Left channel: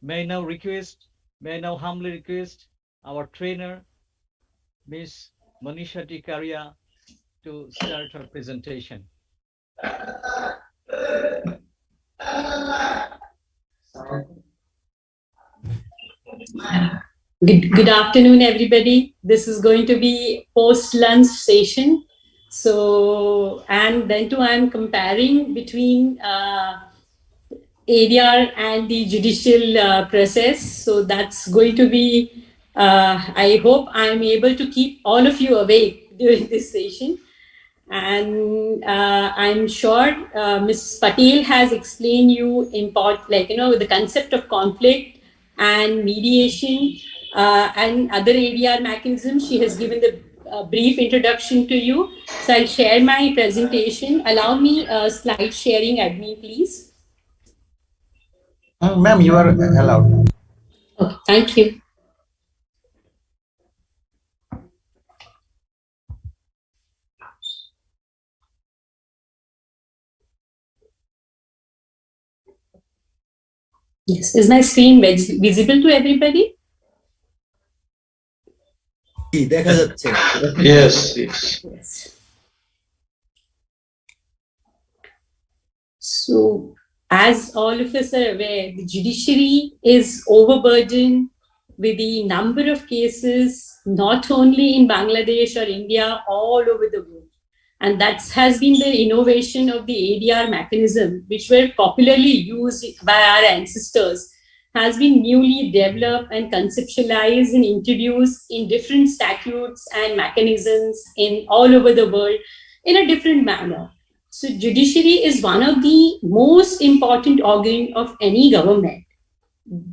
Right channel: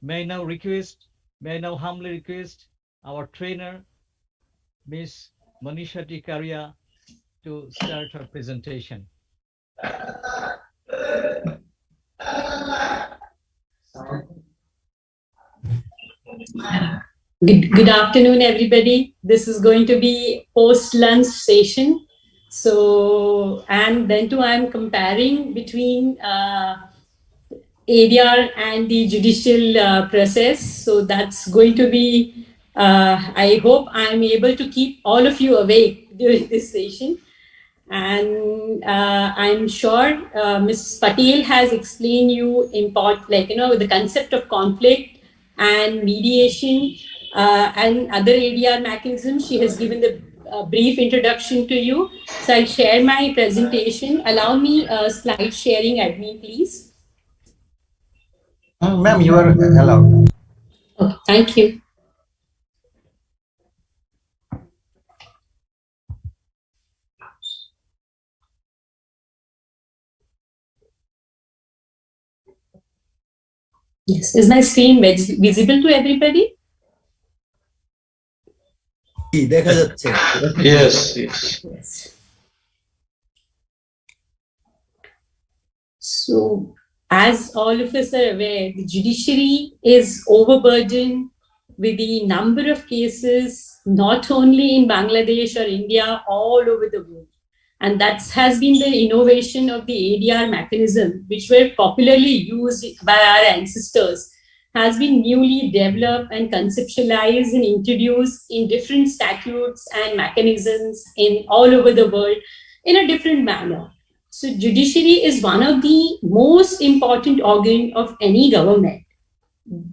May I now humbly request our trainer, Miss Manisha Tikaria, to start her presentation. Good afternoon, everybody. This is going to be post-lunch session. So, and then too, I'm comparing between ADR and the judicial process. So that's going to be, I hope I'm able to keep all of you awake during this session. And I'm sure Ms. Patel has explained you the concept of conflict and mediation and other ADR mechanisms. She has given the brief introduction to you. So I'll share my presentation. Allow me slide sharing, admin, please. Ma'am, you are allowed. Okay, thank you. Yes, is my screen visible to everybody? Yes, yes. So, as all of us are aware, the judiciary is overburdened with the number of cases, not only in Bangladesh or India, all over the world. And that has been the innovation of the ADR mechanism, which were popularly used by our ancestors, has been newly developed and conceptualized and introduced in different statutes and mechanisms in all over the world in a different manner. So judiciary is one of the most important organ of any government.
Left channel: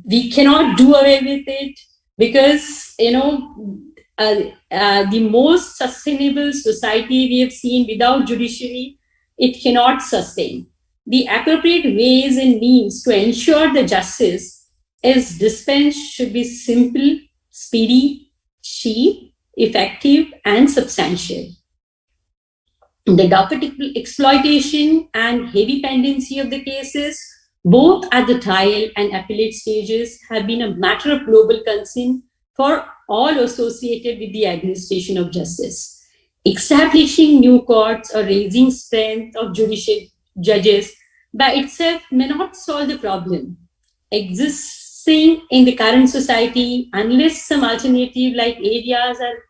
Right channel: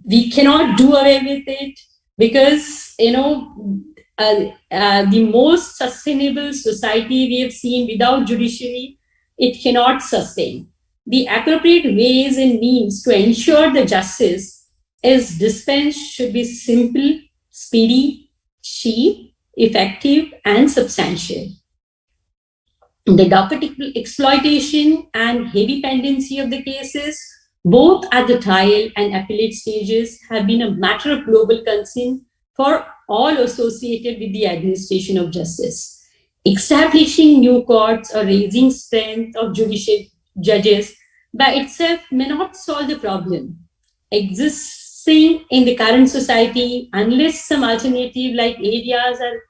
We cannot do away with it because, the most sustainable society we have seen without judiciary, it cannot sustain. The appropriate ways and means to ensure the justice is dispensed should be simple, speedy, cheap, effective, and substantial. The docket exploitation and heavy pendency of the cases, both at the trial and appellate stages, have been a matter of global concern for all associated with the administration of justice. Establishing new courts or raising strength of judicial judges by itself may not solve the problem existing in the current society unless some alternative like areas are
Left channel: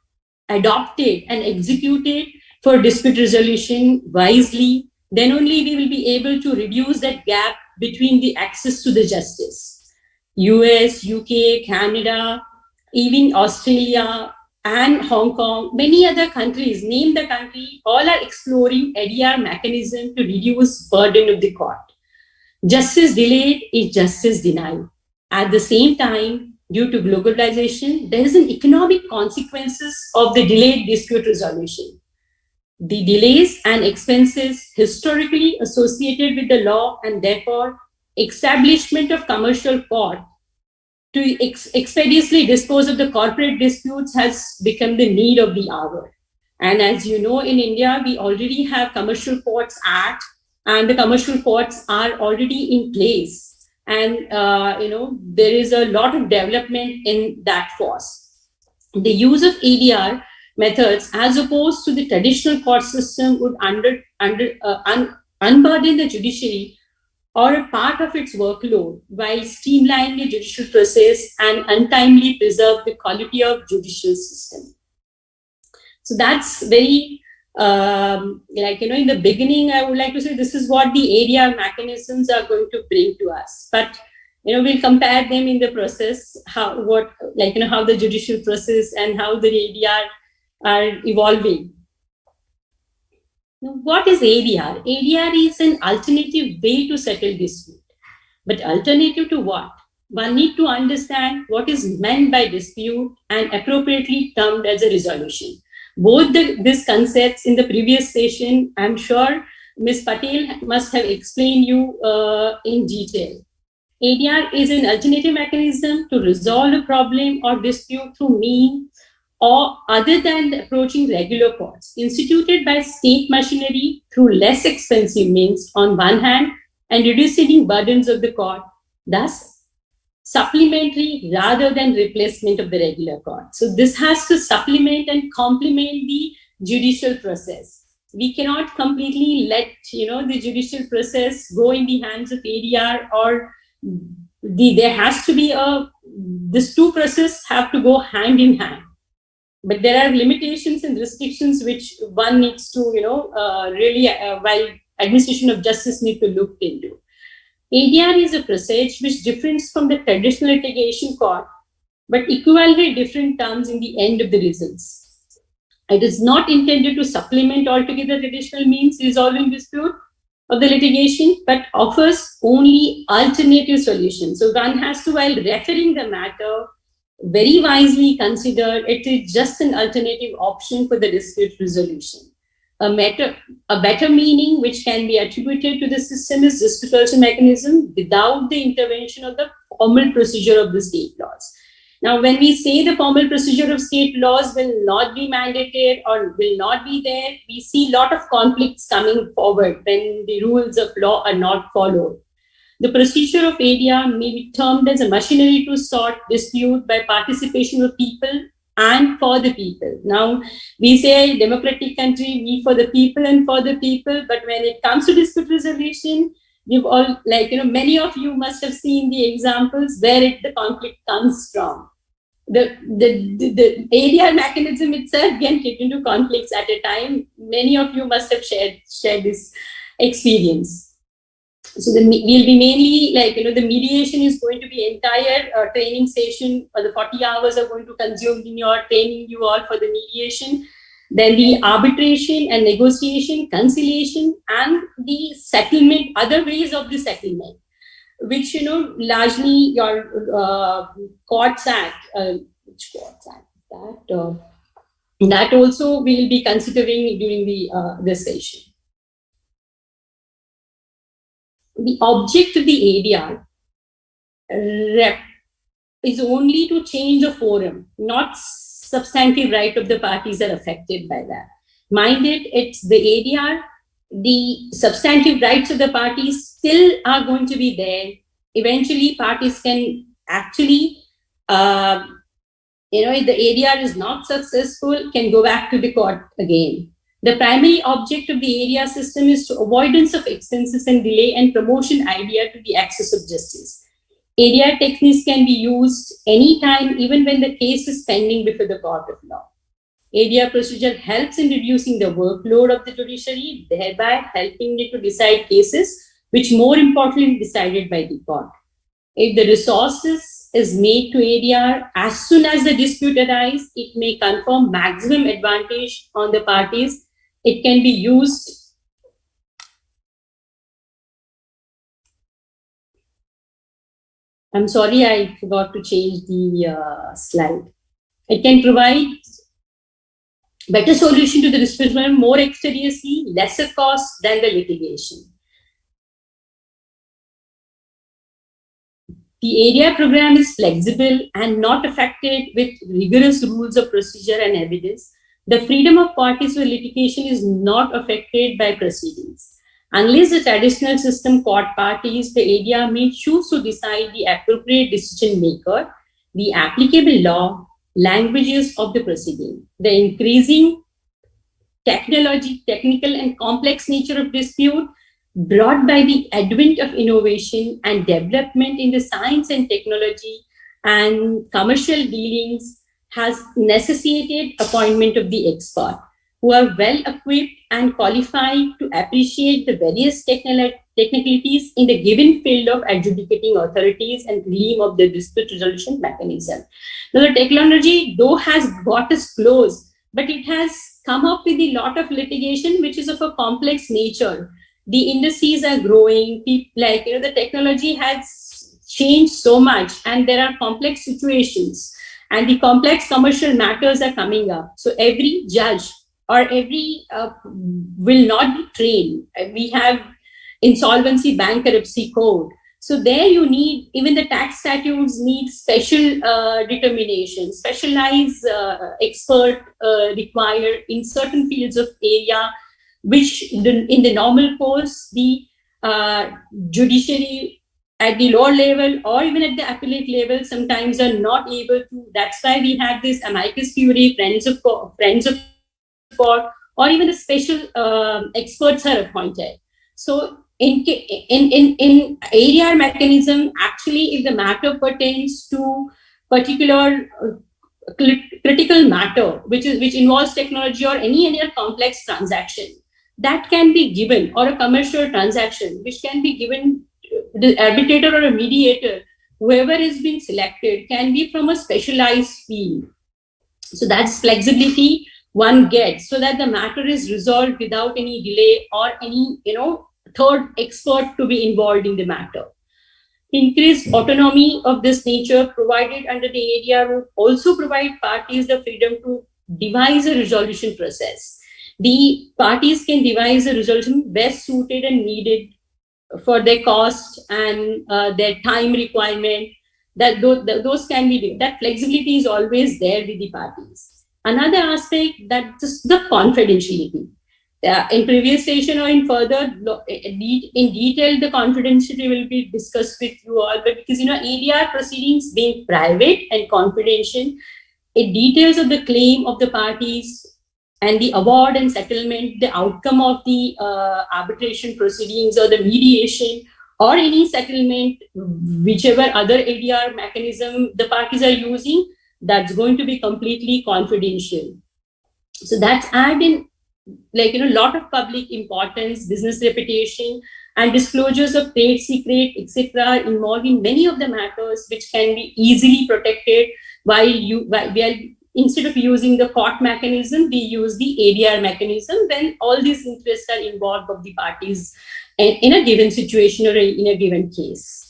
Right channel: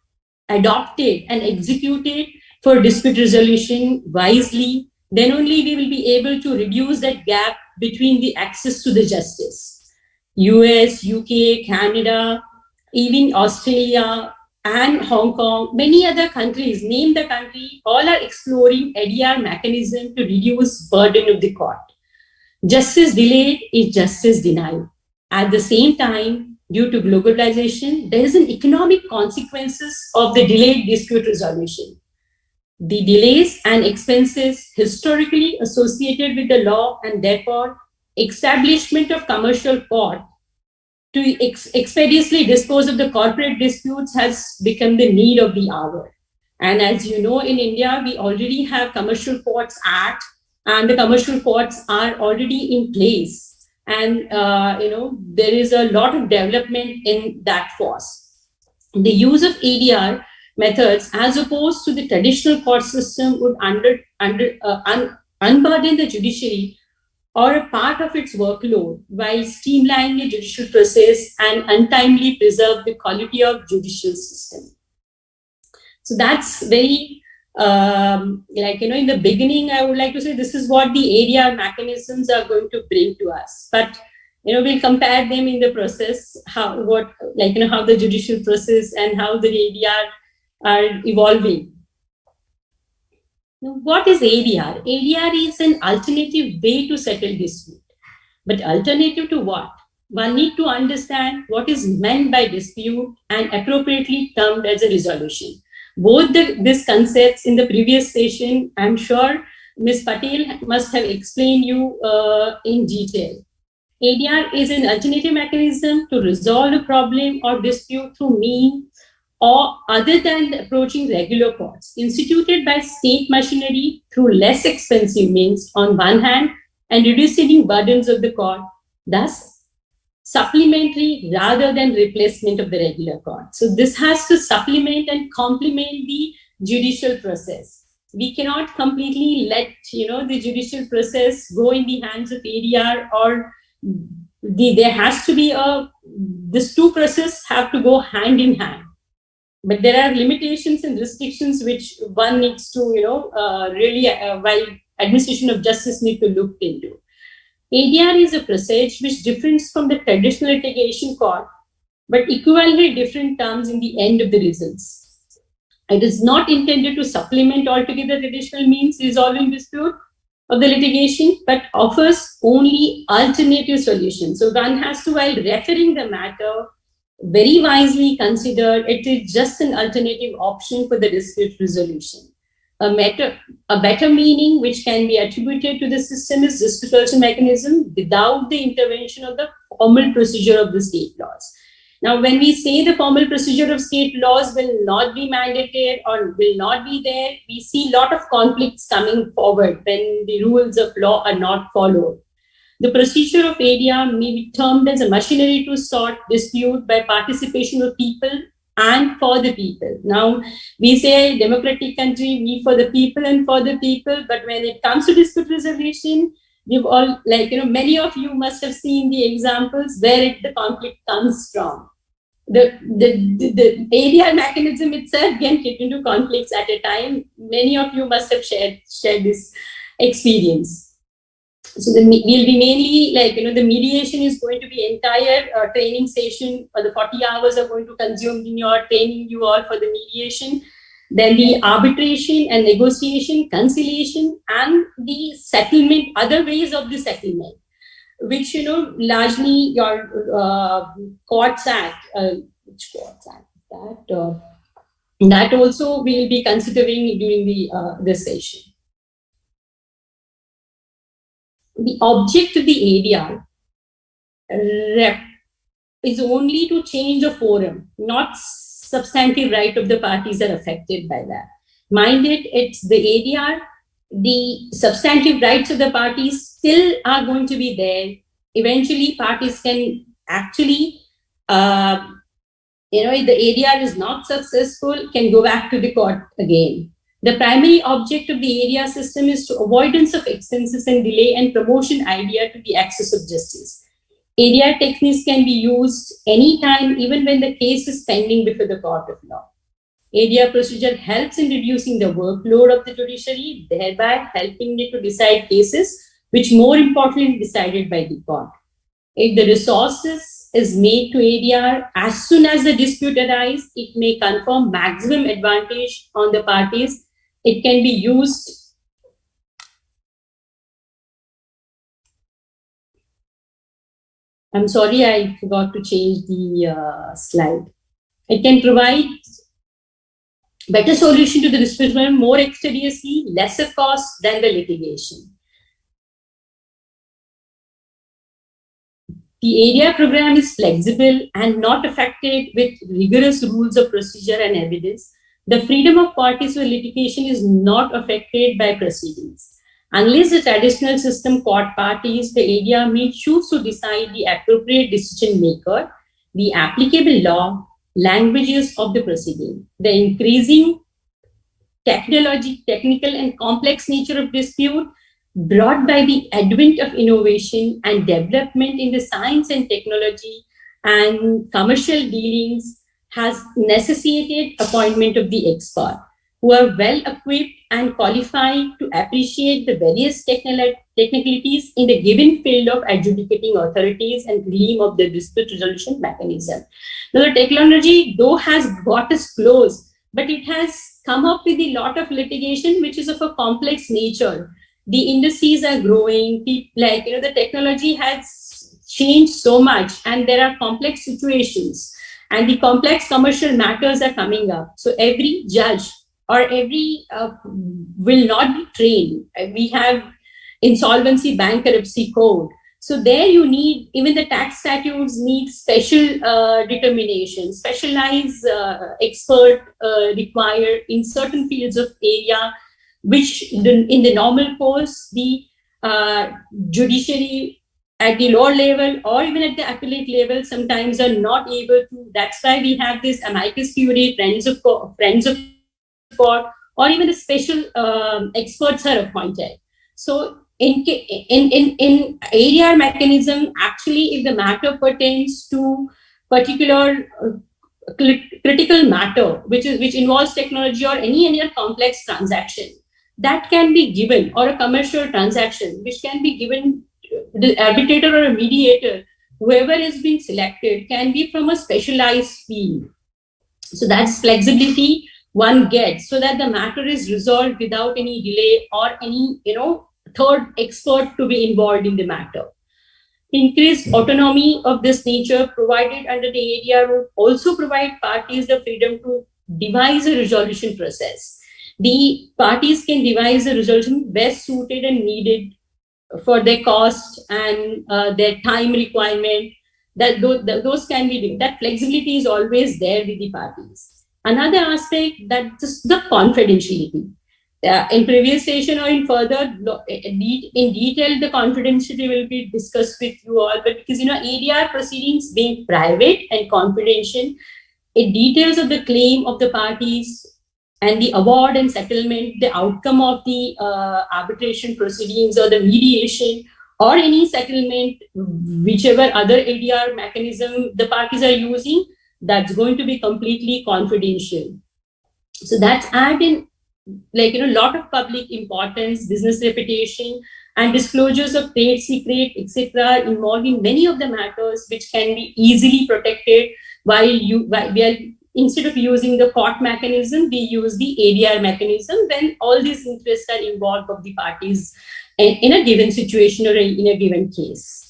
adopted and executed for dispute resolution wisely, then only we will be able to reduce that gap between the access to the justice. US, UK, Canada, even Australia and Hong Kong, many other countries, name the country, all are exploring ADR mechanism to reduce burden of the court. Justice delayed is justice denied. At the same time, due to globalization, there is an economic consequences of the delayed dispute resolution. The delays and expenses historically associated with the law and therefore establishment of commercial court to expeditiously dispose of the corporate disputes has become the need of the hour. And as you know, in India, we already have Commercial Courts Act, and the commercial courts are already in place. And, there is a lot of development in that force. The use of ADR methods, as opposed to the traditional court system, would unburden the judiciary or a part of its workload while streamlining the judicial process and untimely preserve the quality of judicial system. So that's very, in the beginning, I would like to say this is what the ADR mechanisms are going to bring to us. But, we'll compare them in the process, how the judicial process and how the ADR are evolving. Now, what is ADR? ADR is an alternative way to settle dispute. But alternative to what? One need to understand what is meant by dispute and appropriately termed as a resolution. Both these concepts in the previous session, I'm sure Ms. Patel must have explained you in detail. ADR is an alternative mechanism to resolve a problem or dispute through means or other than approaching regular courts, instituted by state machinery through less expensive means on one hand and reducing burdens of the court, thus supplementary rather than replacement of the regular court. So this has to supplement and complement the judicial process. We cannot completely let the judicial process go in the hands of ADR, or there has to be these two processes have to go hand in hand. But there are limitations and restrictions which one needs to really while administration of justice need to look into. ADR is a process which differs from the traditional litigation court, but equivalently different terms in the end of the results. It is not intended to supplement altogether traditional means resolving dispute of the litigation, but offers only alternative solutions. So one has to, while referring the matter, very wisely consider it is just an alternative option for the dispute resolution. A better meaning which can be attributed to the system is dispute resolution mechanism without the intervention of the formal procedure of the state laws. Now, when we say the formal procedure of state laws will not be mandated or will not be there, we see a lot of conflicts coming forward when the rules of law are not followed. The procedure of ADR may be termed as a machinery to sort dispute by participation of people and for the people. Now, we say democratic country, we for the people and for the people, but when it comes to dispute resolution, you've all, many of you must have seen the examples where the conflict comes from. The ADR mechanism itself can get into conflicts at a time. Many of you must have shared this experience. So we'll be mainly the mediation is going to be entire training session, or the 40 hours are going to consume in your training you all for the mediation. Then the arbitration and negotiation, conciliation, and the settlement, other ways of the settlement, which, largely your Courts Act, which Courts Act, that also we'll be considering during this session. The object of the ADR is only to change a forum, not substantive right of the parties are affected by that. Mind it, it's the ADR, the substantive rights of the parties still are going to be there. Eventually, parties can actually, if the ADR is not successful, can go back to the court again. The primary object of the ADR system is to avoidance of expenses and delay and promotion idea to the access of justice. ADR techniques can be used anytime, even when the case is pending before the court of law. ADR procedure helps in reducing the workload of the judiciary, thereby helping it to decide cases which more importantly decided by the court. If the resources is made to ADR as soon as the dispute arises, it may confer maximum advantage on the parties. It can be used I'm sorry, I forgot to change the slide. It can provide better solution to the dispute more expeditiously, lesser cost than the litigation. The ADR program is flexible and not affected with rigorous rules of procedure and evidence. The freedom of parties for litigation is not affected by proceedings. Unless the traditional system court parties, the ADR may choose to decide the appropriate decision maker, the applicable law, languages of the proceeding. The increasing technical and complex nature of dispute brought by the advent of innovation and development in the science and technology and commercial dealings has necessitated appointment of the expert who are well equipped and qualified to appreciate the various technicalities in the given field of adjudicating authorities and realm of the dispute resolution mechanism. Now, the technology, though, has got us close, but it has come up with a lot of litigation which is of a complex nature. The industries are growing, the technology has changed so much, and there are complex situations, and the complex commercial matters are coming up. So every judge or every will not be trained. We have insolvency bankruptcy code. So there you need, even the tax statutes need special determination, specialized expert required in certain fields of area, which in the normal course, the judiciary at the lower level or even at the appellate level sometimes are not able to. That's why we have this amicus curiae, friends of court, or even the special experts are appointed. So in ADR mechanism, actually, if the matter pertains to particular critical matter, which involves technology or any other complex transaction, that can be given, or a commercial transaction, which can be given, the arbitrator or a mediator, whoever is being selected, can be from a specialized field. So that's flexibility one gets, so that the matter is resolved without any delay or any third expert to be involved in the matter. Increased autonomy of this nature provided under the ADR will also provide parties the freedom to devise a resolution process. The parties can devise a resolution best suited and needed for their cost and their time requirement. That those can be, that flexibility is always there with the parties. Another aspect, that just the confidentiality. In previous session or in further in detail, the confidentiality will be discussed with you all. But because ADR proceedings being private and confidential, it details of the claim of the parties and the award and settlement, the outcome of the arbitration proceedings or the mediation or any settlement, whichever other ADR mechanism the parties are using, that's going to be completely confidential. So that's adding lot of public importance, business reputation, and disclosures of trade secret, etc., involving many of the matters which can be easily protected while we are, instead of using the court mechanism, we use the ADR mechanism when all these interests are involved of the parties in a given situation or in a given case.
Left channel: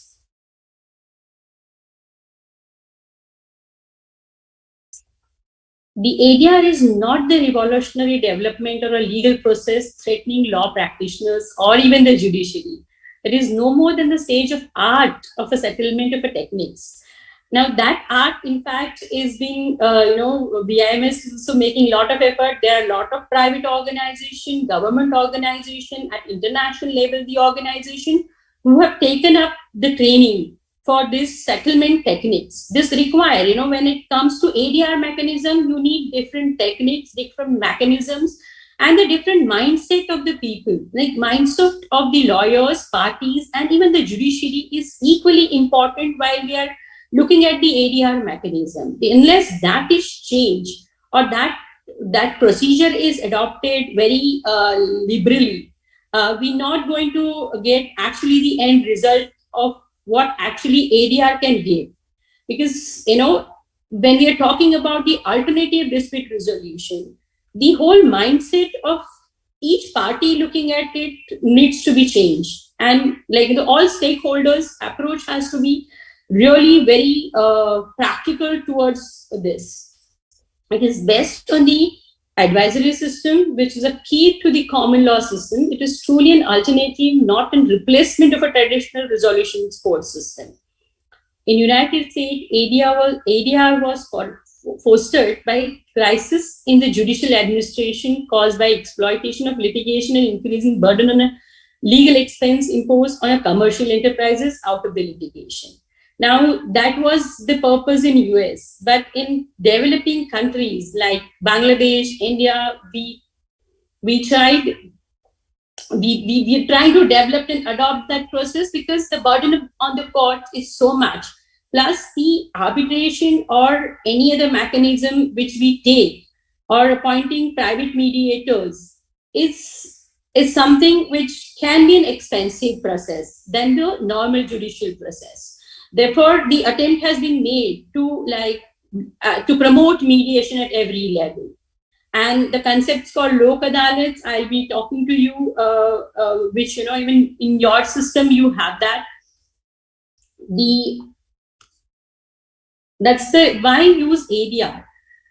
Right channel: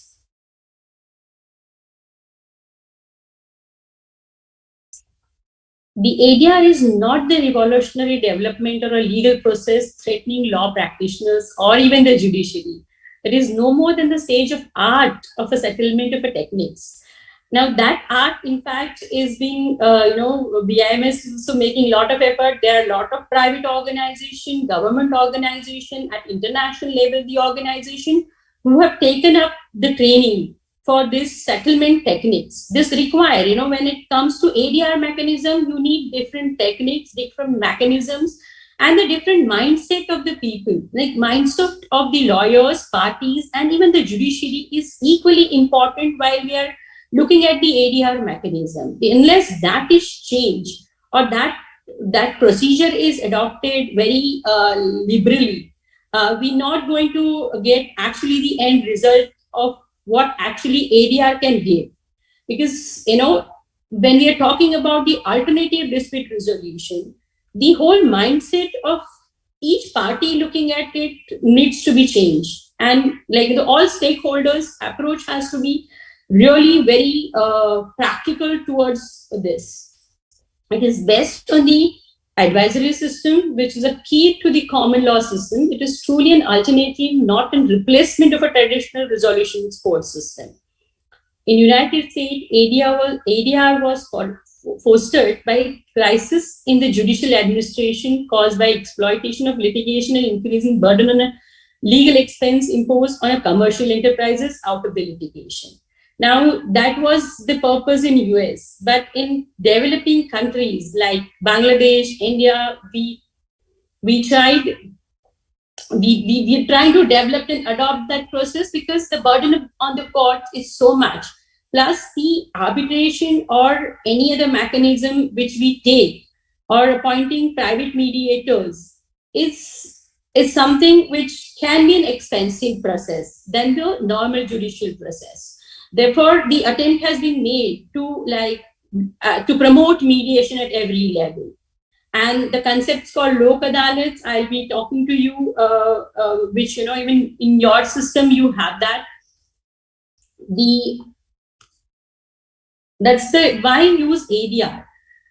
The ADR is not the revolutionary development or a legal process threatening law practitioners or even the judiciary. It is no more than the stage of art of a settlement of a techniques. Now that art, in fact, is being, BIMS is also making a lot of effort. There are a lot of private organization, government organization, at international level, the organization who have taken up the training for this settlement techniques. This require, when it comes to ADR mechanism, you need different techniques, different mechanisms, and the different mindset of the people. Like mindset of the lawyers, parties, and even the judiciary is equally important while we are looking at the ADR mechanism. Unless that is changed or that procedure is adopted very liberally, we're not going to get actually the end result of what actually ADR can give. Because, when we are talking about the alternative dispute resolution, the whole mindset of each party looking at it needs to be changed. And all stakeholders approach has to be really very practical towards this. It is based on the advisory system, which is a key to the common law system. It is truly an alternative, not a replacement of a traditional resolution support system. In United States, ADR was fostered by crisis in the judicial administration caused by exploitation of litigation and increasing burden on a legal expense imposed on a commercial enterprises out of the litigation. Now, that was the purpose in US, but in developing countries like Bangladesh, India, we trying to develop and adopt that process because the burden on the court is so much. Plus, the arbitration or any other mechanism which we take or appointing private mediators is something which can be an expensive process than the normal judicial process. Therefore, the attempt has been made to promote mediation at every level. And the concepts called Lok Adalats, I'll be talking to you, which, even in your system, you have that. That's why use ADR.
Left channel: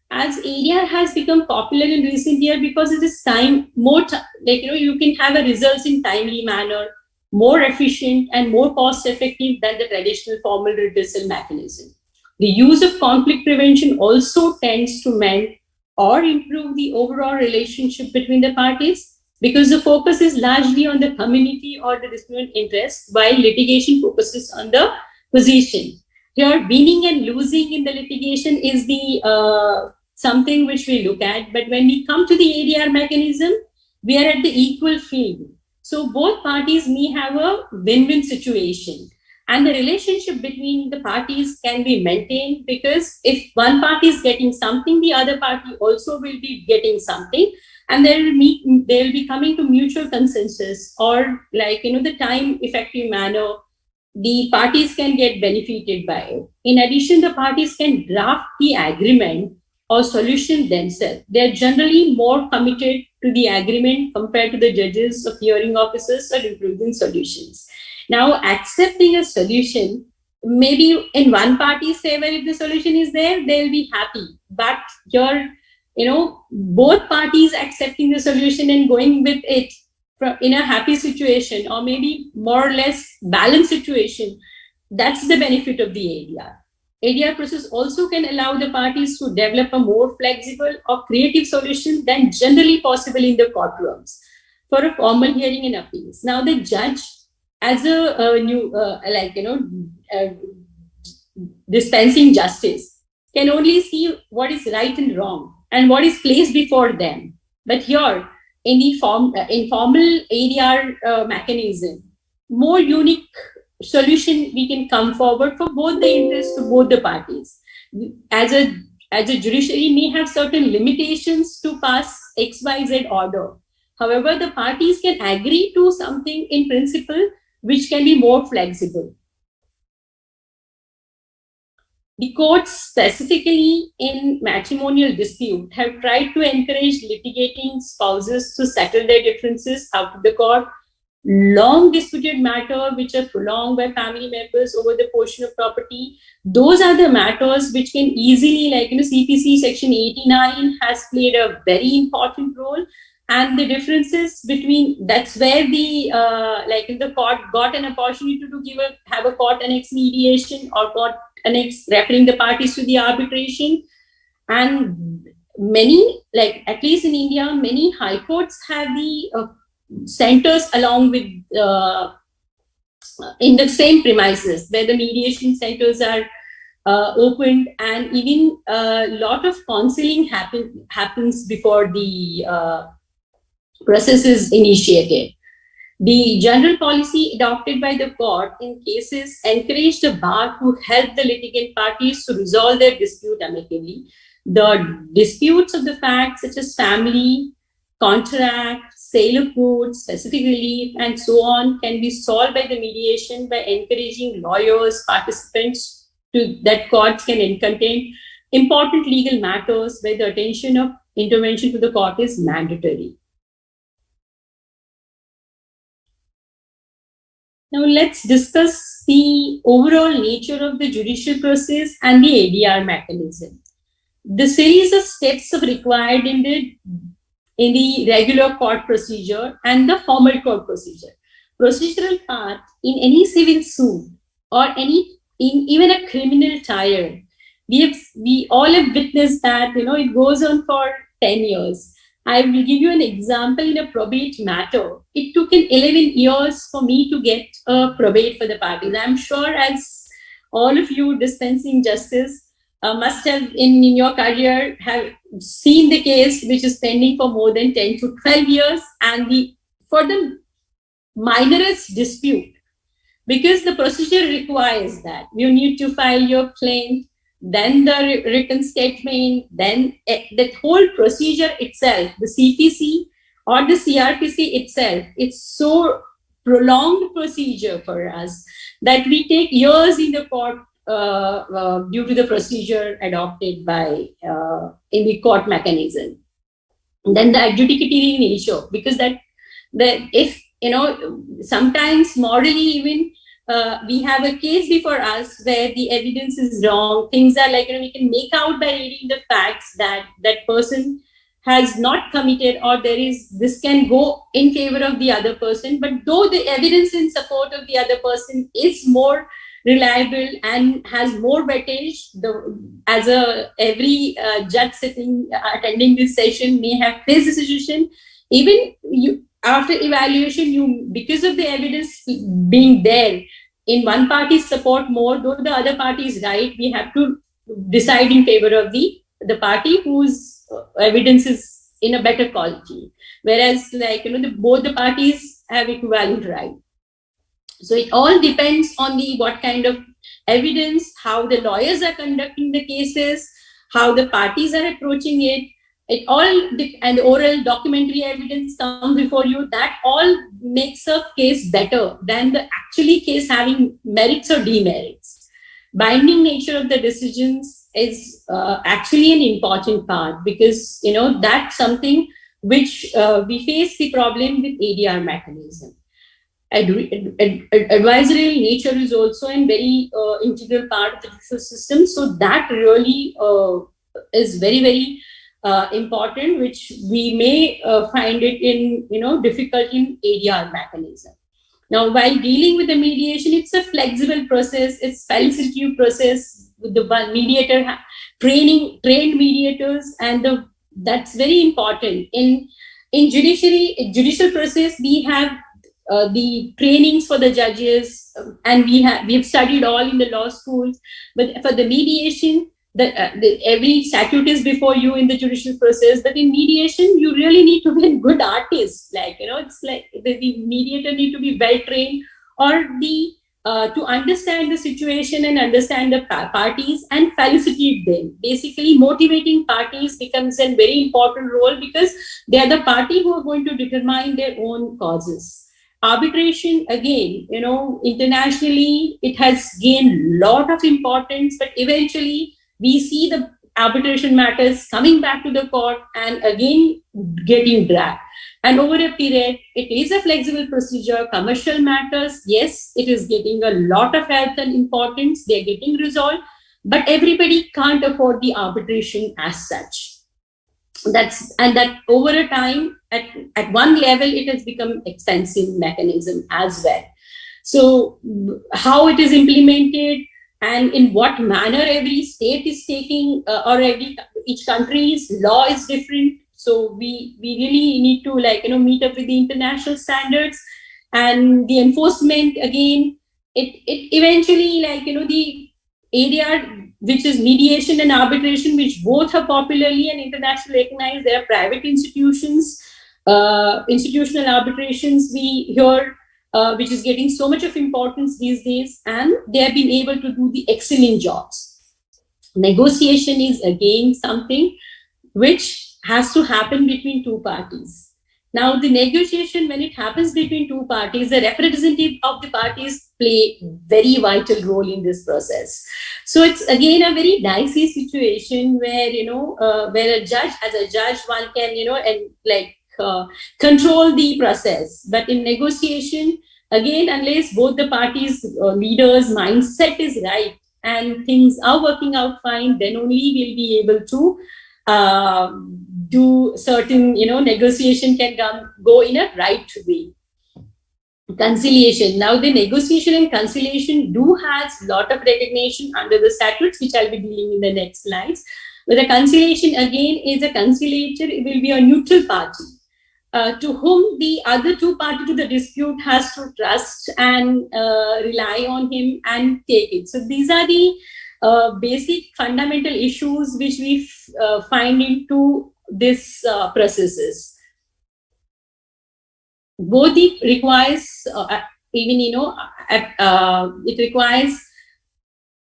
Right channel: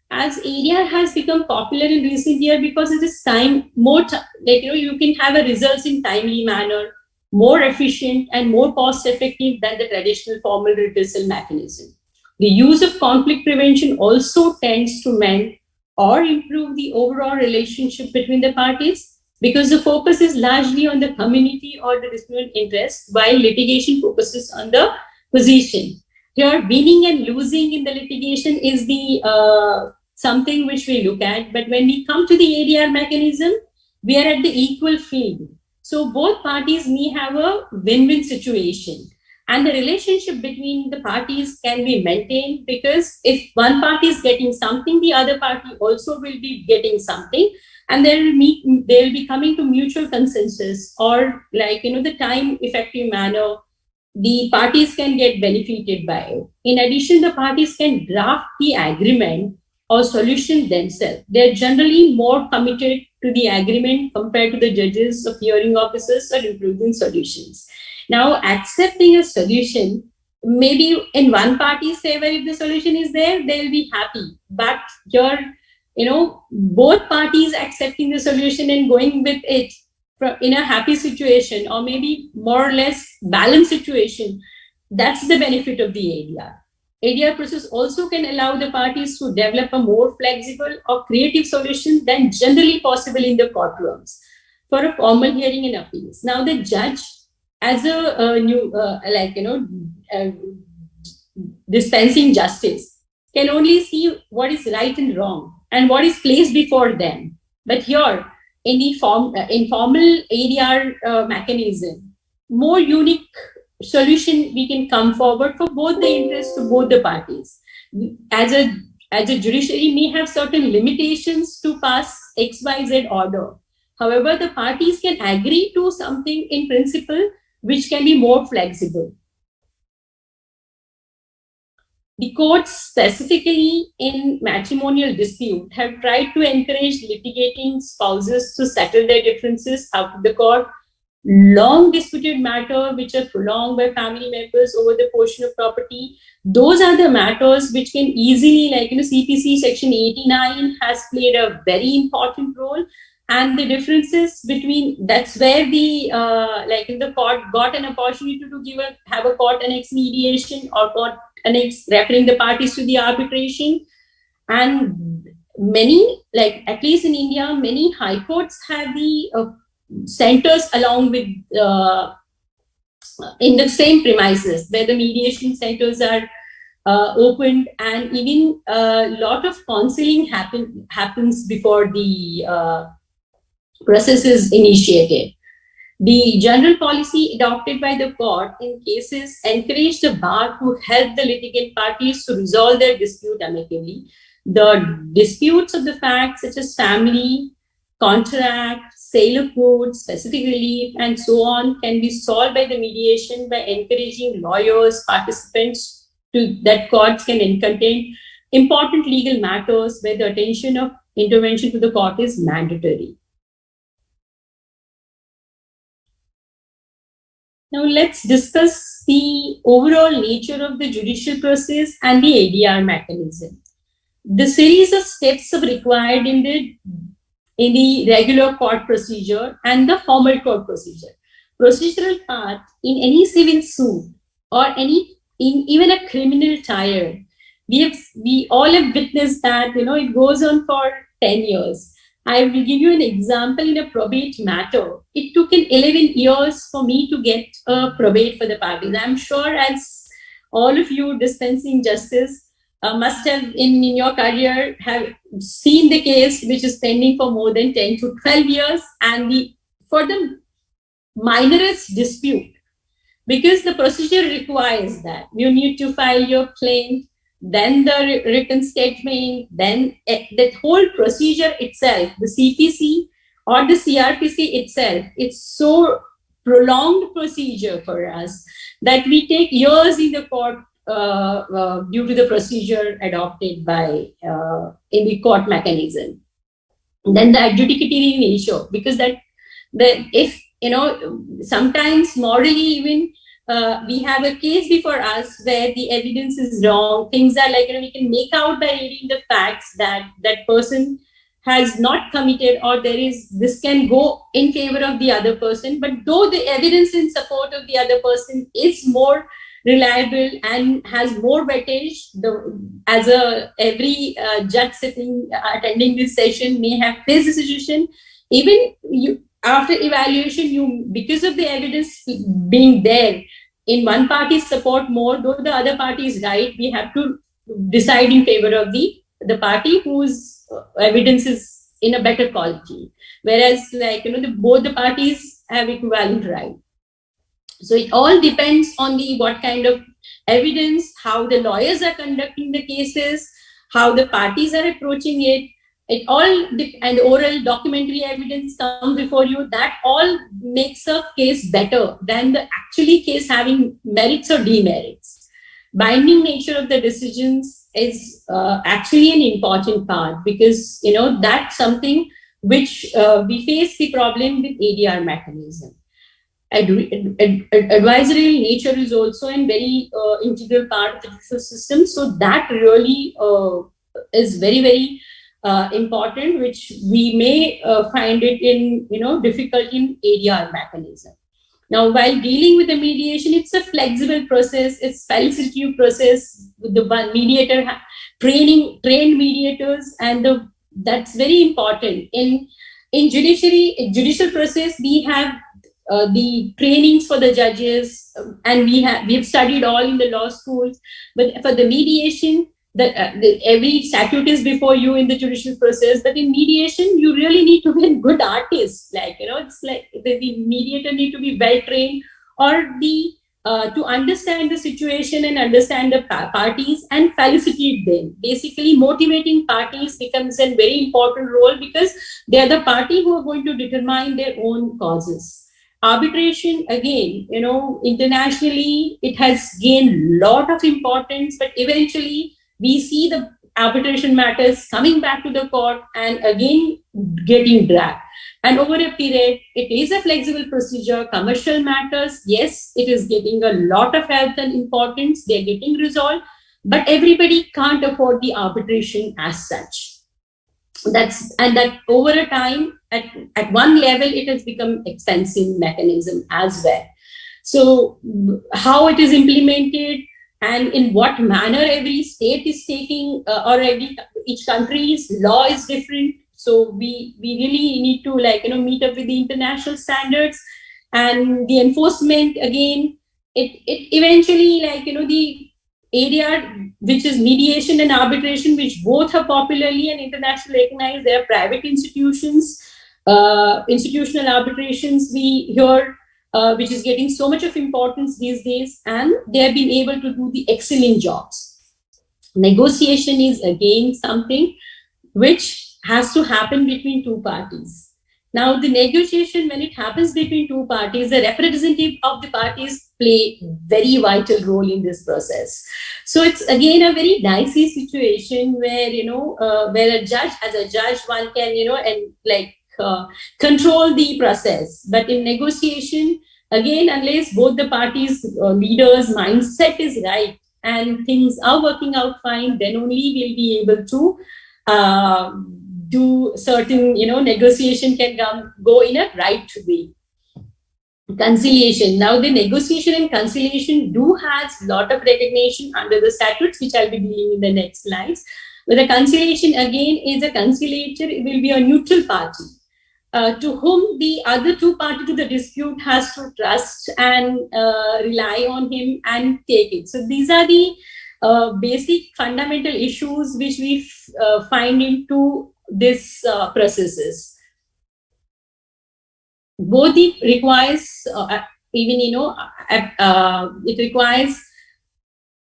As ADR has become popular in recent years because it is you can have a results in timely manner, more efficient and more cost effective than the traditional formal redressal mechanism. The use of conflict prevention also tends to mend or improve the overall relationship between the parties. because the focus is largely on the community or the disputant interest, while litigation focuses on the position. Here, winning and losing in the litigation is the something which we look at. But when we come to the ADR mechanism, we are at the equal field. So both parties may have a win-win situation. And the relationship between the parties can be maintained, because if one party is getting something, the other party also will be getting something. And they will be coming to mutual consensus, or the time effective manner the parties can get benefited by it. In addition, the parties can draft the agreement or solution themselves. They are generally more committed to the agreement compared to the judges or hearing officers or improving solutions. Now, accepting a solution, maybe in one party's favor, if the solution is there, they'll be happy. But both parties accepting the solution and going with it in a happy situation, or maybe more or less balanced situation, that's the benefit of the ADR. ADR process also can allow the parties to develop a more flexible or creative solution than generally possible in the courtrooms for a formal hearing and appeals. Now, the judge, as a dispensing justice, can only see what is right and wrong and what is placed before them. But here, in the informal ADR mechanism, more unique solution we can come forward for both the interests of both the parties. As a judiciary may have certain limitations to pass XYZ order. However, the parties can agree to something in principle which can be more flexible. The courts, specifically in matrimonial dispute, have tried to encourage litigating spouses to settle their differences out of the court. Long disputed matter which are prolonged by family members over the portion of property, those are the matters which can easily, CPC section 89 has played a very important role. And the differences between, that's where the the court got an opportunity to have a court annex mediation or court annex referring the parties to the arbitration. And many, at least in India, many high courts have the centers along with in the same premises where the mediation centers are opened, and even a lot of counseling happens before the process is initiated. The general policy adopted by the court in cases encouraged the bar to help the litigant parties to resolve their dispute amicably. The disputes of the facts such as family, contract, sale of goods, specific relief, and so on can be solved by the mediation by encouraging lawyers, participants that courts can entertain important legal matters where the attention of intervention to the court is mandatory. Now let's discuss the overall nature of the judicial process and the ADR mechanism. The series of steps are required in the regular court procedure and the formal court procedure. Procedural part in any civil suit or even a criminal trial, we all have witnessed that it goes on for 10 years. I will give you an example in a probate matter. It took 11 years for me to get a probate for the parties. I'm sure as all of you dispensing justice must have in your career have seen the case which is pending for more than 10 to 12 years, and for the minorest dispute, because the procedure requires that you need to file your claim, then the written statement, then that whole procedure itself, the CPC or the CRPC itself, it's so prolonged procedure for us that we take years in the court due to the procedure adopted by in the court mechanism. Then the adjudicatory nature, because if sometimes morally even we have a case before us where the evidence is wrong. Things are we can make out by reading the facts that that person has not committed, or this can go in favor of the other person. But though the evidence in support of the other person is more reliable and has more weightage, every judge attending this session may have faced a situation. Even after evaluation, because of the evidence being there, in one party's support more, though the other party is right, we have to decide in favor of the party whose evidence is in a better quality. Whereas, both the parties have equivalent right. So it all depends on what kind of evidence, how the lawyers are conducting the cases, how the parties are approaching it. It all and oral documentary evidence comes before you. That all makes a case better than the actually case having merits or demerits. Binding nature of the decisions is actually an important part, because that's something which we face the problem with ADR mechanism. Advisory nature is also a very integral part of the judicial system. So that really is very, very important, which we may find it in difficult in ADR mechanism. Now, while dealing with the mediation, it's a flexible process. It's facilitative process with the mediator trained mediators, and that's very important in judicial process. We have the trainings for the judges, and we've studied all in the law schools. But for the mediation, every statute is before you in the judicial process. But in mediation, you really need to be a good artist. It's like the mediator need to be well trained, or to understand the situation and understand the parties and felicitate them. Basically, motivating parties becomes a very important role, because they are the party who are going to determine their own causes. Arbitration, again, internationally, it has gained a lot of importance, but eventually we see the arbitration matters coming back to the court and again getting dragged. And over a period, it is a flexible procedure. Commercial matters, yes, it is getting a lot of help and importance. They're getting resolved, but everybody can't afford the arbitration as such. That over a time, at one level, it has become expensive mechanism as well. So how it is implemented and in what manner every state is taking, or each country's law is different. So we really need to meet up with the international standards, and the enforcement, again, it eventually the ADR, which is mediation and arbitration, which both are popularly and internationally recognized. There are private institutions, institutional arbitrations we hear, which is getting so much of importance these days, and they have been able to do the excellent jobs. Negotiation is again something which has to happen between two parties. Now, the negotiation, when it happens between two parties, the representative of the parties play very vital role in this process. So it's again a very dicey situation where where a judge, as a judge, one can control the process. But in negotiation, again, unless both the parties' leaders' mindset is right and things are working out fine, then only we'll be able to do certain, negotiation can go in a right way. Conciliation. Now, the negotiation and conciliation do has a lot of recognition under the statutes, which I'll be dealing in the next slides. But the conciliation, again, is a conciliator. It will be a neutral party to whom the other two parties to the dispute has to trust and rely on him and take it. So these are the basic fundamental issues which we find into this processes. Both it requires it requires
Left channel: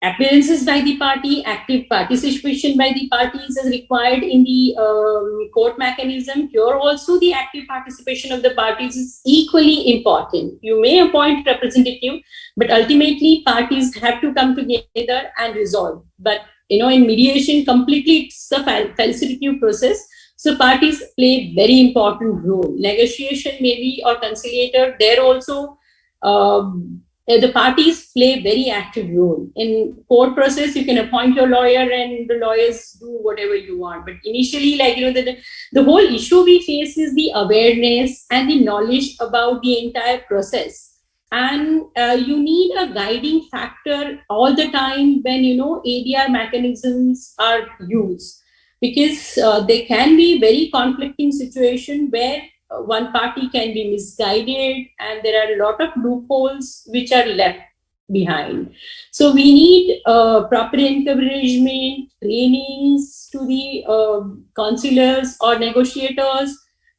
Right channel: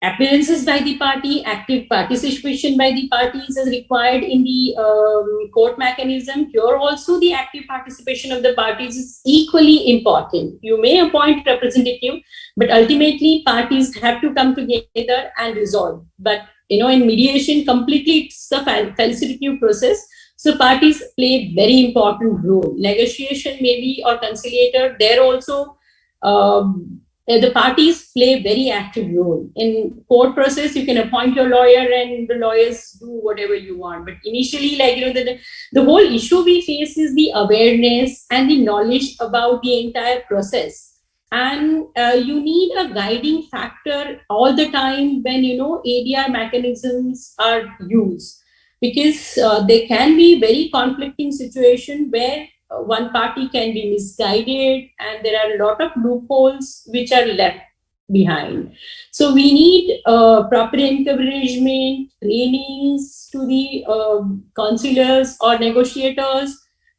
appearances by the party, active participation by the parties is required in the court mechanism. Here also the active participation of the parties is equally important. You may appoint representative, but ultimately parties have to come together and resolve. But in mediation, completely it's a facilitative process. So parties play a very important role. Negotiation maybe or conciliator, there also the parties play a very active role. In court process, you can appoint your lawyer and the lawyers do whatever you want. But initially, the whole issue we face is the awareness and the knowledge about the entire process. And you need a guiding factor all the time when, ADR mechanisms are used. Because there can be very conflicting situation where one party can be misguided, and there are a lot of loopholes which are left behind. So we need proper encouragement, trainings to the counselors or negotiators,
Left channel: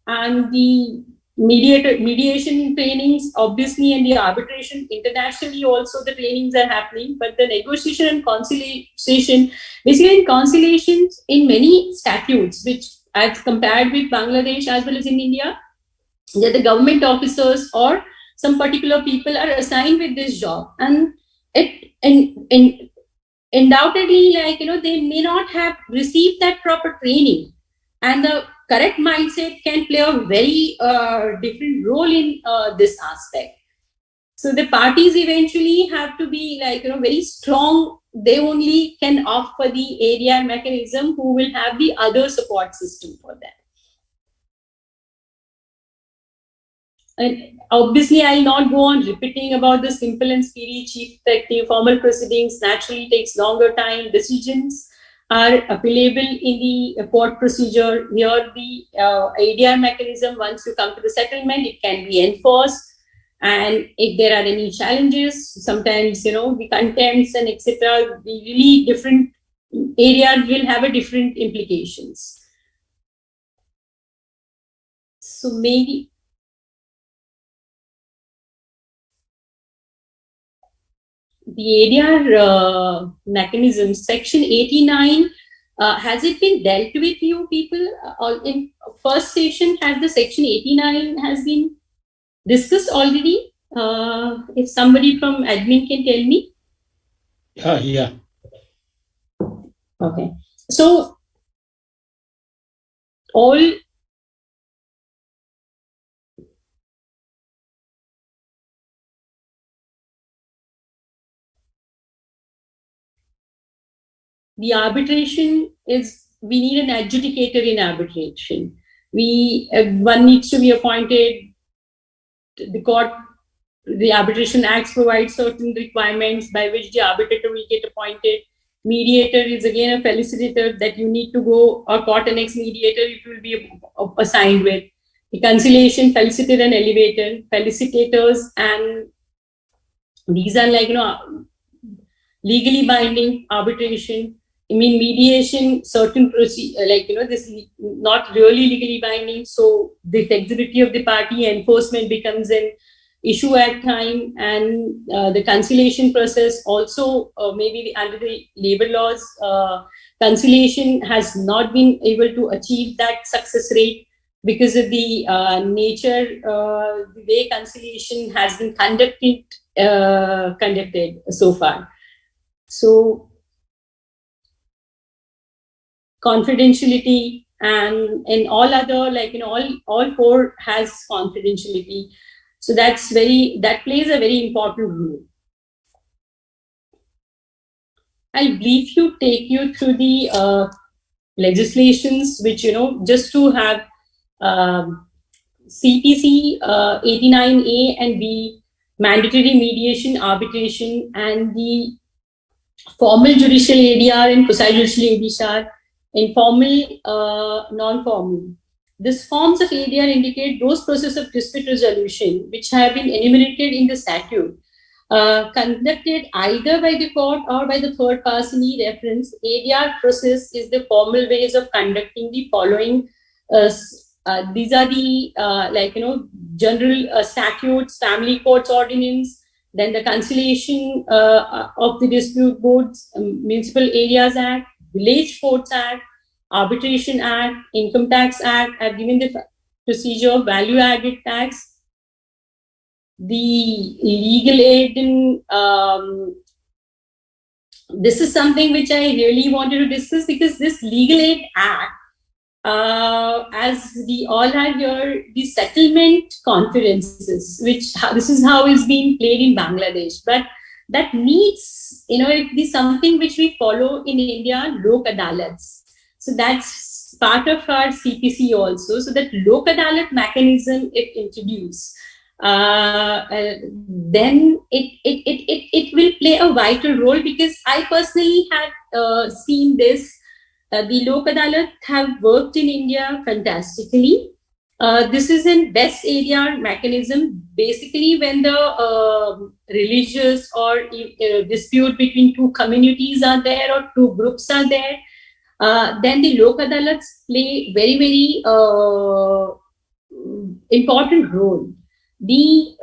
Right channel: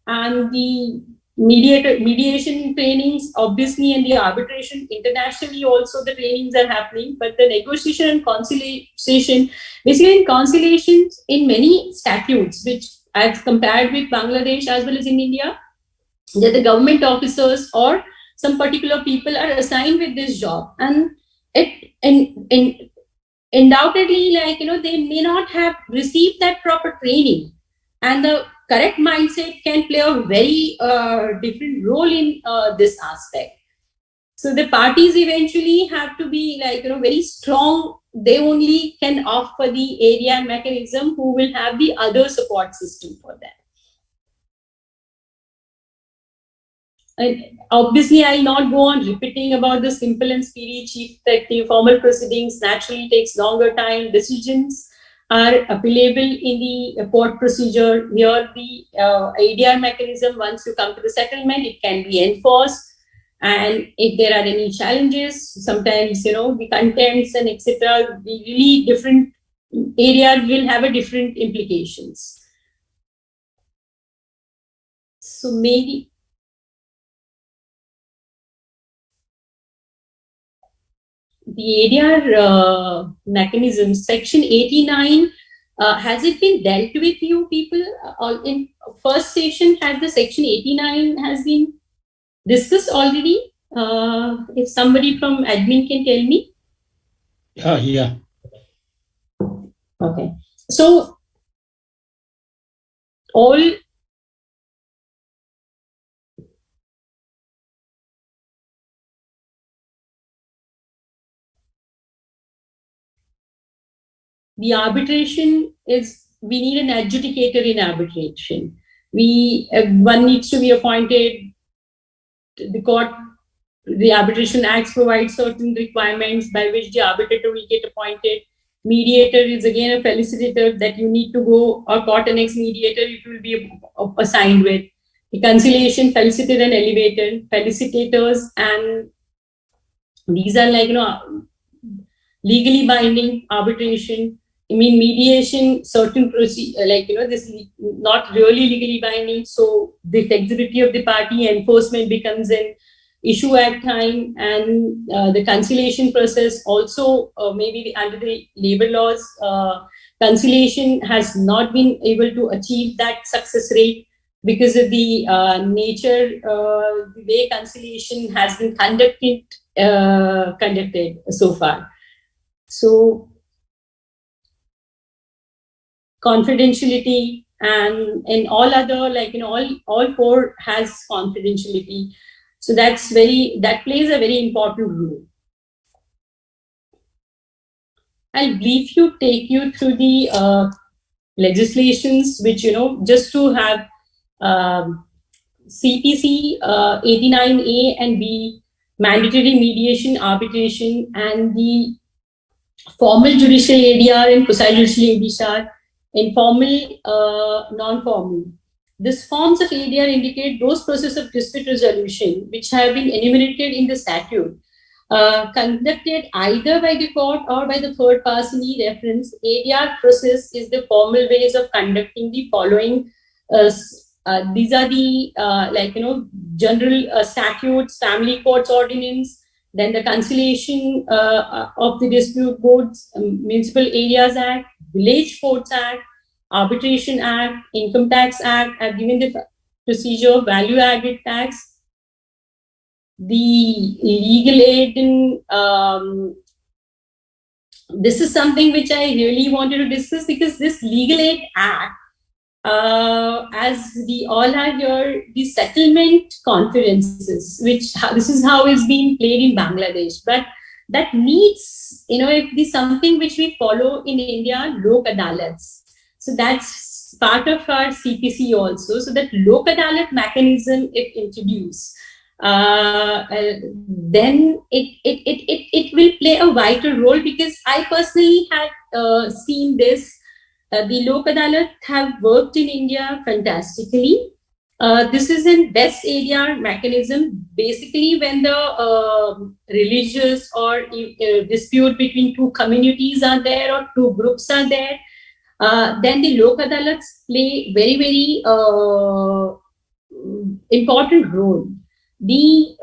and the mediation trainings, obviously, and the arbitration internationally also the trainings are happening. But the negotiation and conciliation, basically in conciliations, in many statutes, which I've compared with Bangladesh as well as in India, that the government officers or some particular people are assigned with this job, and undoubtedly, like, they may not have received that proper training, and the correct mindset can play a very different role in this aspect. So the parties eventually have to be, like, very strong. They only can offer the area mechanism who will have the other support system for that. And obviously, I'll not go on repeating about the simple and speedy chief effective formal proceedings. Naturally, takes longer time. Decisions are appealable in the court procedure. Here, the ADR mechanism, once you come to the settlement, it can be enforced. And if there are any challenges, sometimes, the contents and etc., the really different areas will have a different implications. So maybe the ADR mechanism, Section 89, has it been dealt with, you people? In first session, has the Section 89 has been discussed already? If somebody from admin can tell me. Yeah. Okay. So all the arbitration is, we need an adjudicator in arbitration. One needs to be appointed. The court, the Arbitration Acts provide certain requirements by which the arbitrator will get appointed. Mediator is again a felicitator that you need to go, or court annex mediator it will be assigned with. The conciliation, felicitator and elevator, felicitators, and these are, like, legally binding arbitration. I mean, mediation, certain procedure, like, this is not really legally binding. So the flexibility of the party enforcement becomes an issue at time, and the conciliation process also, maybe under the labor laws, conciliation has not been able to achieve that success rate because of the nature, the way conciliation has been conducted so far. So confidentiality and all other, like, all four has confidentiality. So that plays a very important role. I'll briefly take you through the legislations, which, just to have CPC 89A and B, mandatory mediation, arbitration, and the formal judicial ADR and quasi-judicial ADR, informal, non-formal. These forms of ADR indicate those processes of dispute resolution which have been enumerated in the statute, conducted either by the court or by the third party reference. ADR process is the formal ways of conducting the following. These are the general statutes, family courts ordinance, then the conciliation of the dispute boards, Municipal Areas Act, Village Courts Act, Arbitration Act, Income Tax Act. I've given the procedure, value added tax, the legal aid in, this is something which I really wanted to discuss, because this legal aid act, as we all have here, the settlement conferences, this is how it's being played in Bangladesh, but that needs, it is something which we follow in India, Lok Adalats. So that's part of our CPC also. So that Lok Adalat mechanism, if introduced, then it will play a vital role, because I personally had seen this. The Lok Adalat have worked in India fantastically, This is an best area mechanism. Basically, when the religious or dispute between two communities are there or two groups are there, then the Lok Adalats play very, very important role. The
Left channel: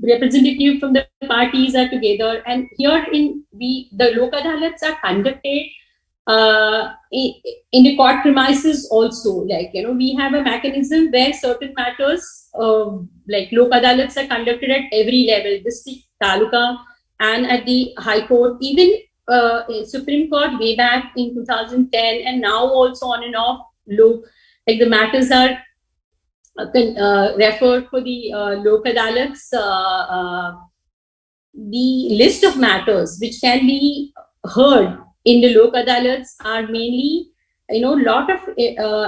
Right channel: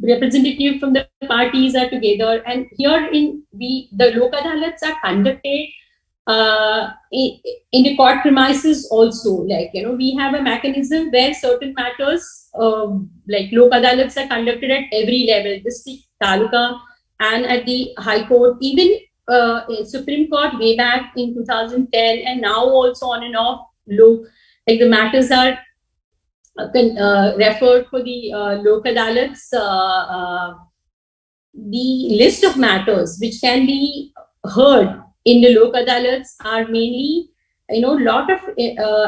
the representative from the parties are together, and here in the Lok Adalats are conducted in the court premises also. Like, we have a mechanism where certain matters like Lok Adalats are conducted at every level, district, taluka, and at the High Court, even Supreme Court way back in 2010, and now also on and off. Like the matters are referred for the Lok Adalats. The list of matters which can be heard in the Lok Adalats are mainly, lot of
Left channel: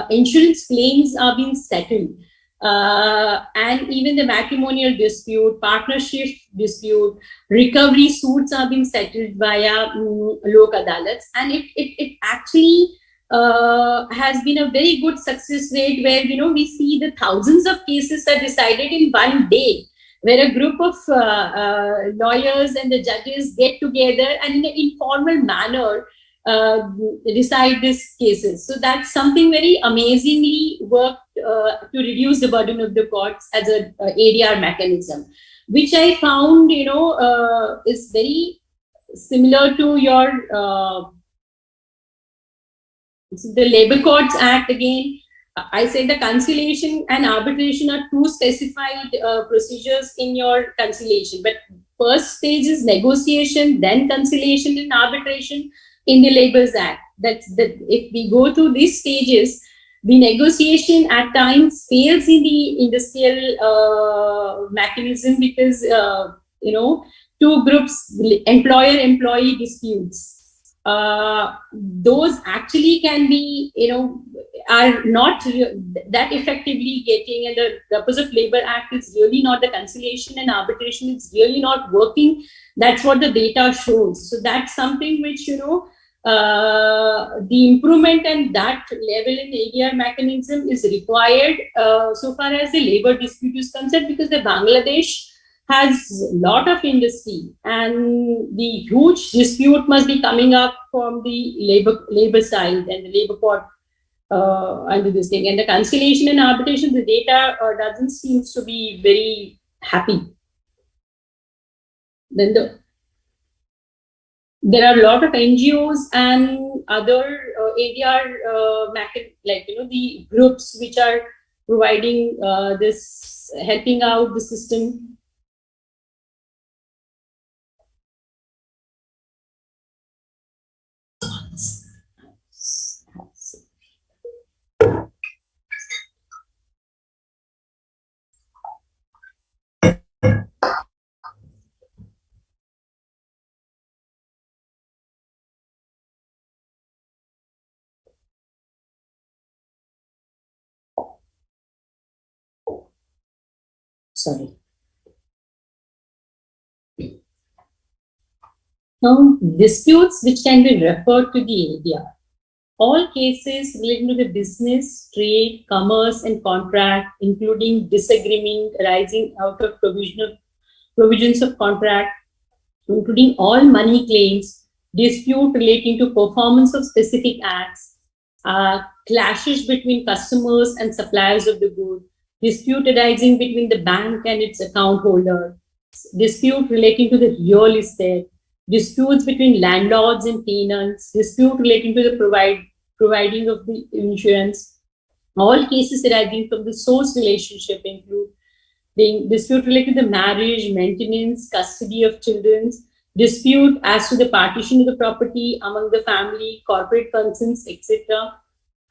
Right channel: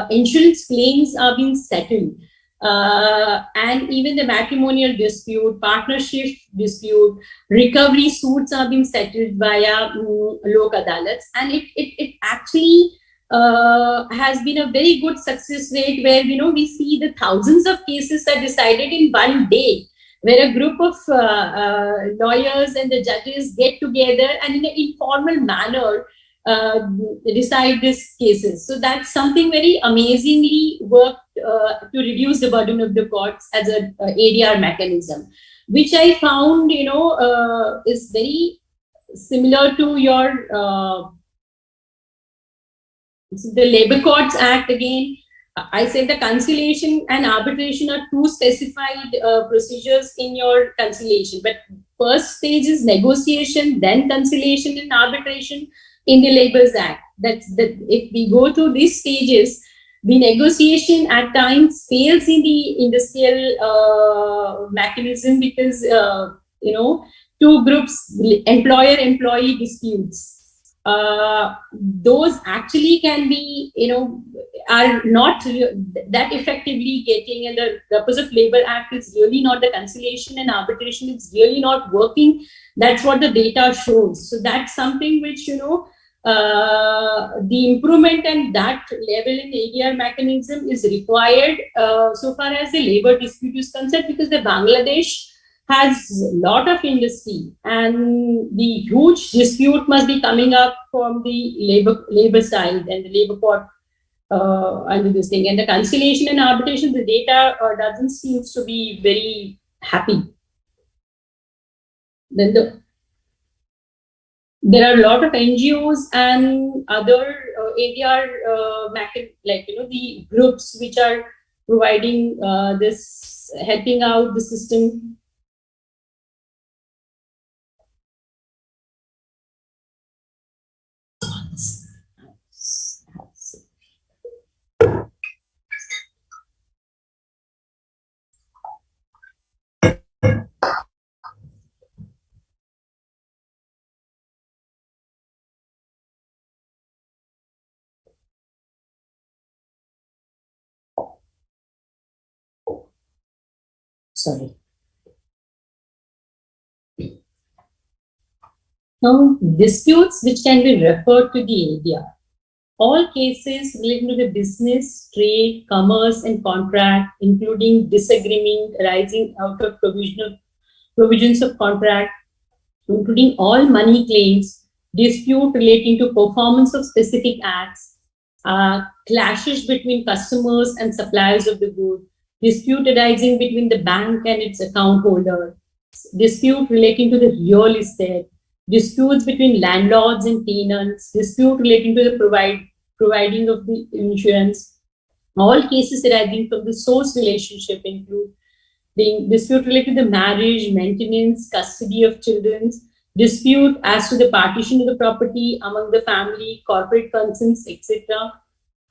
insurance claims are being settled. And even the matrimonial dispute, partnership dispute, recovery suits are being settled via Lok Adalats. And it actually has been a very good success rate where, we see the thousands of cases are decided in one day, where a group of lawyers and the judges get together and in an informal manner decide these cases. So that's something very amazingly worked to reduce the burden of the courts as a ADR mechanism, which I found, is very similar to your the Labor Courts Act. Again, I say the conciliation and arbitration are two specified procedures in your conciliation. But first stage is negotiation, then conciliation and arbitration in the Labours Act. If we go through these stages, the negotiation at times fails in the industrial mechanism because two groups, employer-employee disputes. Those actually can be, are not that effectively getting, and the purpose of Labor Act is really not the conciliation and arbitration. It's really not working. That's what the data shows. So that's something which, the improvement and that level in ADR mechanism is required so far as the labor dispute is concerned, because the Bangladesh has a lot of industry and the huge dispute must be coming up from the labor side and the labor court under this thing. And the conciliation and arbitration, the data doesn't seem to be very happy. Then there are a lot of NGOs and other ADR the groups which are providing this, helping out the system. Sorry. Now, disputes which can be referred to the ADR. All cases relating to the business, trade, commerce, and contract, including disagreement arising out of provisions of contract, including all money claims, dispute relating to performance of specific acts, clashes between customers and suppliers of the good, dispute arising between the bank and its account holder, dispute relating to the real estate, disputes between landlords and tenants, dispute relating to the providing of the insurance. All cases arising from the source relationship include the dispute related to the marriage, maintenance, custody of children, dispute as to the partition of the property among the family, corporate concerns, etc.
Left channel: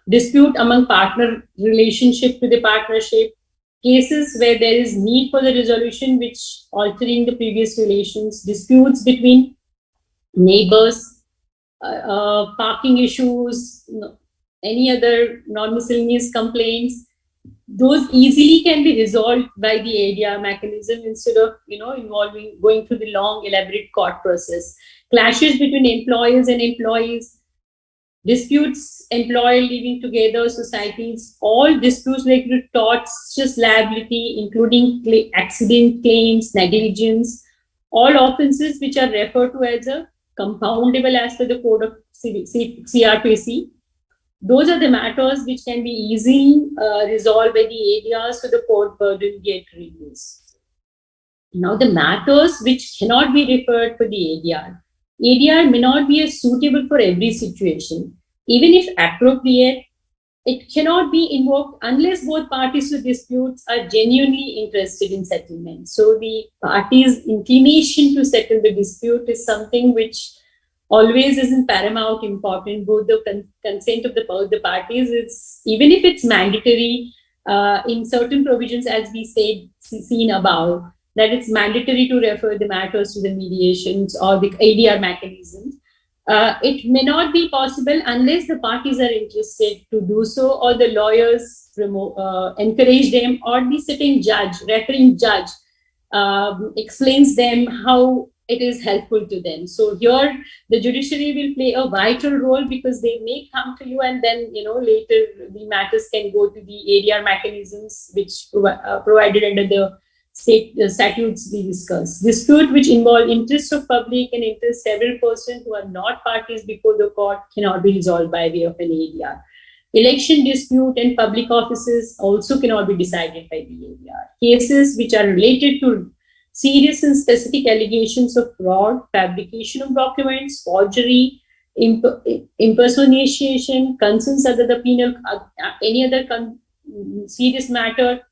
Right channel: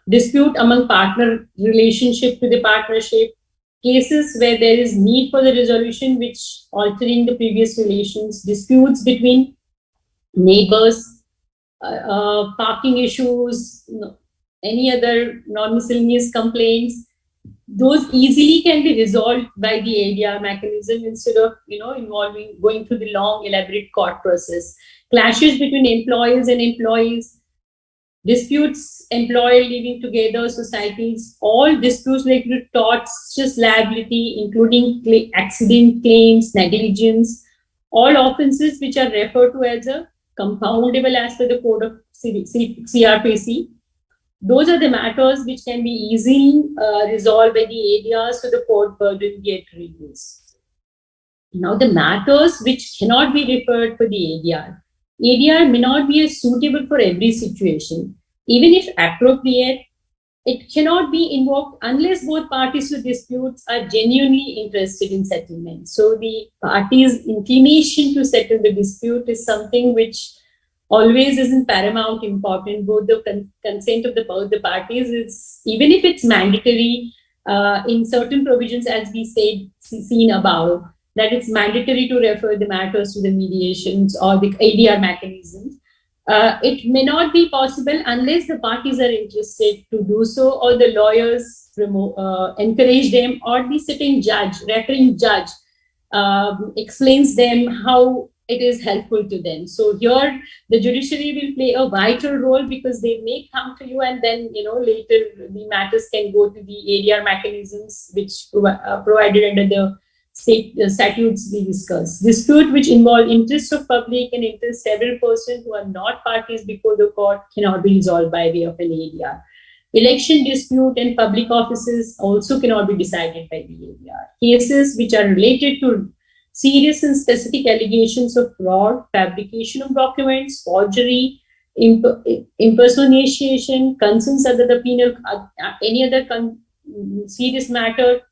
Dispute among partner relationship to the partnership, cases where there is need for the resolution which altering the previous relations, disputes between neighbors, parking issues, any other non-miscellaneous complaints. Those easily can be resolved by the ADR mechanism instead of going through the long elaborate court process. Clashes between employers and employees, disputes, employer living together, societies, all disputes related to torts, just liability, including accident claims, negligence, all offenses which are referred to as a compoundable as per the code of CRPC. Those are the matters which can be easily resolved by the ADR, so the court burden get reduced. Now, the matters which cannot be referred for the ADR. ADR may not be suitable for every situation. Even if appropriate, it cannot be invoked unless both parties to disputes are genuinely interested in settlement. So the parties' inclination to settle the dispute is something which always is in paramount important. Both the consent of the parties is, even if it's mandatory in certain provisions, as we seen above, that it's mandatory to refer the matters to the mediations or the ADR mechanisms. It may not be possible unless the parties are interested to do so, or the lawyers encourage them, or the sitting judge, referring judge, explains them how it is helpful to them. So here the judiciary will play a vital role, because they may come to you and then later the matters can go to the ADR mechanisms which provided under the state statutes we discussed. Dispute which involve interests of public and interest several persons who are not parties before the court cannot be resolved by way of an ADR. Election dispute and public offices also cannot be decided by the ADR. Cases which are related to serious and specific allegations of fraud, fabrication of documents, forgery, impersonation, concerns under the penal, any other serious matter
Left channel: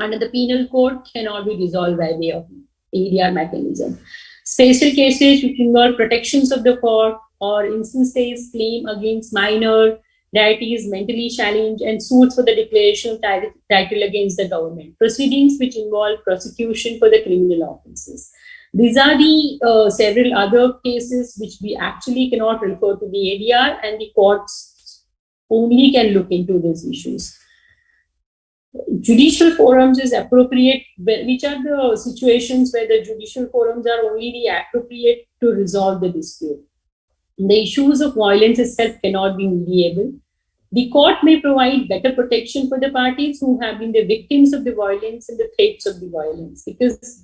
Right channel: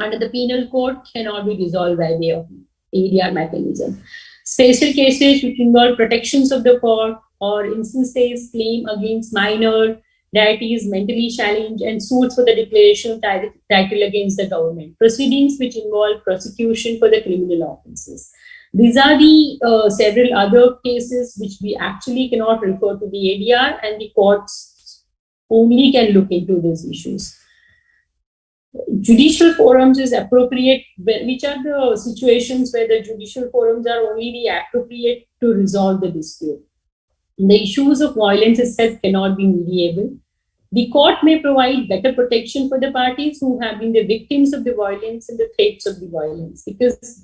under the penal code cannot be resolved by way of ADR mechanism. Special cases which involve protections of the court or instances claim against minor, deities mentally challenged, and suits for the declaration of title against the government. Proceedings which involve prosecution for the criminal offences. These are the several other cases which we actually cannot refer to the ADR, and the courts only can look into these issues. Judicial forums is appropriate, which are the situations where the judicial forums are only the appropriate to resolve the dispute. The issues of violence itself cannot be mediable. The court may provide better protection for the parties who have been the victims of the violence and the threats of the violence, because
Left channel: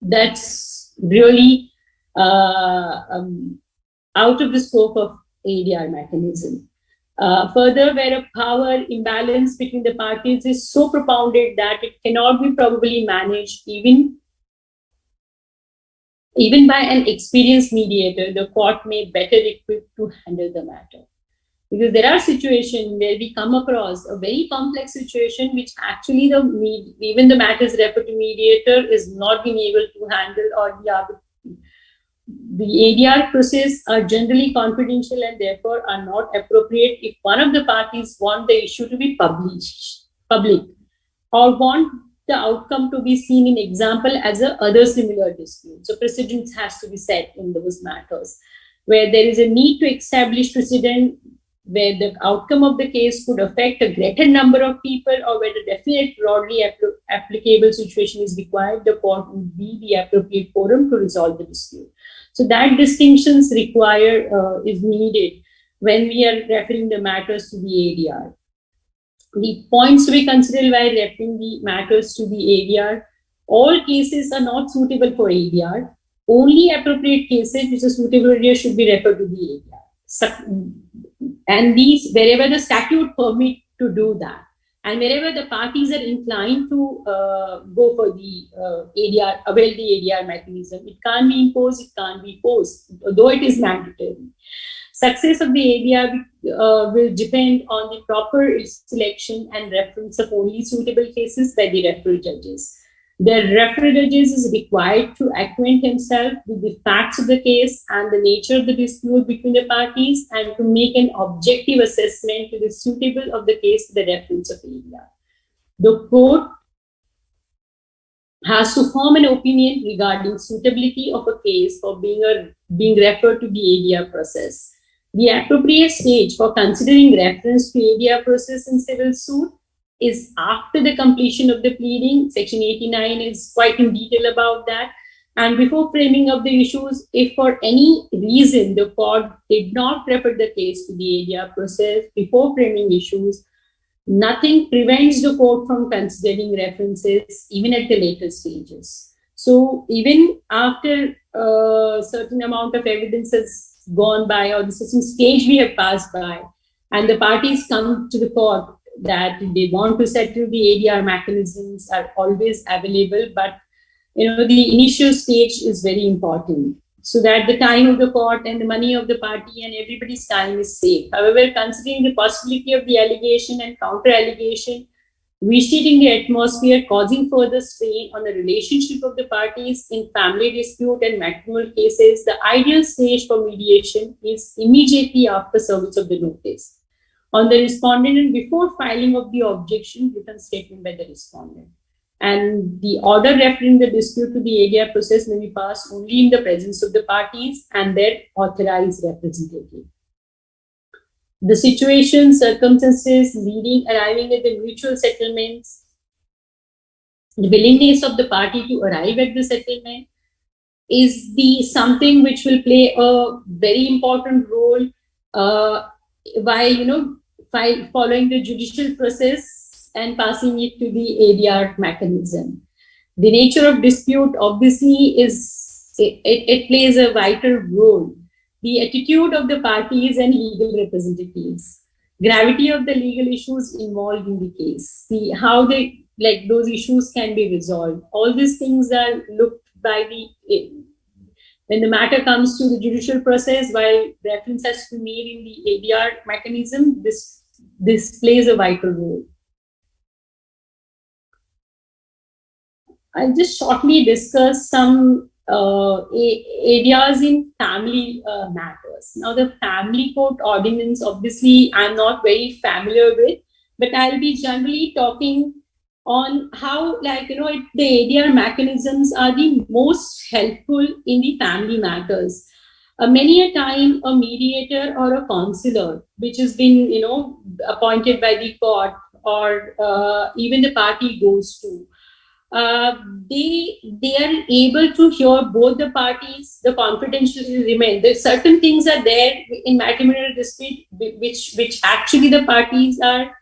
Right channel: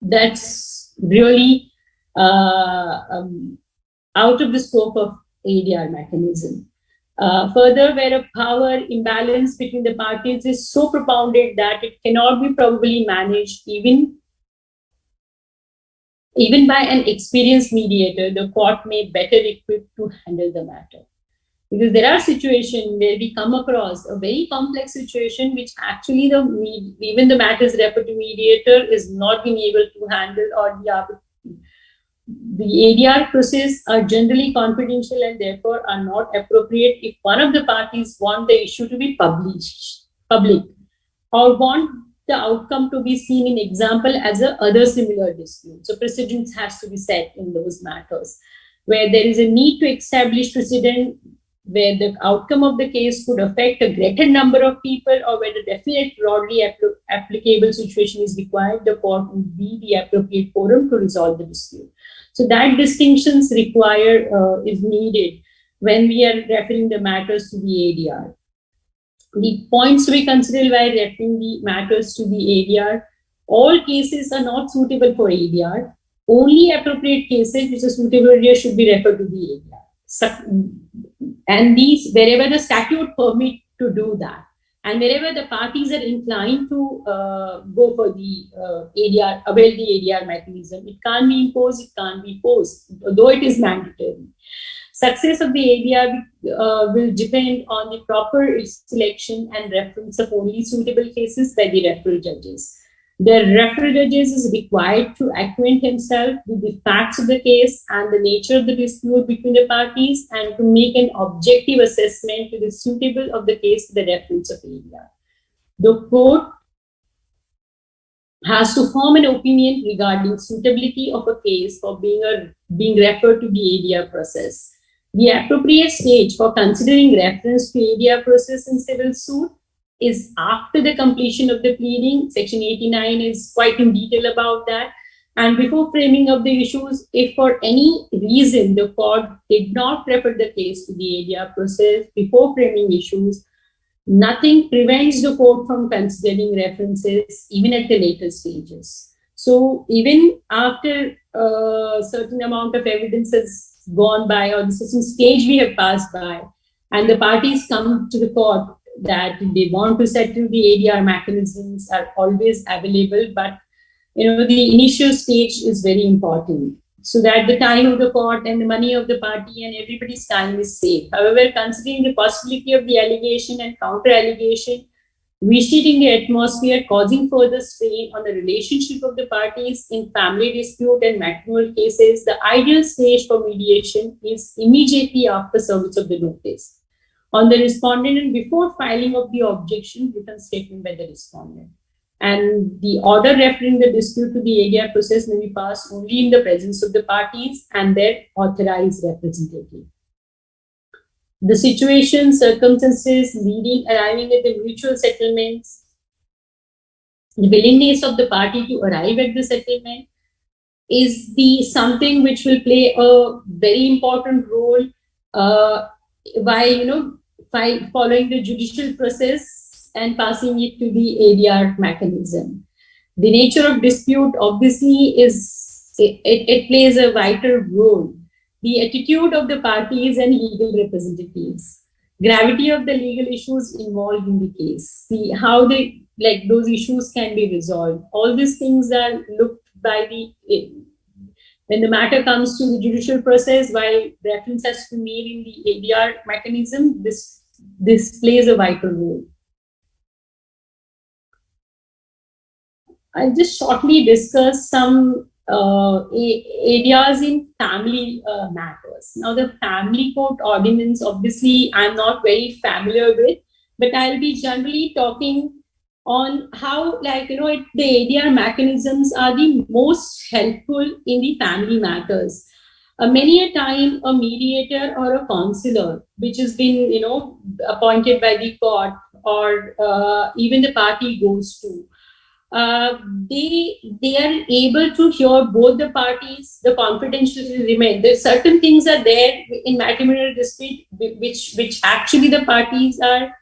that's really out of the scope of ADR mechanism. Further, where a power imbalance between the parties is so propounded that it cannot be probably managed even by an experienced mediator, the court may better equipped to handle the matter. Because there are situations where we come across a very complex situation which actually even the matters referred to mediator is not being able to handle, or the ADR process are generally confidential and therefore are not appropriate if one of the parties want the issue to be public, or want the outcome to be seen in example as a other similar dispute. So precedence has to be set in those matters where there is a need to establish precedent, where the outcome of the case could affect a greater number of people, or where the definite broadly applicable situation is required. The court would be the appropriate forum to resolve the dispute. So that distinctions is needed when we are referring the matters to the ADR. The points to be considered while referring the matters to the ADR: all cases are not suitable for ADR. Only appropriate cases which are suitable ADR should be referred to the ADR. And these, wherever the statute permit to do that, and wherever the parties are inclined to go for the ADR, avail the ADR mechanism, it can't be imposed, it can't be forced, though it is mandatory. Success of the ADR will depend on the proper selection and reference of only suitable cases by the referral judges. The referral judges is required to acquaint himself with the facts of the case and the nature of the dispute between the parties, and to make an objective assessment to the suitable of the case to the reference of ADR. The court has to form an opinion regarding suitability of a case for being referred to the ADR process. The appropriate stage for considering reference to ADR process in civil suit is after the completion of the pleading. Section 89 is quite in detail about that. And before framing up the issues, if for any reason the court did not refer the case to the ADR process before framing issues, nothing prevents the court from considering references even at the later stages. So even after a certain amount of evidence has gone by, or the certain stage we have passed by, and the parties come to the court that they want to settle, the ADR mechanisms are always available, but the initial stage is very important, so that the time of the court and the money of the party and everybody's time is safe. However, considering the possibility of the allegation and counter allegation reshaping the atmosphere, causing further strain on the relationship of the parties in family dispute and matrimonial cases, the ideal stage for mediation is immediately after service of the notice on the respondent and before filing of the objection written statement by the respondent. And the order referring the dispute to the ADR process may be passed only in the presence of the parties and their authorized representative. The situation, circumstances leading, arriving at the mutual settlements, the willingness of the party to arrive at the settlement is the something which will play a very important role by following the judicial process and passing it to the ADR mechanism. The nature of dispute obviously it plays a vital role. The attitude of the parties and legal representatives, gravity of the legal issues involved in the case, how those issues can be resolved. All these things are looked by when the matter comes to the judicial process, while reference has to be made in the ADR mechanism, this plays a vital role. I'll just shortly discuss some areas in family matters. Now, the family court ordinance, obviously, I'm not very familiar with, but I'll be generally talking on how, the ADR mechanisms are the most helpful in the family matters. Many a time, a mediator or a counselor, which has been, appointed by the court or even the party goes to, they are able to hear both the parties. The confidentiality remain. There certain things are there in matrimonial dispute which actually the parties are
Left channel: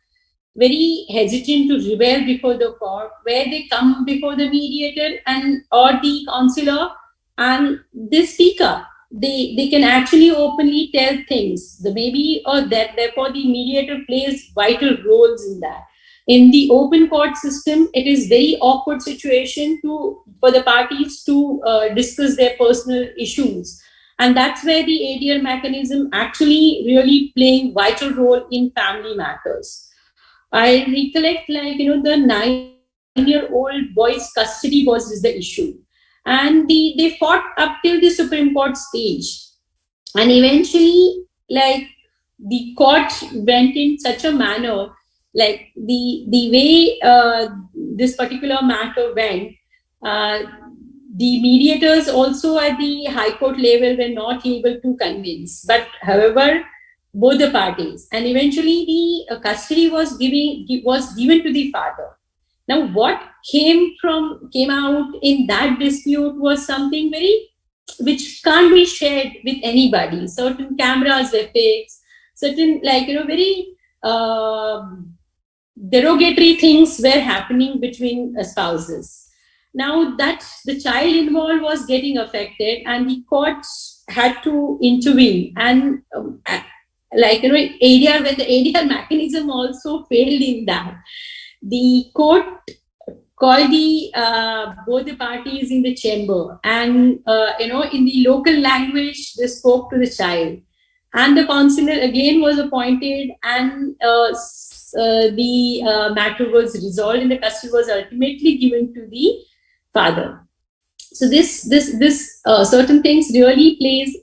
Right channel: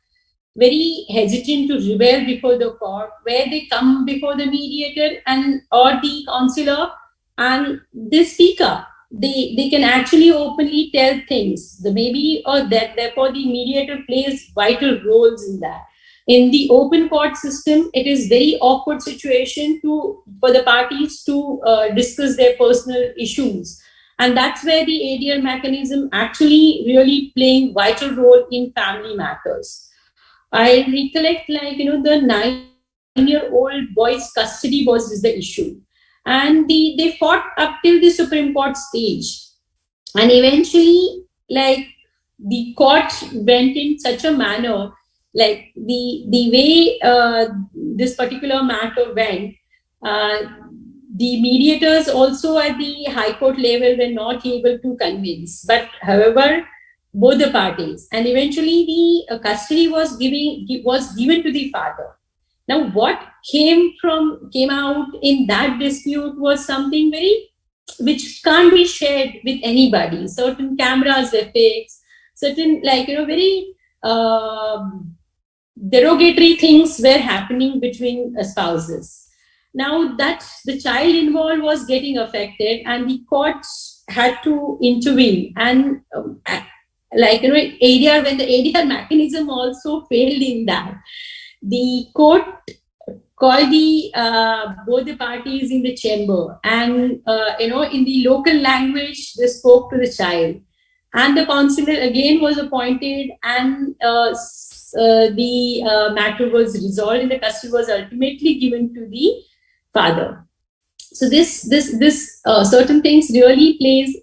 very hesitant to reveal before the court, where they come before the mediator and or the counselor and they speak up. They can actually openly tell things. The maybe or that therefore the mediator plays vital roles in that. In the open court system, it is very awkward situation for the parties to discuss their personal issues. And that's where the ADR mechanism actually really playing vital role in family matters. I recollect the 9-year-old boy's custody was the issue. And they fought up till the Supreme Court stage. And eventually, the court went in such a manner, the way this particular matter went, the mediators also at the High Court level were not able to convince. But however, both the parties, and eventually the custody was given to the father. Now, what came out in that dispute was something which can't be shared with anybody. Certain cameras were fixed, certain very derogatory things were happening between spouses. Now that the child involved was getting affected, and the courts had to intervene. And ADR, when the ADR mechanism also failed in that, the court called both the parties in the chamber, and in the local language they spoke to the child, and the counselor again was appointed, and the matter was resolved, and the custody was ultimately given to the father. So this certain things really plays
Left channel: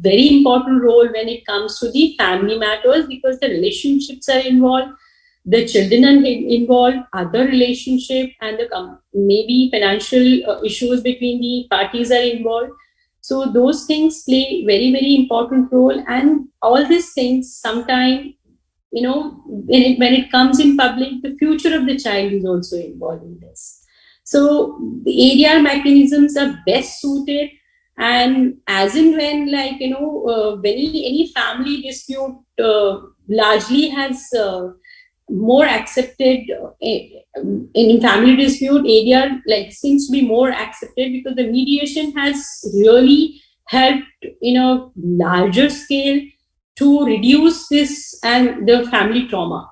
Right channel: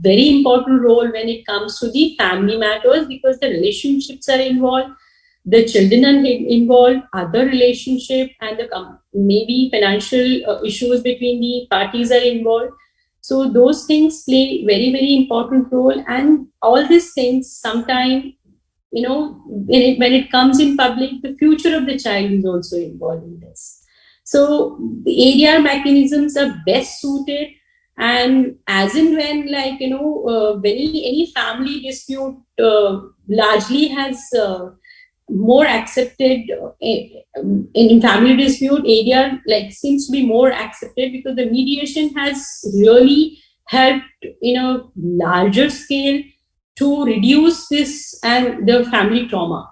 very important role when it comes to the family matters, because the relationships are involved, the children are involved, other relationship, and the maybe financial issues between the parties are involved. So those things play very, very important role, and all these things sometimes, when it comes in public, the future of the child is also involved in this. So the ADR mechanisms are best suited, and as and when, when any family dispute largely has more accepted in family dispute, ADR seems to be more accepted because the mediation has really helped in a larger scale to reduce this and the family trauma.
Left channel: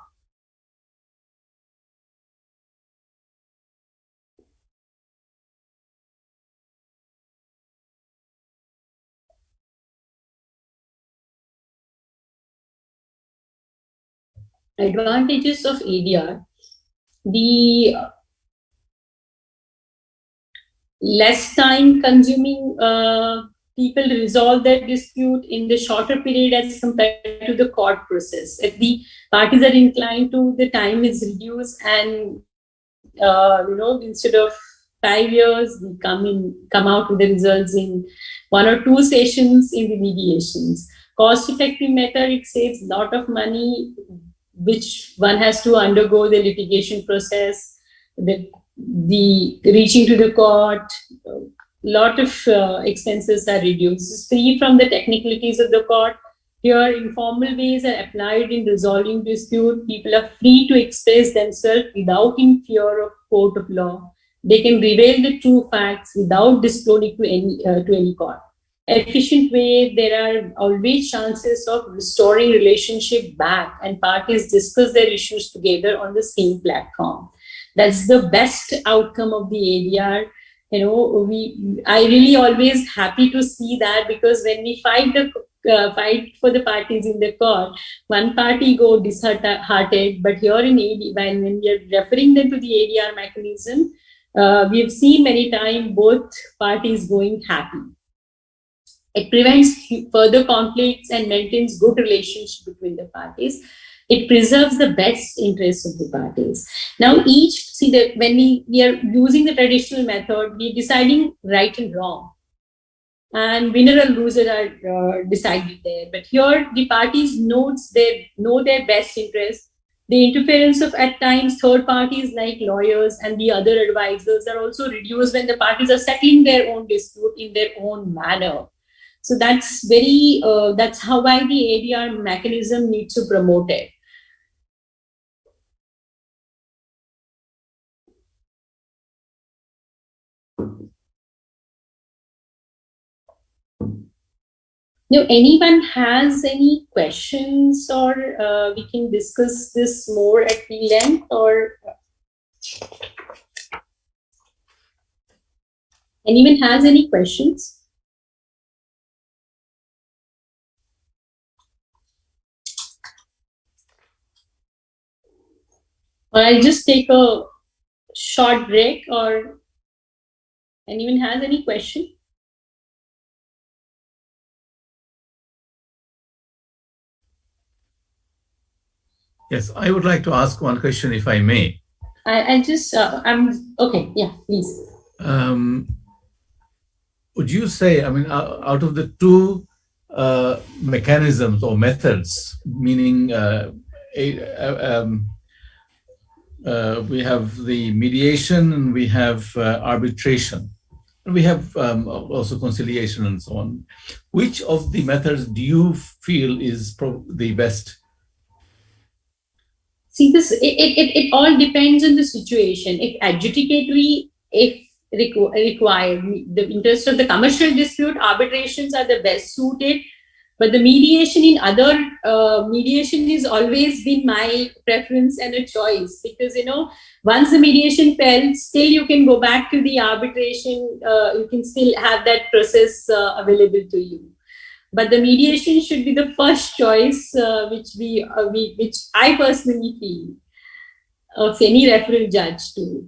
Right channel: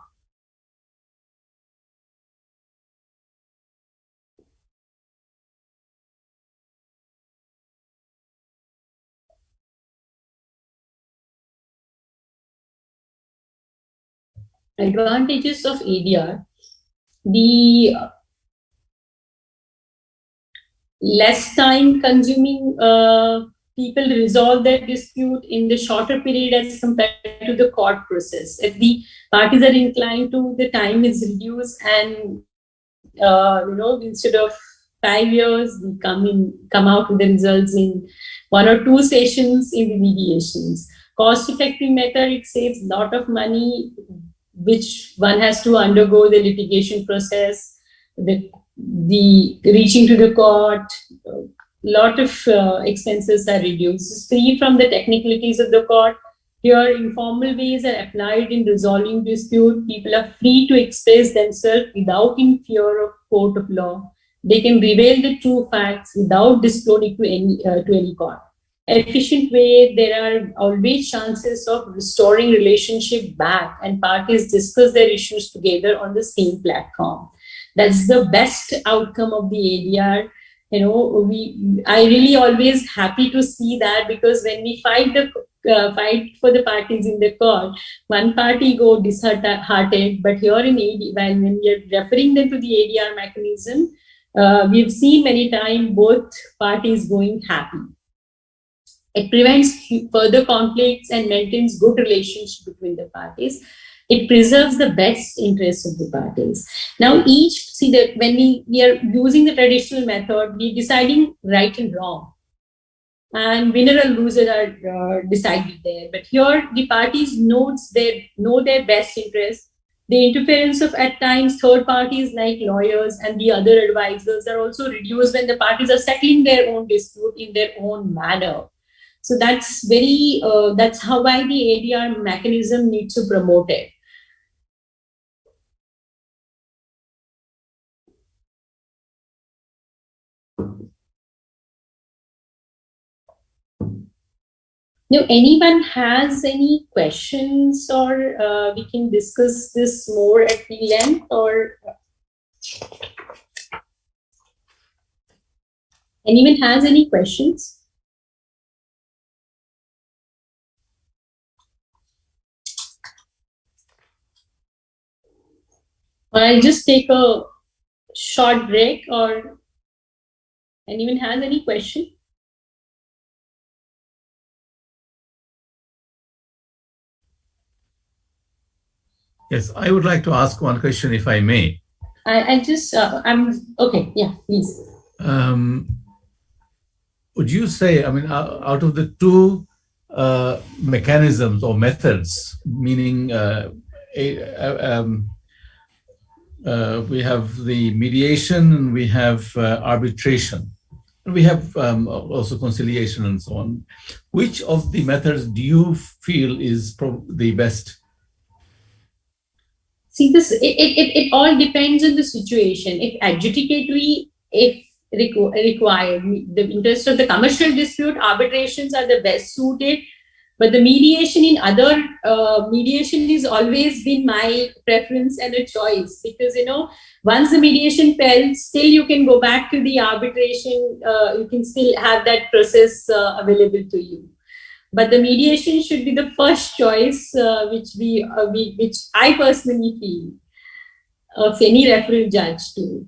Advantages of ADR: the less time consuming, people resolve their dispute in the shorter period as compared to the court process. If the parties are inclined to, the time is reduced, and instead of 5 years, we come out with the results in 1 or 2 sessions in the mediations. Cost effective method, it saves a lot of money which one has to undergo the litigation process, the reaching to the court. Lot of expenses are reduced. It's free from the technicalities of the court. Here, informal ways are applied in resolving dispute. People are free to express themselves without in fear of court of law. They can reveal the true facts without disclosing to any court. Efficient way, there are always chances of restoring relationship back, and parties discuss their issues together on the same platform. That's the best outcome of the ADR. I really always happy to see that, because when we fight for the parties in the court, one party go disheartened, but here in ADR, when we are referring them to the ADR mechanism, we've seen many times both parties going happy. It prevents further conflicts and maintains good relationship between the parties. It preserves the best interests of the parties. Now, when we are using the traditional method, we're deciding right and wrong, and winner and loser are decided there. But here, the parties know their best interests. The interference of, at times, third parties like lawyers and the other advisors are also reduced when the parties are settling their own dispute in their own manner. So that's why the ADR mechanism needs to promote it. Now, anyone has any questions, or we can discuss this more at the length, or anyone has any questions? I'll just take a short break, or anyone has any question? Yes, I would like to ask one question, if I may. I'm okay. Yeah, please. Would you say, out of the two mechanisms or methods, meaning we have the mediation, and we have arbitration, and we have also conciliation and so on, which of the methods do you feel is the best? See, it all depends on the situation. If adjudicatory, if required, the interest of the commercial dispute, arbitrations are the best suited. But the mediation mediation has always been my preference and a choice, because once the mediation fails, still you can go back to the arbitration. You can still have that process available to you. But the mediation should be the first choice, which I personally feel of any referral judge to,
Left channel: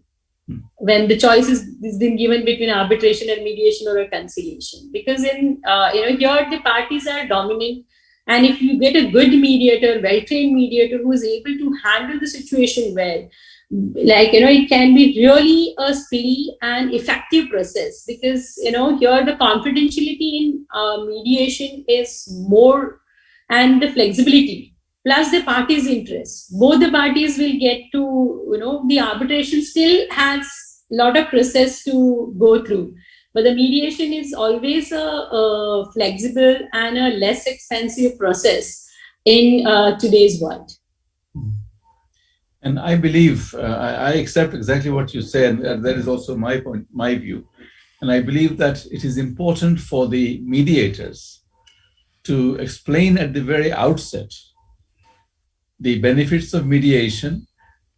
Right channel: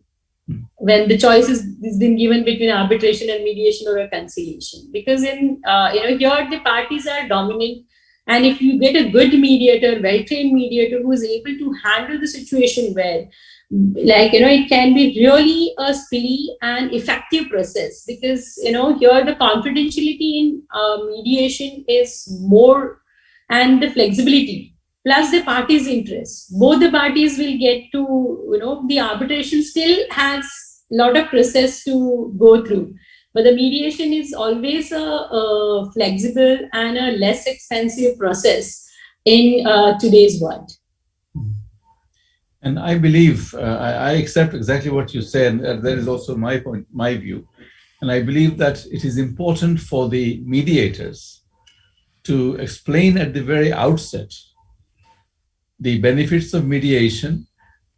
when the choice is been given between arbitration and mediation or a conciliation. Because here the parties are dominant, and if you get a good mediator, well-trained mediator who is able to handle the situation well, it can be really a speedy and effective process, because here the confidentiality in mediation is more, and the flexibility plus the parties' interest. Both the parties will get to, the arbitration still has lot of process to go through. But the mediation is always a flexible and a less expensive process in today's world. And I believe, I accept exactly what you said, and that is also my point, my view. And I believe that it is important for the mediators to explain at the very outset the benefits of mediation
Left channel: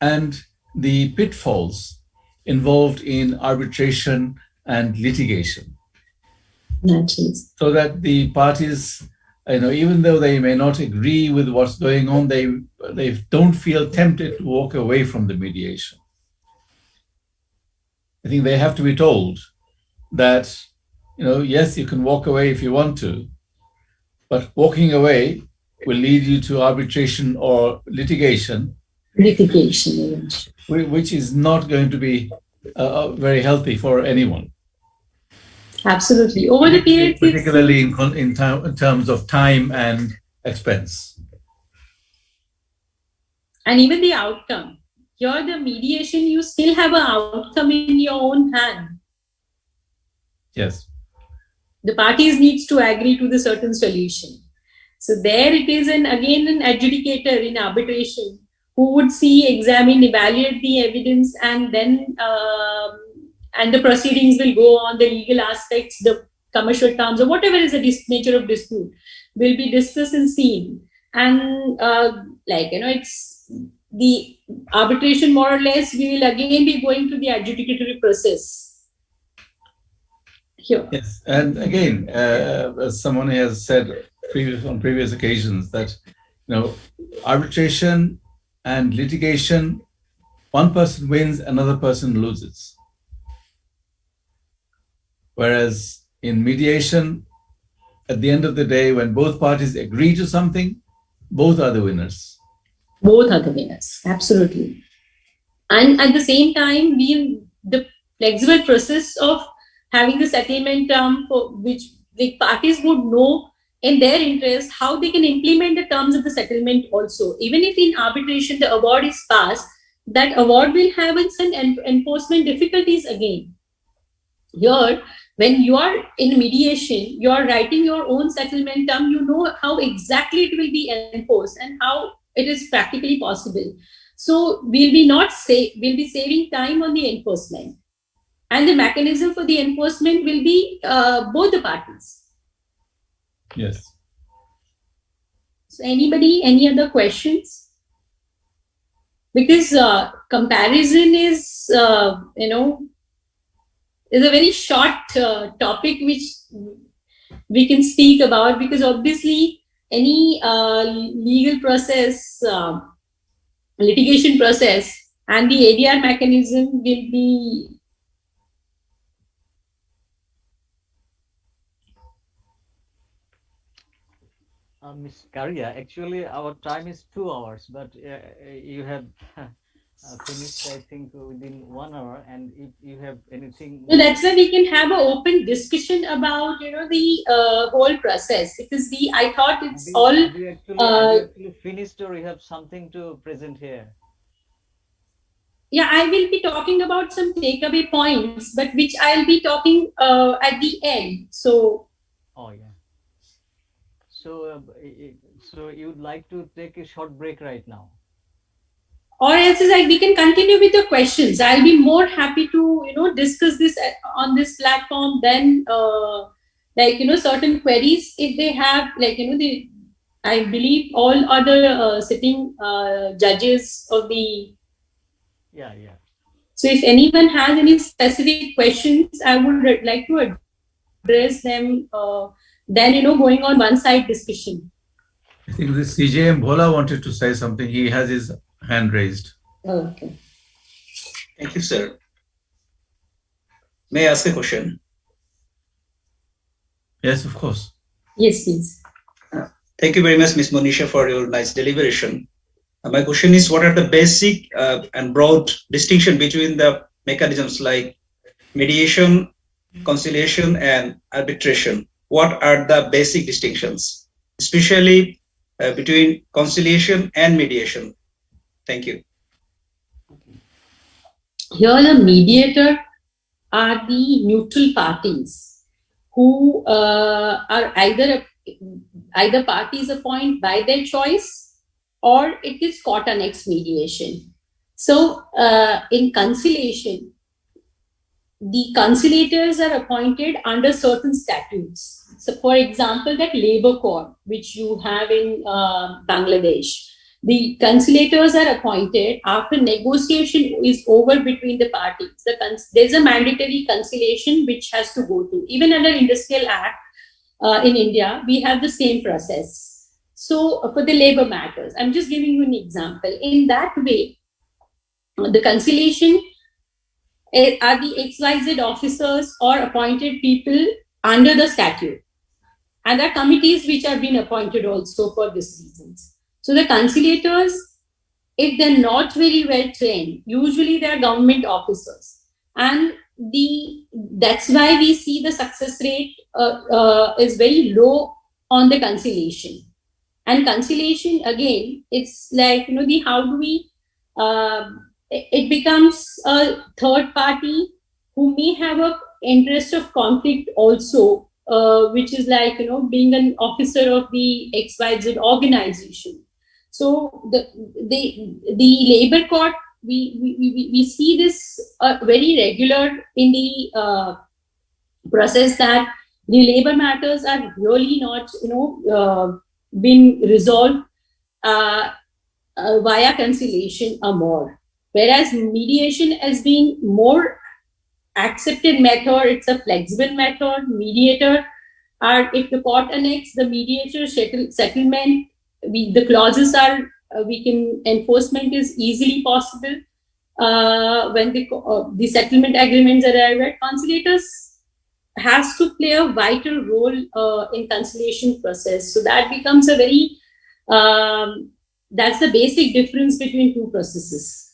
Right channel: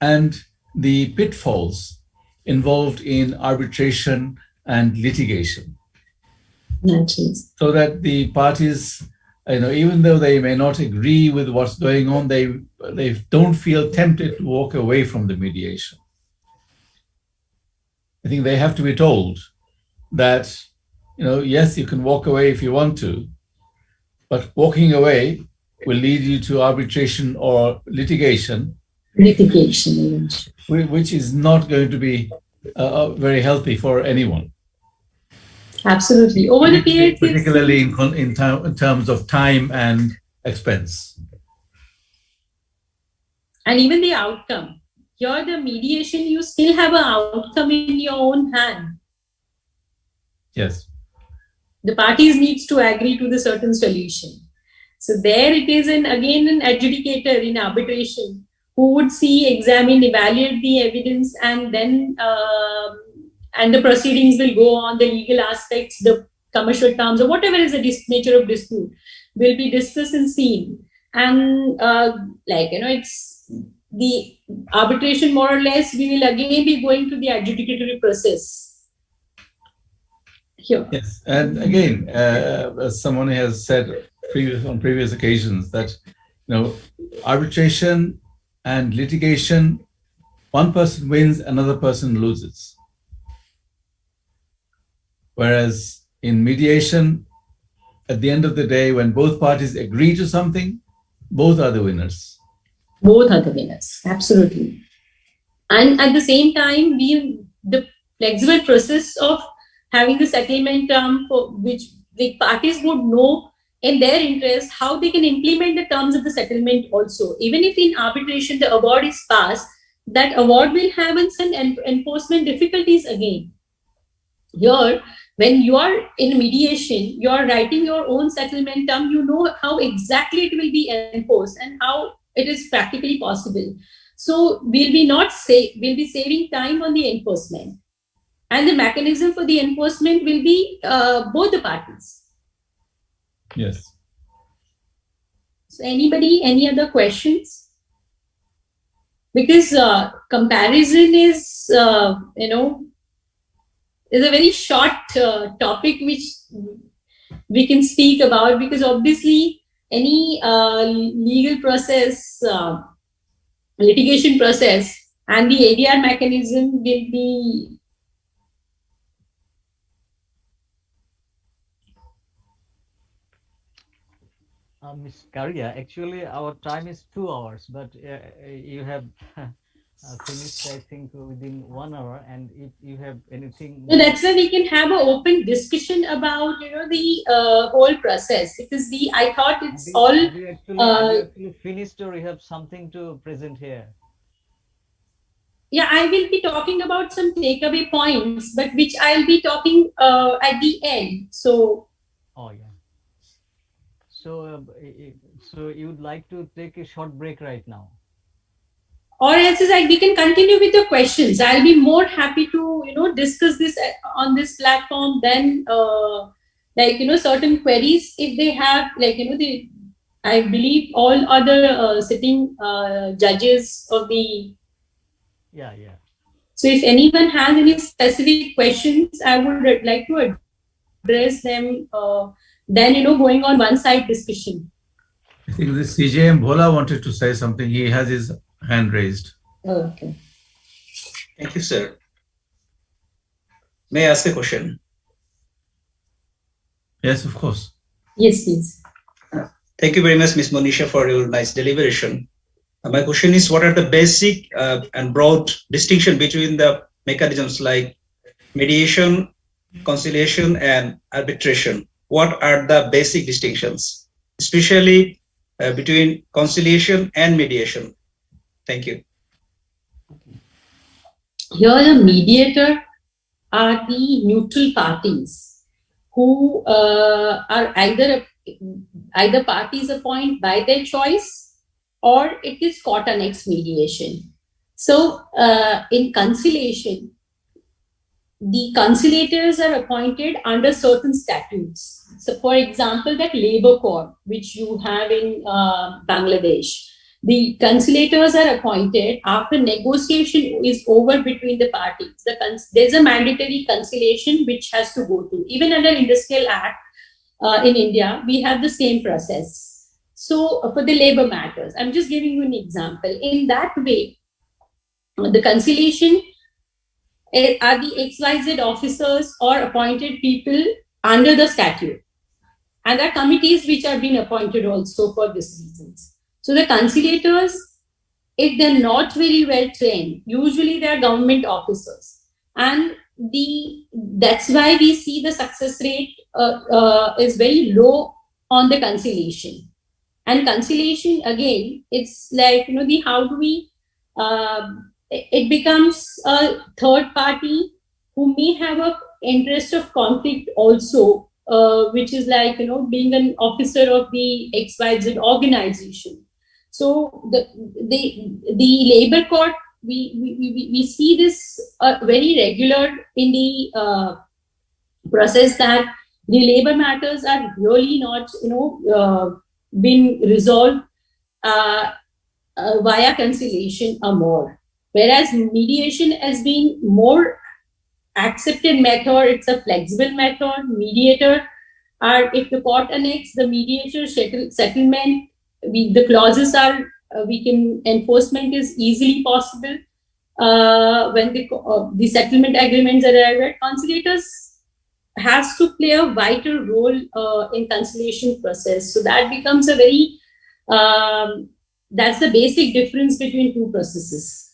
and the pitfalls involved in arbitration and litigation. Naturally. So that the parties, even though they may not agree with what's going on, they don't feel tempted to walk away from the mediation. I think they have to be told that, yes, you can walk away if you want to, but walking away will lead you to arbitration or litigation, which is not going to be very healthy for anyone. Absolutely. Over the period, particularly in terms of time and expense. And even the outcome. Here, the mediation, you still have an outcome in your own hand. Yes. The parties needs to agree to the certain solution. So there it is, again an adjudicator in arbitration who would see, examine, evaluate the evidence, and then and the proceedings will go on. The legal aspects, the commercial terms, or whatever is the nature of dispute will be discussed and seen. And it's the arbitration, more or less, we will again be going to the adjudicatory process. Here. Yes, and again, as someone has said on previous occasions, that arbitration and litigation, one person wins, another person loses. Whereas in mediation, at the end of the day, when both parties agree to something, both are the winners. Both are the winners, absolutely. And at the same time, the flexible process of having the settlement term for which the parties would know in their interest how they can implement the terms of the settlement also. Even if in arbitration the award is passed, that award will have some enforcement difficulties again. Here, when you are in mediation, you are writing your own settlement term, you know how exactly it will be enforced and how it is practically possible. So we'll be saving time on the enforcement. And the mechanism for the enforcement will be both the parties. Yes. So any other questions? Because comparison is, is a very short topic which we can speak about, because obviously any legal process, litigation process, and the ADR mechanism will be Ms. Karia, actually our time is 2 hours, but you have finished, I think, within 1 hour. And if you have anything, so that's why we can have an open discussion about the whole process, because I thought it's all. Have you actually finished, or you have something to present here? Yeah, I will be talking about some takeaway points, but which I'll be talking at the end. So. Oh yeah. So you would like to take a short break right now? Or else we can continue with the questions. I'll be more happy to discuss this on this platform. Then certain queries, if they have, I believe all other sitting judges of the. Yeah. So if anyone has any specific questions, I would like to address them. Then going on one side discussion. I think this CJM Bhola wanted to say something. He has his hand raised. Oh, okay. Thank you, sir. May I ask a question? Yes, of course. Yes, please. Thank you very much, Ms. Monisha, for your nice deliberation. My question is, what are the basic and broad distinction between the mechanisms like mediation, conciliation, and arbitration? What are the basic distinctions, especially between conciliation and mediation? Thank you. Here, the mediator are the neutral parties who are either parties appointed by their choice or it is court annexed mediation. So, in conciliation, the conciliators are appointed under certain statutes. So, for example, that labor court, which you have in Bangladesh, the conciliators are appointed after negotiation is over between the parties. There's a mandatory conciliation which has to go to. Even under Industrial Act in India, we have the same process. So, for the labor matters, I'm just giving you an example. In that way, the conciliation are the XYZ officers or appointed people under the statute. And there are committees which have been appointed also for these reasons. So the conciliators, if they're not very well trained, usually they're government officers. And that's why we see the success rate is very low on the conciliation. And conciliation, again, it's like, how do we... it becomes a third party who may have an interest of conflict also, which is like, being an officer of the XYZ organization. So the labor court, we see this very regular in the process that the labor matters are really not, been resolved via conciliation or more. Whereas mediation has been more accepted method, it's a flexible method. Mediator are, if the court annexes the mediator settlement, the clauses are, enforcement is easily possible. When the settlement agreements are arrived, conciliators has to play a vital role in conciliation process. So that becomes a very, that's the basic difference between two processes.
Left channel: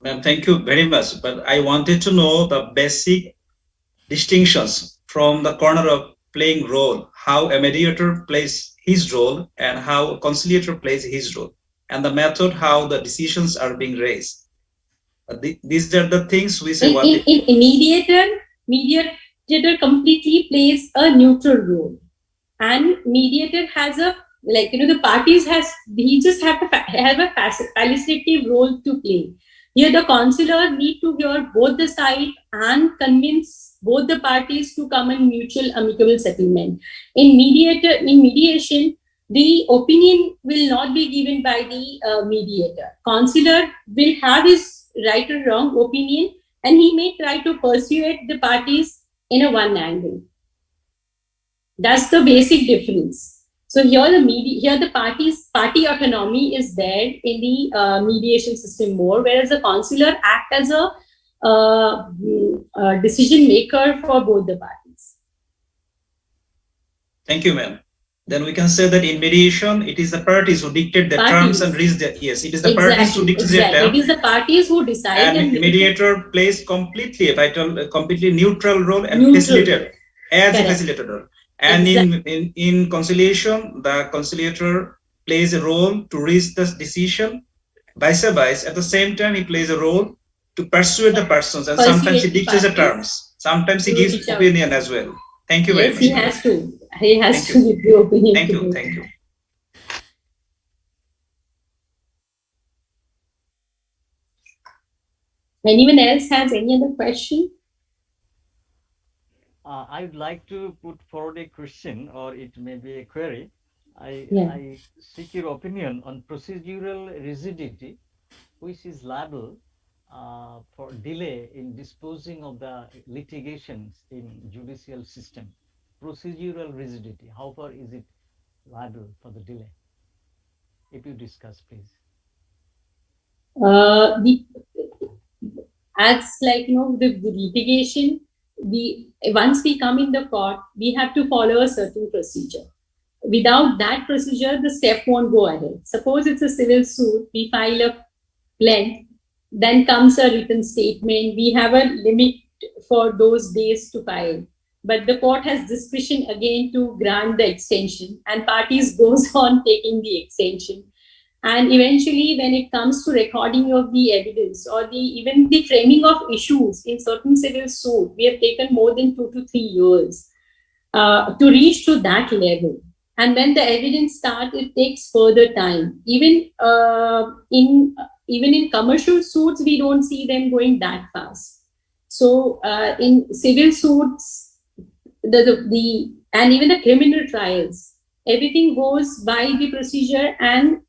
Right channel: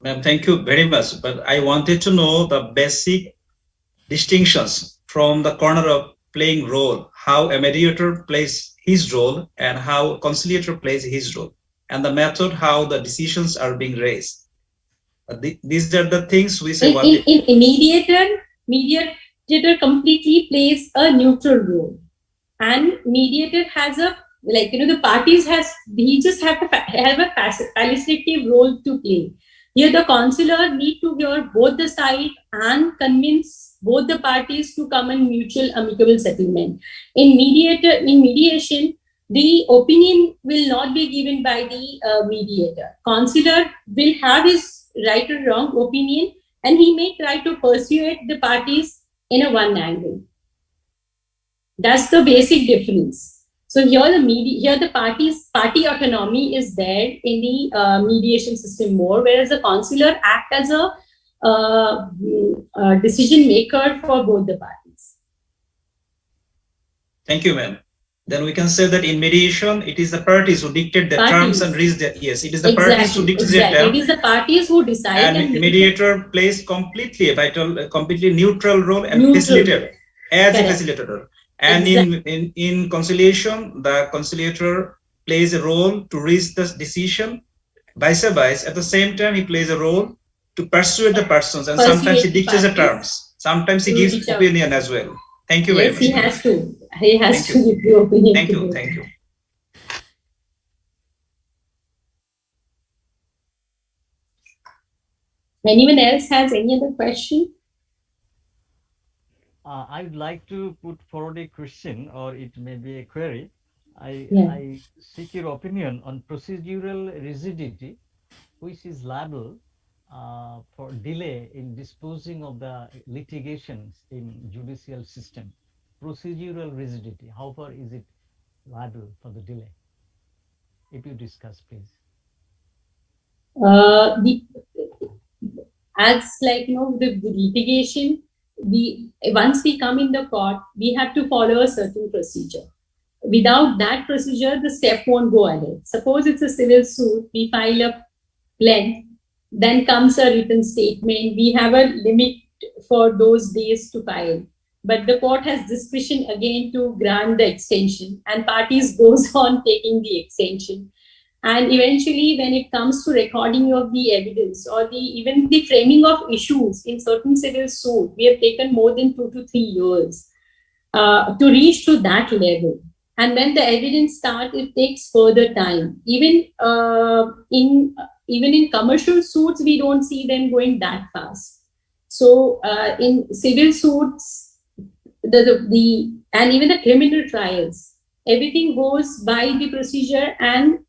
Ma'am, thank you very much. But I wanted to know the basic distinctions from the corner of playing role, how a mediator plays his role and how a conciliator plays his role, and the method how the decisions are being raised. These are the things we say. In mediator completely plays a neutral role, and mediator has the parties he just have a facilitative role to play. Here, the counselor need to hear both the side and convince both the parties to come in mutual amicable settlement. In mediation, the opinion will not be given by the mediator. Counselor will have his right or wrong opinion, and he may try to persuade the parties in a one angle. That's the basic difference. So here the party autonomy is there in the mediation system more, whereas the counselor act as a decision maker for both the parties. Thank you, ma'am. Then we can say that in mediation, it is the parties who dictate the terms and reach the it is the parties who dictate the terms. It is the parties who decide. And mediator plays completely neutral role and facilitator as a facilitator. And in conciliation, the conciliator plays a role to reach the decision. Vice versa, at the same time, he plays a role to persuade the persons, and sometimes he dictates the terms. Sometimes he gives opinion as well. Thank you very much. He has to. He has to give the opinion. Thank you. Thank you. Anyone else has any other question? I would like to put forward a question, or it may be a query. I seek your opinion on procedural rigidity, which is liable for delay in disposing of the litigations in judicial system. Procedural rigidity, how far is it liable for the delay? If you discuss, please. As the litigation, once we come in the court, we have to follow a certain procedure. Without that procedure, the step won't go ahead. Suppose it's a civil suit, we file a plaint, then comes a written statement. We have a limit for those days to file. but the court has discretion again to grant the extension, and parties goes on taking the extension. And eventually, when it comes to recording of the evidence or even the framing of issues in certain civil suit, we have taken more than 2 to 3 years to reach to that level. And when the evidence starts, it takes further time. Even in commercial suits, we don't see them going that fast. So in civil suits, and even the criminal trials, everything goes by the procedure, and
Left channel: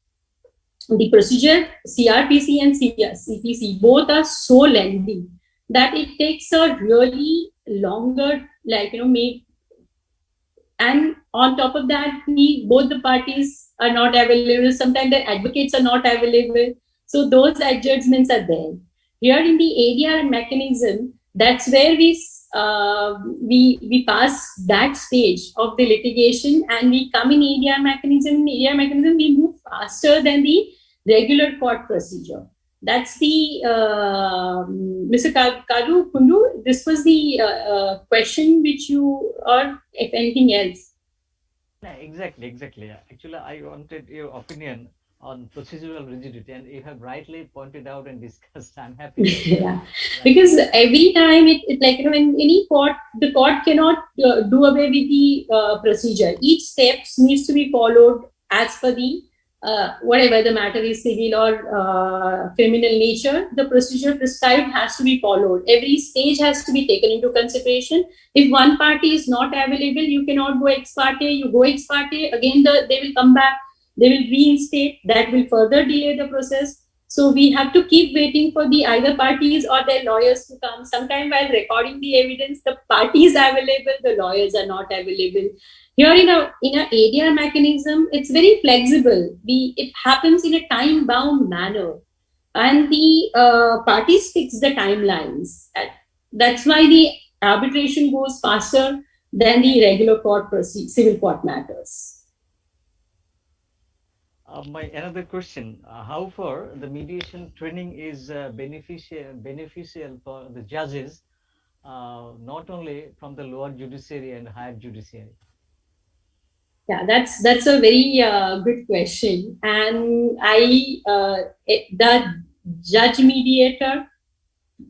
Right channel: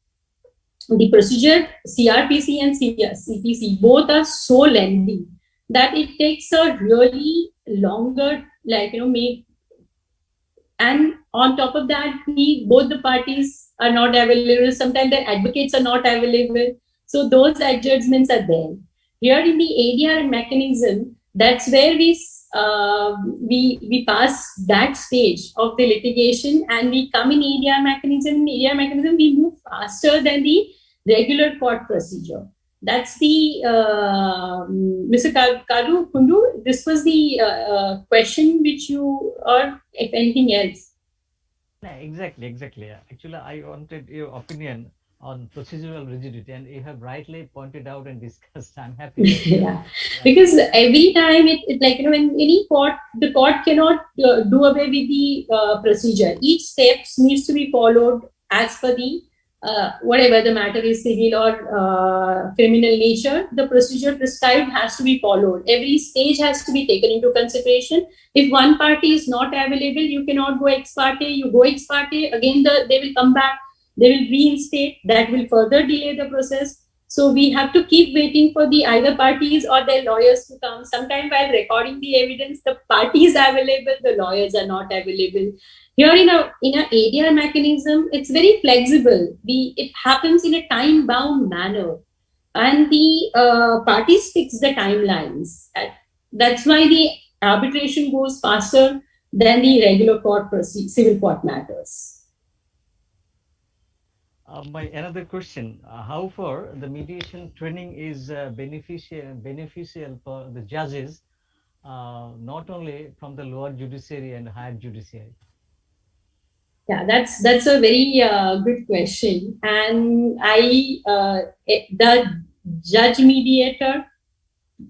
the procedure, CRPC and CPC, both are so lengthy that it takes a really longer, and on top of that, both the parties are not available. Sometimes the advocates are not available. So those adjustments are there. Here in the ADR mechanism, that's where we pass that stage of the litigation, and we come in ADR mechanism. In ADR mechanism, we move faster than the regular court procedure. That's the Mr. Karu Kundu. This was the question which you, or if anything else. Yeah, exactly. Actually, I wanted your opinion on procedural rigidity, and you have rightly pointed out and discussed. I'm happy. Yeah, because every time when any court, the court cannot do away with the procedure. Each step needs to be followed as per the whatever the matter is, civil or criminal nature. The procedure prescribed has to be followed. Every stage has to be taken into consideration. If one party is not available, you cannot go ex parte. You go ex parte, again they will come back. They will reinstate. That will further delay the process. So we have to keep waiting for the either parties or their lawyers to come. Sometimes while recording the evidence, the parties are available, the lawyers are not available. Here in a ADR mechanism, it's very flexible. It happens in a time-bound manner, and the parties fix the timelines. That's why the arbitration goes faster than the regular civil court matters. My another question: how far the mediation training is beneficial for the judges, not only from the lower judiciary and higher judiciary? Yeah, that's a very good question, and the judge mediator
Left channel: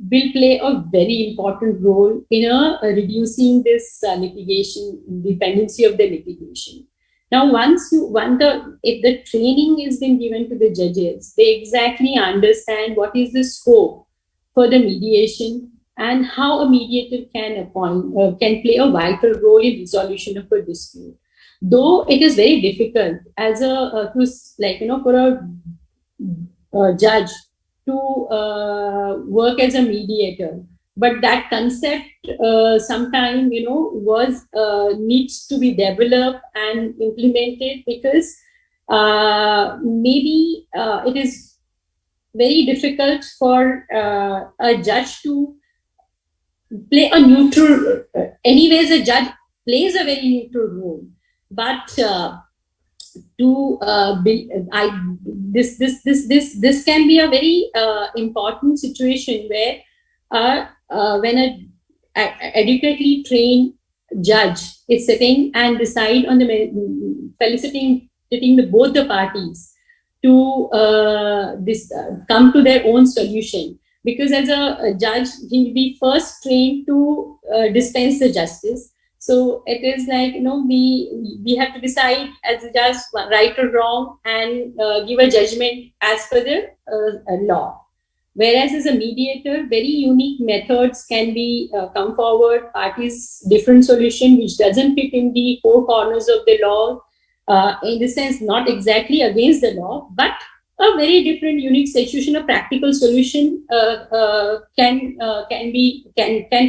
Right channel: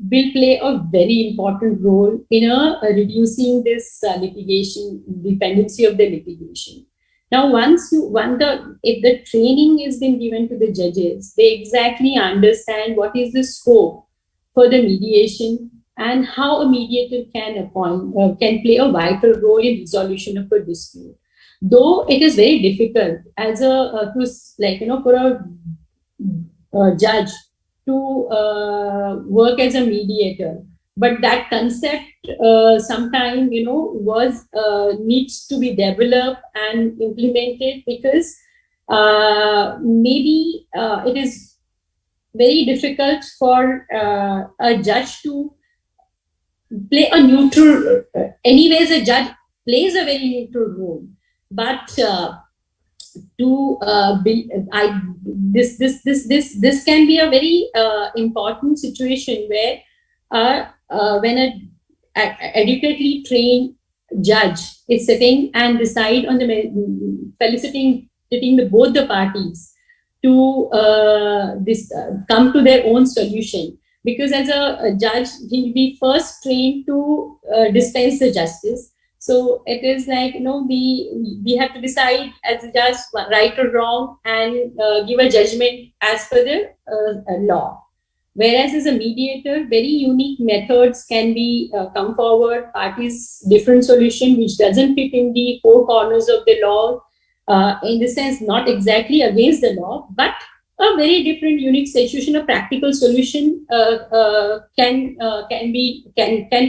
will play a very important role in reducing this litigation, dependency of the litigation. Now, if the training is being given to the judges, they exactly understand what is the scope for the mediation and how a mediator can play a vital role in resolution of a dispute. Though it is very difficult as for a judge to work as a mediator, but that concept sometime needs to be developed and implemented, because maybe it is very difficult for a judge to play a neutral. Anyways, a judge plays a very neutral role, but this can be a very important situation where when an adequately trained judge is sitting and decide on felicitating both the parties to come to their own solution. Because as a judge, he will be first trained to dispense the justice. So it is we have to decide as a judge right or wrong and give a judgment as per the law. Whereas as a mediator, very unique methods can be come forward, parties different solution which doesn't fit in the four corners of the law. In the sense, not exactly against the law, but a very different, unique situation, a practical solution can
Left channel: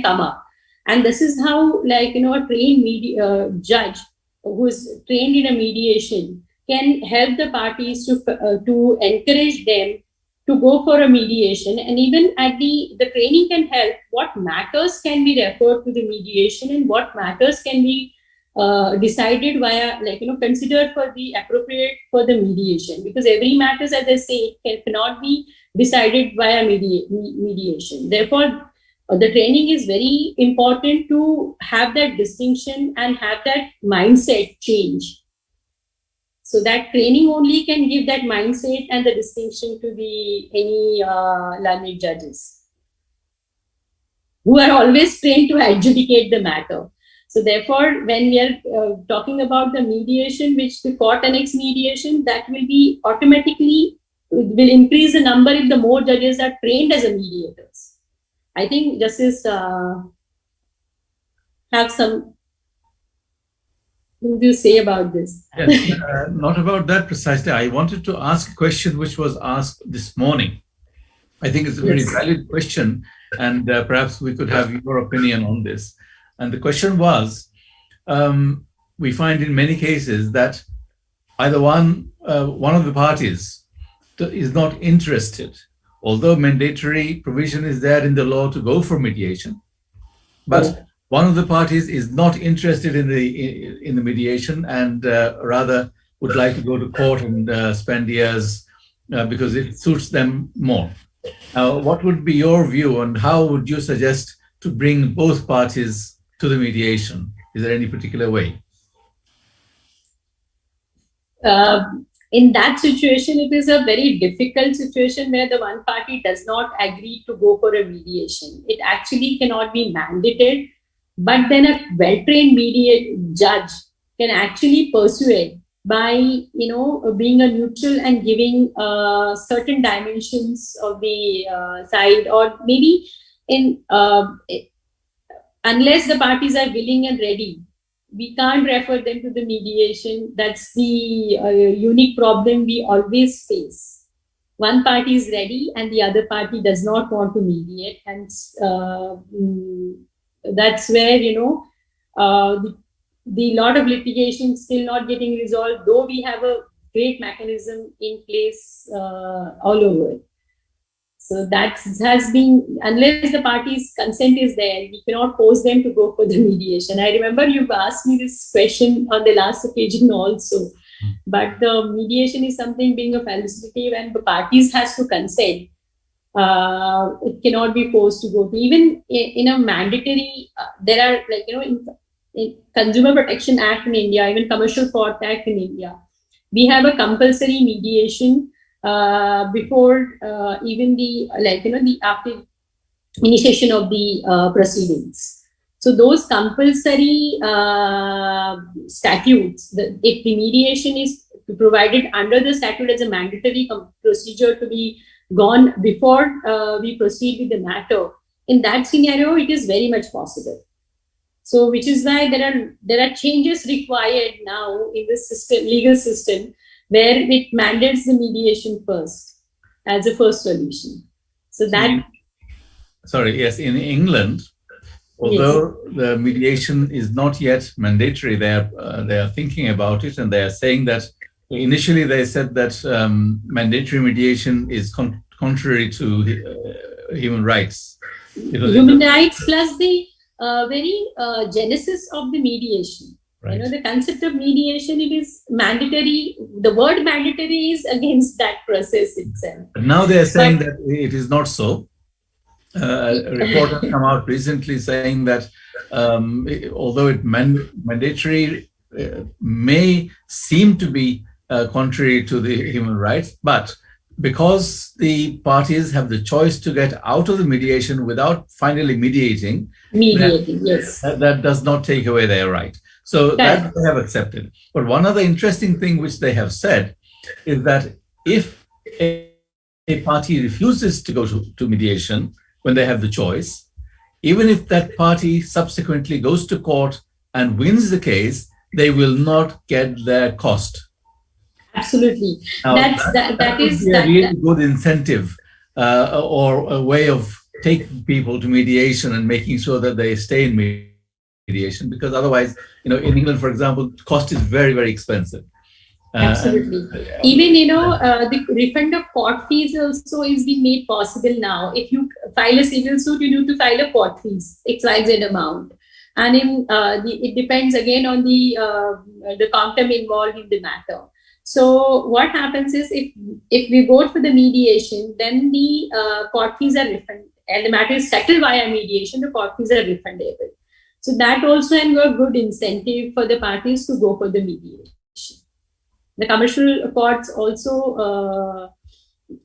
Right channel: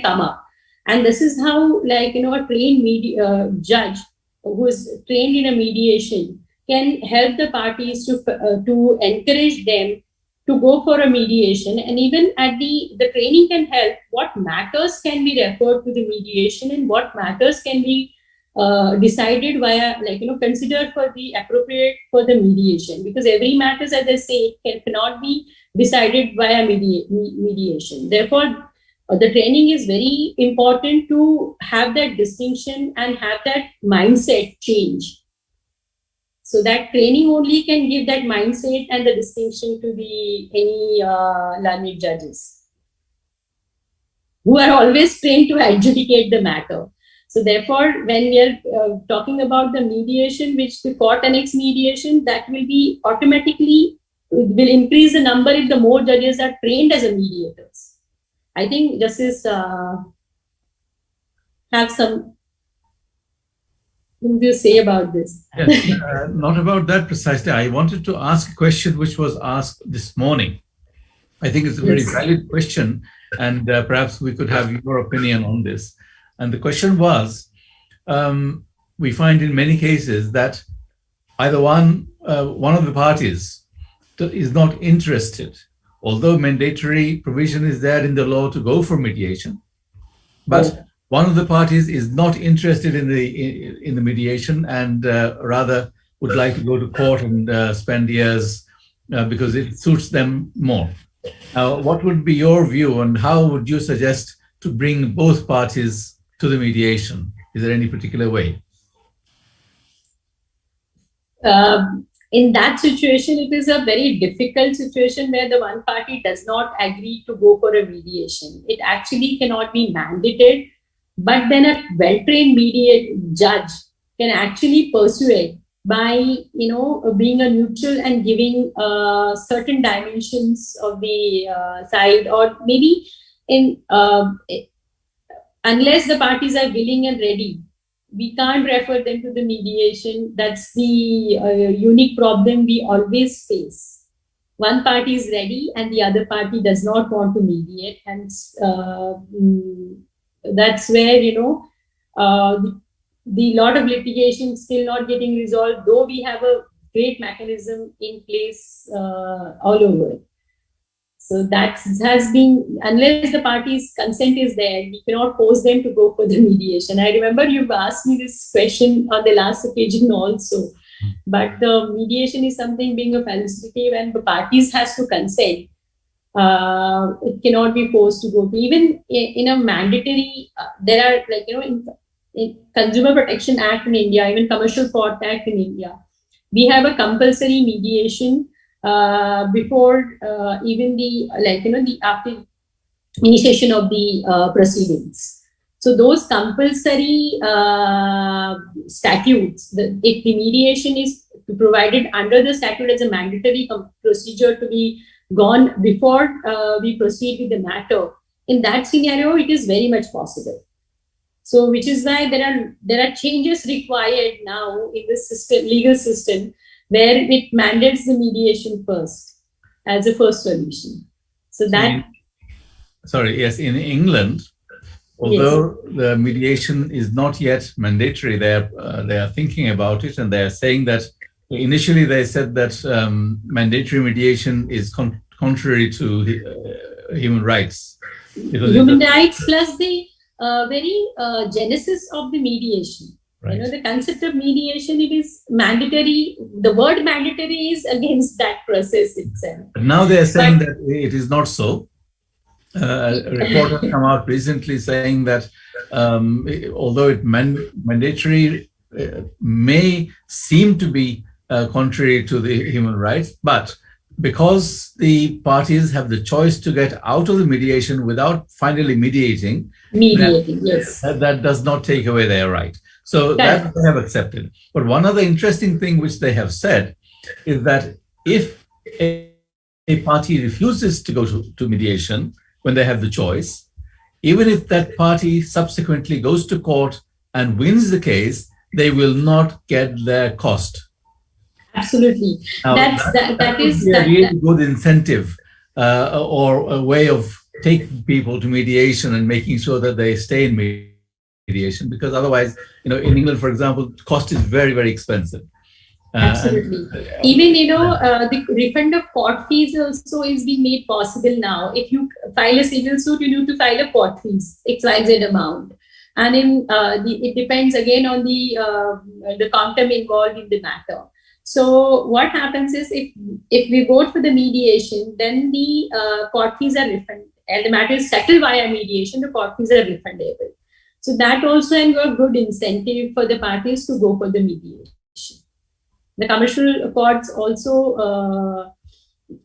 come up. And this is how, a trained judge who is trained in a mediation can help the parties to encourage them to go for a mediation. And even at the training can help what matters can be referred to the mediation and what matters can be decided via, considered for the appropriate for the mediation, because every matter, as I say, cannot be decided via mediation. Therefore, the training is very important to have that distinction and have that mindset change. So that training only can give that mindset and the distinction to the any learned judges who are always trained to adjudicate the matter. So therefore, when we are talking about the mediation, which the court annex mediation, that will be automatically will increase the number if the more judges are trained as a mediators. I think Justice have some thing to say about this. Yes, not about that precisely. I wanted to ask a question which was asked this morning. I think it's a very valid question, and perhaps we could have your opinion on this. And the question was, we find in many cases that either one of the parties is not interested, although mandatory provision is there in the law to go for mediation, but one of the parties is not interested in the mediation and rather would like to go to court and spend years because it suits them more. What would be your view, and how would you suggest to bring both parties to the mediation? Is there any particular way? In that situation, it is a very difficult situation where the one party does not agree to go for a mediation. It actually cannot be mandated, but then a well-trained judge can actually persuade by, being a neutral and giving certain dimensions of the side, or maybe unless the parties are willing and ready, we can't refer them to the mediation. That's the unique problem we always face. One party is ready and the other party does not want to mediate, and that's where the lot of litigation still not getting resolved, though we have a great mechanism in place all over. So that has been, unless the party's consent is there, we cannot force them to go for the mediation. I remember you've asked me this question on the last occasion also, but the mediation is something being a facilitative and the parties has to consent. It cannot be forced to go to. Even in a mandatory, there are in Consumer Protection Act in India, even Commercial Fraud Act in India, we have a compulsory mediation before even the after initiation of the proceedings. So those compulsory statutes, if the mediation is provided under the statute as a mandatory procedure to be gone before we proceed with the matter, in that scenario, it is very much possible. So, which is why there are changes required now in the system, legal system, where it mandates the mediation first as a first solution. So that. Sorry, yes, in England, although the mediation is not yet mandatory, they are thinking about it, and they are saying that initially they said that mandatory mediation is contrary to human rights. Human rights plus the very genesis of the mediation. Right. The concept of mediation, it is mandatory. The word mandatory is against that process itself. But now they are saying that it is not so. A report has come out recently saying that although it mandatory may seem to be contrary to the human rights, but because the parties have the choice to get out of the mediation without finally mediating, yes, that does not take away their right. So that they have accepted. But one other interesting thing which they have said is that if a party refuses to go to mediation when they have the choice, even if that party subsequently goes to court and wins the case, they will not get their cost. Absolutely. Now, that is a really good incentive or a way of taking people to mediation and making sure that they stay in mediation, because otherwise, in England, for example, cost is very, very expensive. Absolutely. Even, the refund of court fees also is being made possible now. If you file a civil suit, you need to file a court fees, XYZ amount. And it depends again on the quantum involved in the matter. So what happens is if we go for the mediation, then the court fees are and the matter is settled via mediation, the court fees are refundable. So that also and a good incentive for the parties to go for the mediation. The commercial courts also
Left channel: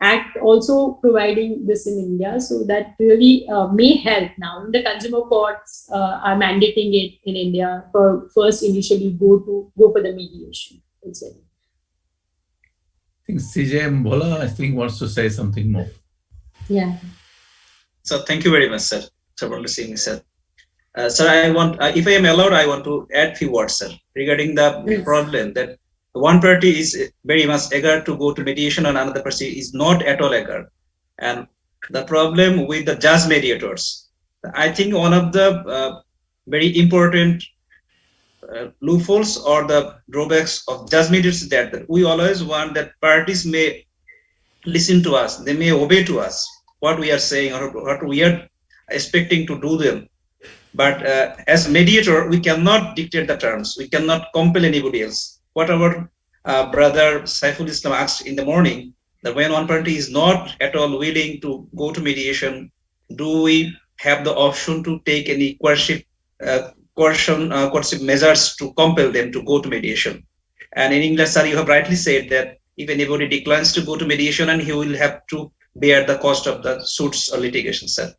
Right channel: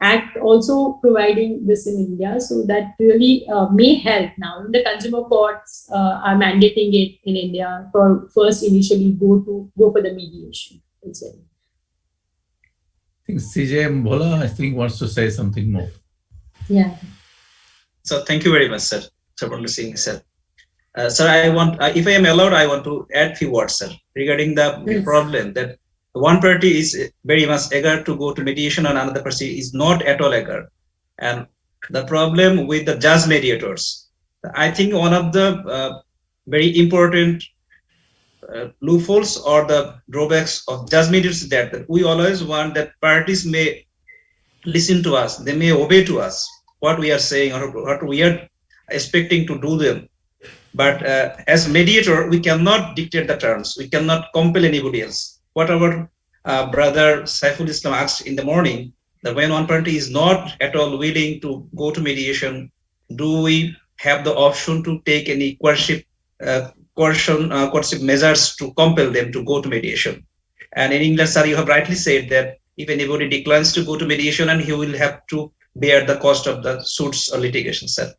act also providing this in India, so that really may help now. The consumer courts are mandating it in India for first initially go for the mediation. I think CJ Bhola, I think, wants to say something more. Yeah. So thank you very much, sir, for listening, sir. Sir, I want, if I am allowed, I want to add few words, sir, regarding the problem that one party is very much eager to go to mediation and another party is not at all eager. And the problem with the judge mediators, I think one of the very important loopholes or the drawbacks of judge mediators is that we always want that parties may listen to us, they may obey to us what we are saying or what we are expecting to do them. But as mediator, we cannot dictate the terms. We cannot compel anybody else. What our brother Saiful Islam asked in the morning, that when one party is not at all willing to go to mediation, do we have the option to take any coercive measures to compel them to go to mediation? And in England, sir, you have rightly said that if anybody declines to go to mediation, and he will have to bear the cost of the suits or litigation, sir.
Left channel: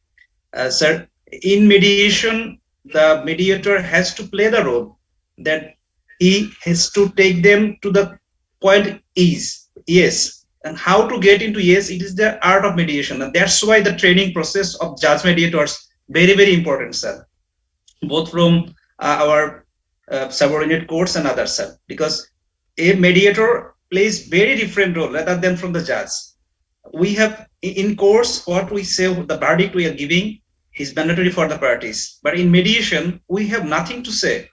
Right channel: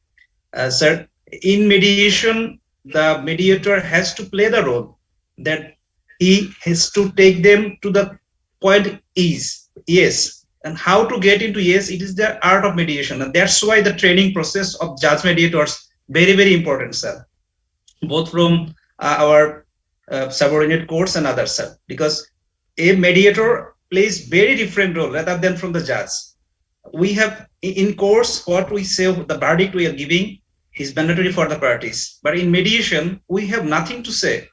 Sir, in mediation, the mediator has to play the role that he has to take them to the point is yes. And how to get into yes, it is the art of mediation. And that's why the training process of judge mediators very, very important, sir. Both from our subordinate courts and others, sir. Because a mediator plays very different role rather than from the judge. We have in course what we say, the verdict we are giving is mandatory for the parties. But in mediation, we have nothing to say.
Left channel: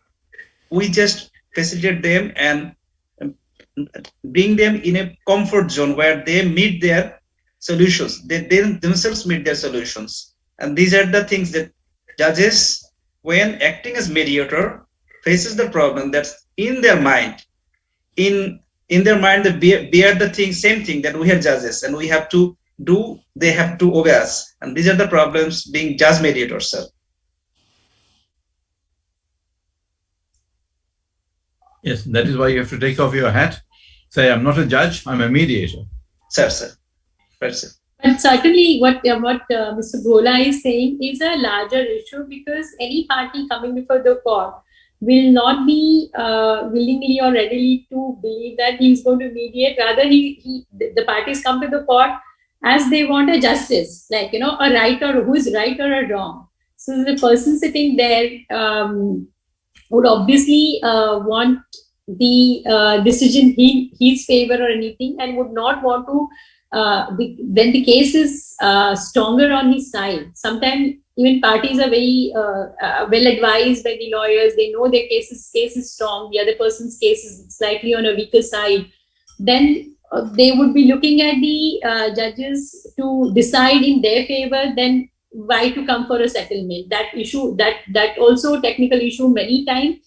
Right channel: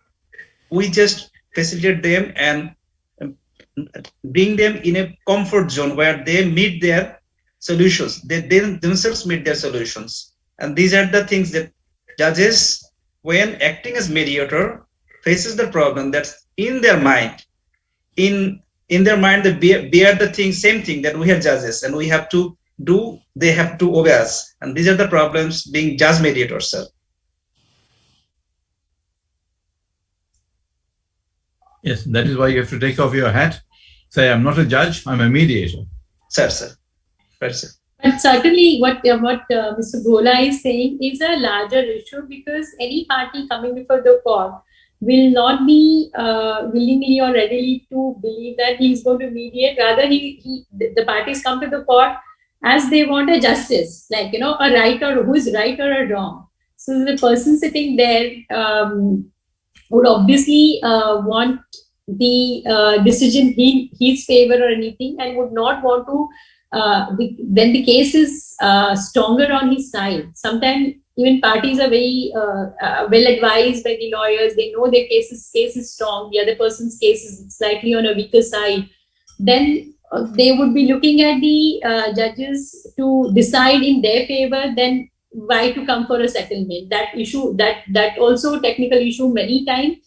We just facilitate them and bring them in a comfort zone where they meet their solutions. They themselves meet their solutions. And these are the things that judges, when acting as mediator, faces the problem that's in their mind. In their mind, they bear the same thing that we are judges, and we have to do, they have to obey us. And these are the problems being judge mediators, sir. Yes, that is why you have to take off your hat, say, I'm not a judge, I'm a mediator. Sir. Right, sir. But certainly what Mr. Bhola is saying is a larger issue, because any party coming before the court will not be willingly or readily to believe that he is going to mediate. Rather, the parties come to the court as they want a justice, like, a right or who is right or a wrong. So the person sitting there would obviously want the decision in his favor or anything, and would not want to, when the case is stronger on his side. Sometimes even parties are very well advised by the lawyers. They know their case is strong, the other person's case is slightly on a weaker side. Then they would be looking at the judges to decide in their favor. Then why to come for a settlement? That issue, that also technical issue many times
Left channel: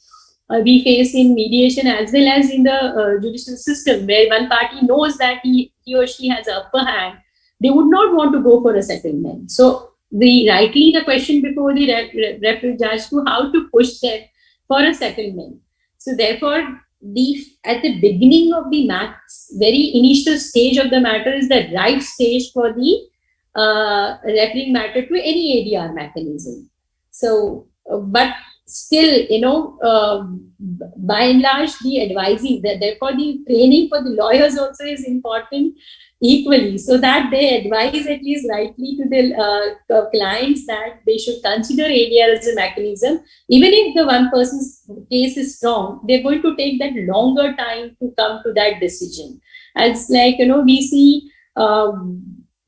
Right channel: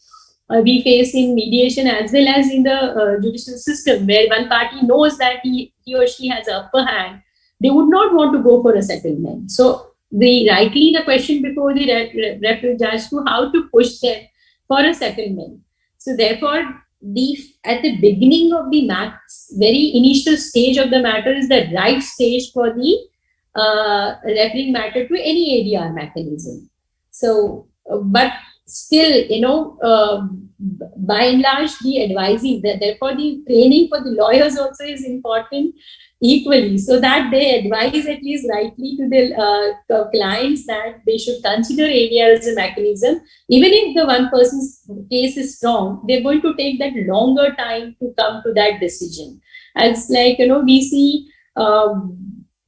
we face in mediation as well as in the judicial system, where one party knows that he or she has an upper hand. They would not want to go for a settlement. So the question before the referee judge to how to push them for a settlement. So therefore, at the beginning of the very initial stage of the matter is the right stage for the referring matter to any ADR mechanism. So, but still, by and large, the advising, therefore the training for the lawyers also is important equally, so that they advise at least rightly to the clients that they should consider ADR as a mechanism. Even if the one person's case is strong, they're going to take that longer time to come to that decision. It's like, we see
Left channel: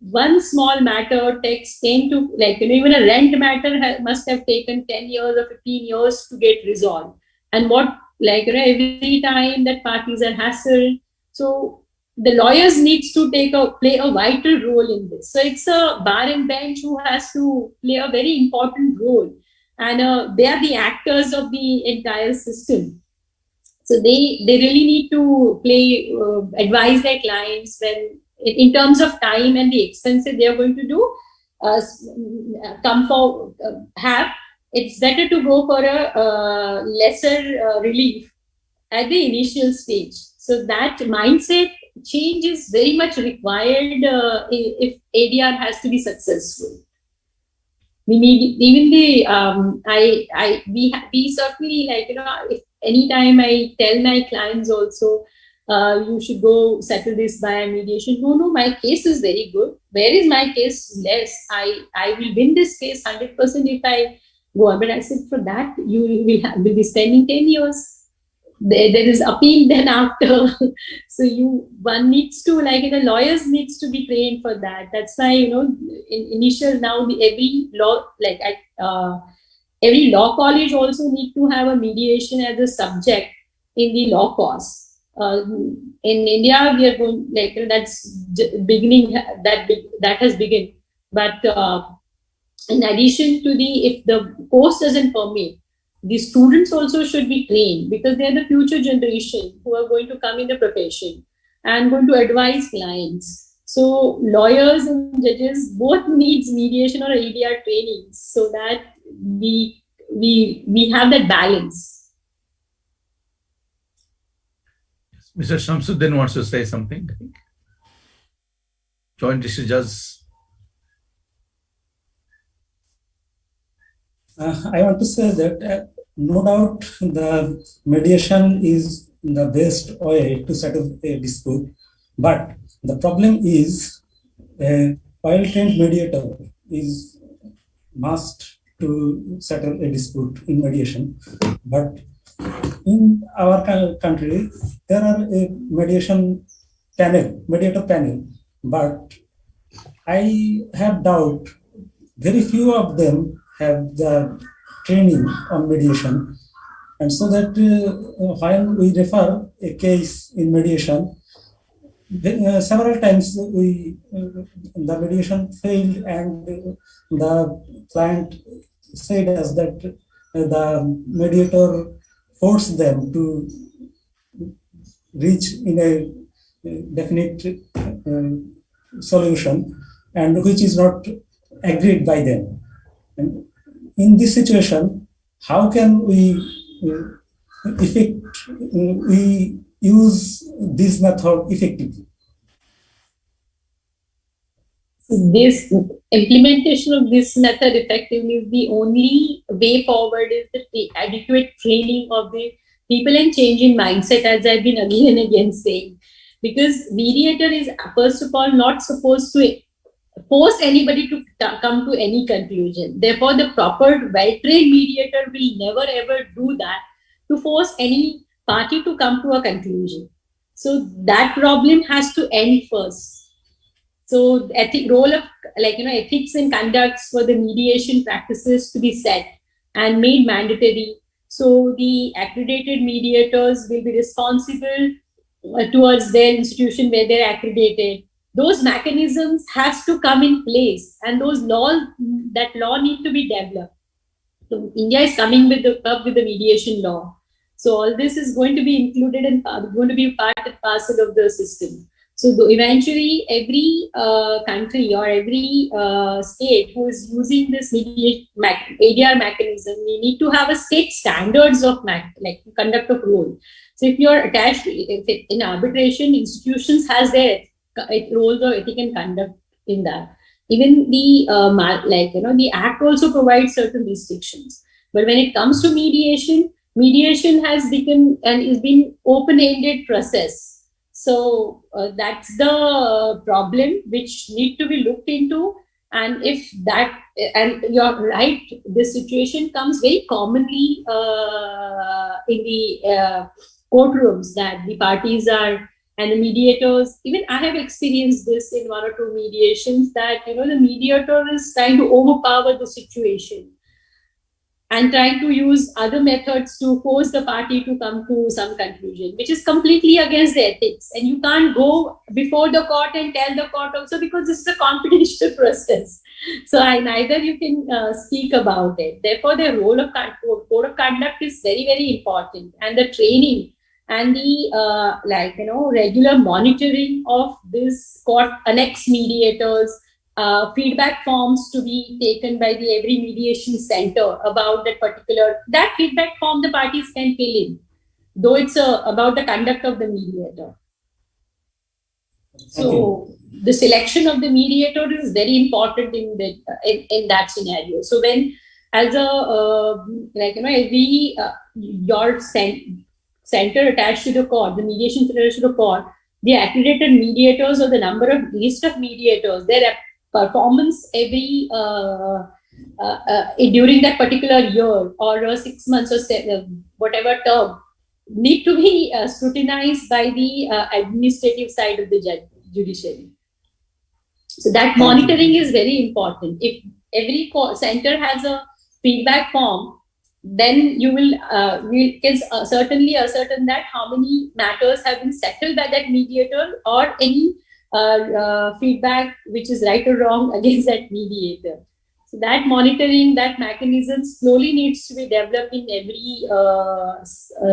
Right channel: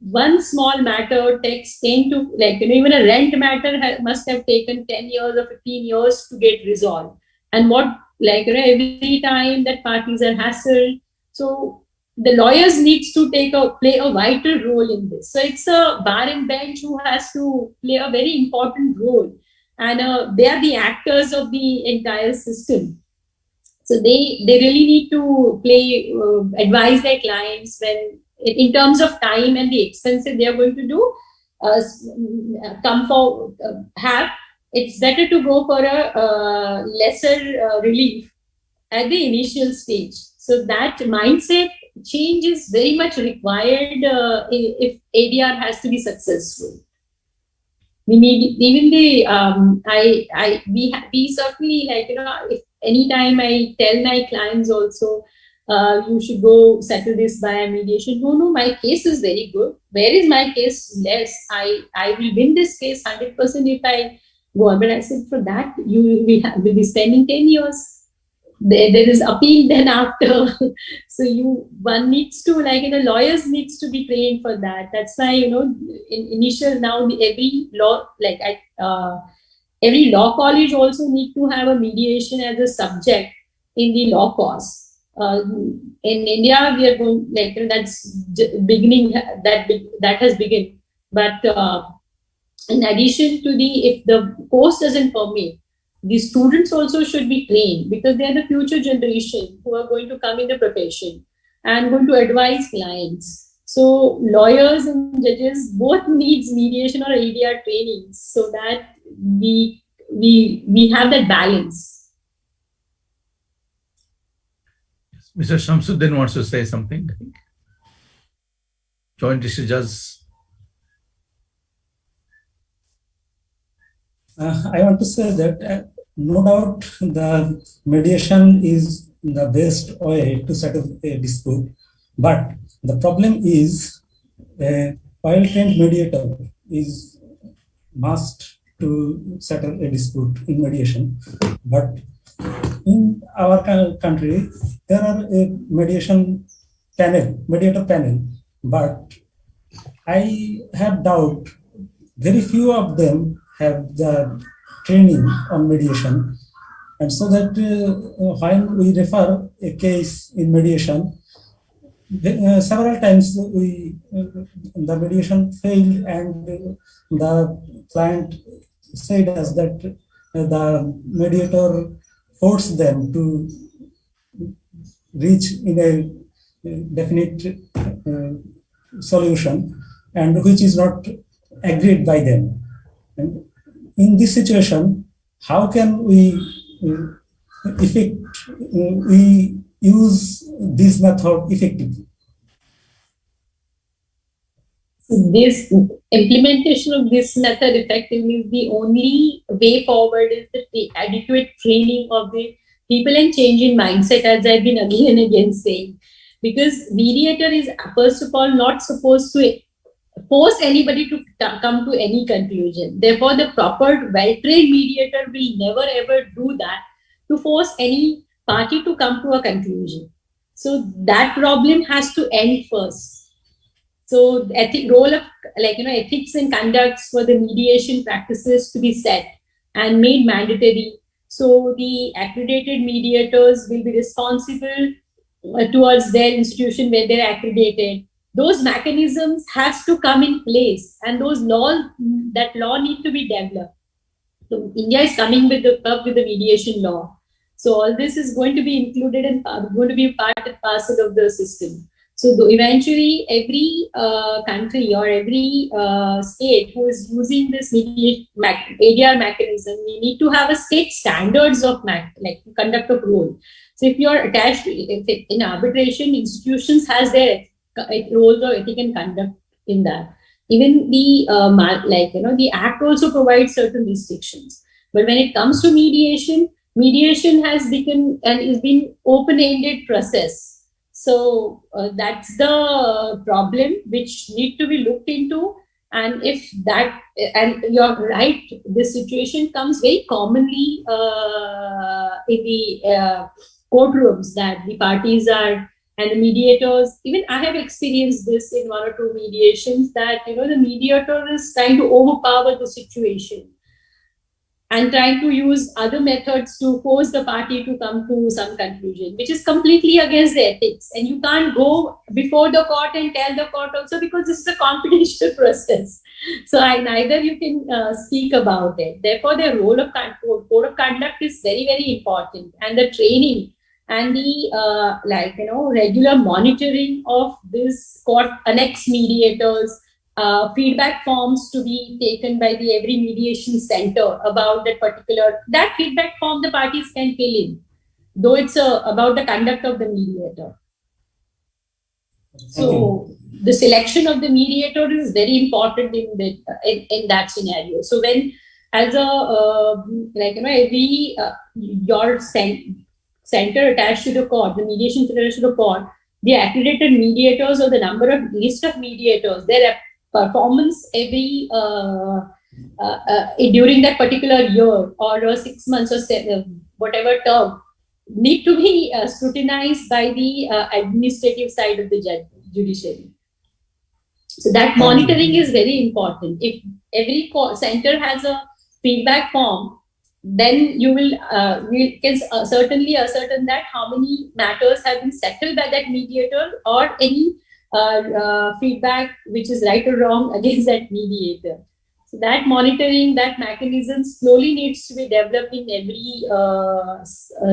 one small matter takes 10 to, even a rent matter must have taken 10 years or 15 years to get resolved. And every time that parties are hassled. So the lawyers needs to play a vital role in this. So it's a bar and bench who has to play a very important role. And they are the actors of the entire system. So they really need to advise their clients when, in terms of time and the expenses they are going to do, have, it's better to go for a lesser relief at the initial stage. So that mindset change is very much required if ADR has to be successful. We need even we certainly, like, if anytime I tell my clients also, you should go settle this by mediation. No, my case is very good. Where is my case less? I will win this case 100% if I go on. But I said, for that you will be spending 10 years. There is appeal then after. So one needs to, lawyers needs to be trained for that. That's why, in initial, now every law college also need to have a mediation as a subject in the law course. In India, we are going, that's beginning, that has begun. But in addition to if the course doesn't permit, the students also should be trained, because they are the future generation who are going to come in the profession and going to advise clients. So lawyers and judges both needs mediation or ADR training, so that we have that balance. Mr. Shamsuddin wants to say something. Joint District Judge. I want to say that no doubt the mediation is the best way to settle a dispute, but the problem is a well-trained mediator is must to settle a dispute in mediation. But in our country, there are a mediator panel, but I have doubt very few of them have the training on mediation. And so that when we refer a case in mediation, several times the mediation failed, and the client said us that the mediator forced them to reach in a definite solution, and which is not agreed by them. And in this situation, how can we use this method effectively? This implementation of this method effectively is the only way forward, is the adequate training of the people and change in mindset, as I've been again and again saying. Because mediator is, first of all, not supposed to force anybody to come to any conclusion. Therefore, the proper well-trained mediator will never ever do that, to force any party to come to a conclusion. So that problem has to end first. So role of ethics and conducts for the mediation practices to be set and made mandatory. So the accredited mediators will be responsible towards their institution where they're accredited. Those mechanisms has to come in place, and that law need to be developed. So India is coming with the mediation law. So all this is going to be included and going to be part and parcel of the system. So eventually, every country or every state who is using this ADR mechanism, we need to have a state standards of conduct of role. So if you are attached, in arbitration, institutions has their roles of ethic and conduct in that. Even the Act also provides certain restrictions. But when it comes to mediation has become and is been open-ended process. So that's the problem which need to be looked into. And if that, and you're right, this situation comes very commonly in the courtrooms, that the parties are, and the mediators, even I have experienced this in one or two mediations, that the mediator is trying to overpower the situation and trying to use other methods to force the party to come to some conclusion, which is completely against the ethics. And you can't go before the court and tell the court also, because this is a confidential process. So neither you can speak about it. Therefore, the role of code of conduct is very, very important. And the training and the regular monitoring of this court annex mediators, feedback forms to be taken by the every mediation center about that feedback form the parties can fill in, though it's about the conduct of the mediator. So the selection of the mediator is very important in that scenario. So when as a every your center attached to the court, the mediation center attached to the court, the accredited mediators or the list of mediators, their performance every during that particular year or 6 months or whatever term need to be scrutinized by the administrative side of the judiciary. So that monitoring is very important. If every center has a feedback form, then we can certainly ascertain that how many matters have been settled by that mediator or any feedback which is right or wrong against that mediator. So that monitoring, that mechanism slowly needs to be developed in every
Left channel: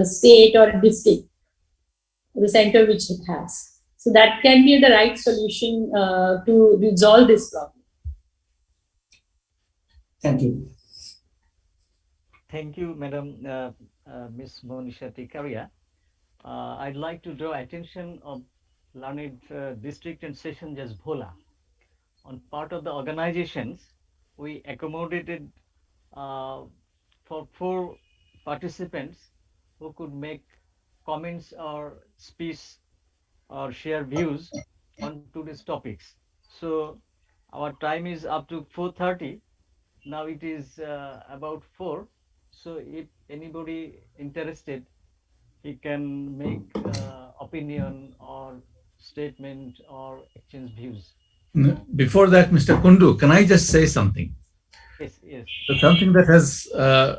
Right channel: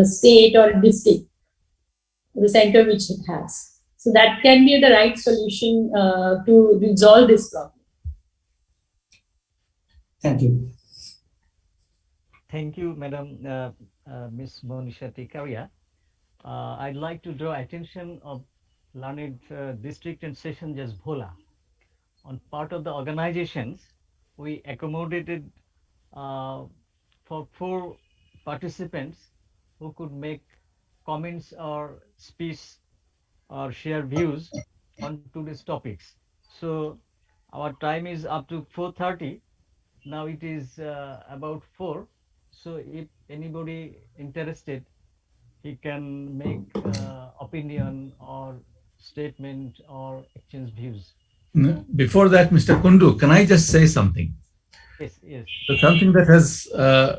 state or district, the center which it has. So that can be the right solution to resolve this problem. Thank you. Thank you, Madam Ms. Monisha Tikaria. I'd like to draw attention of learned district and session judge Bhola. On part of the organizations, we accommodated for 4 participants who could make comments or speak or share views on today's topics. So our time is up to 4:30. Now it is about 4. So if anybody interested, he can make opinion or statement or exchange views. Before that, Mr. Kundu, can I just say something? Yes, yes. So something that has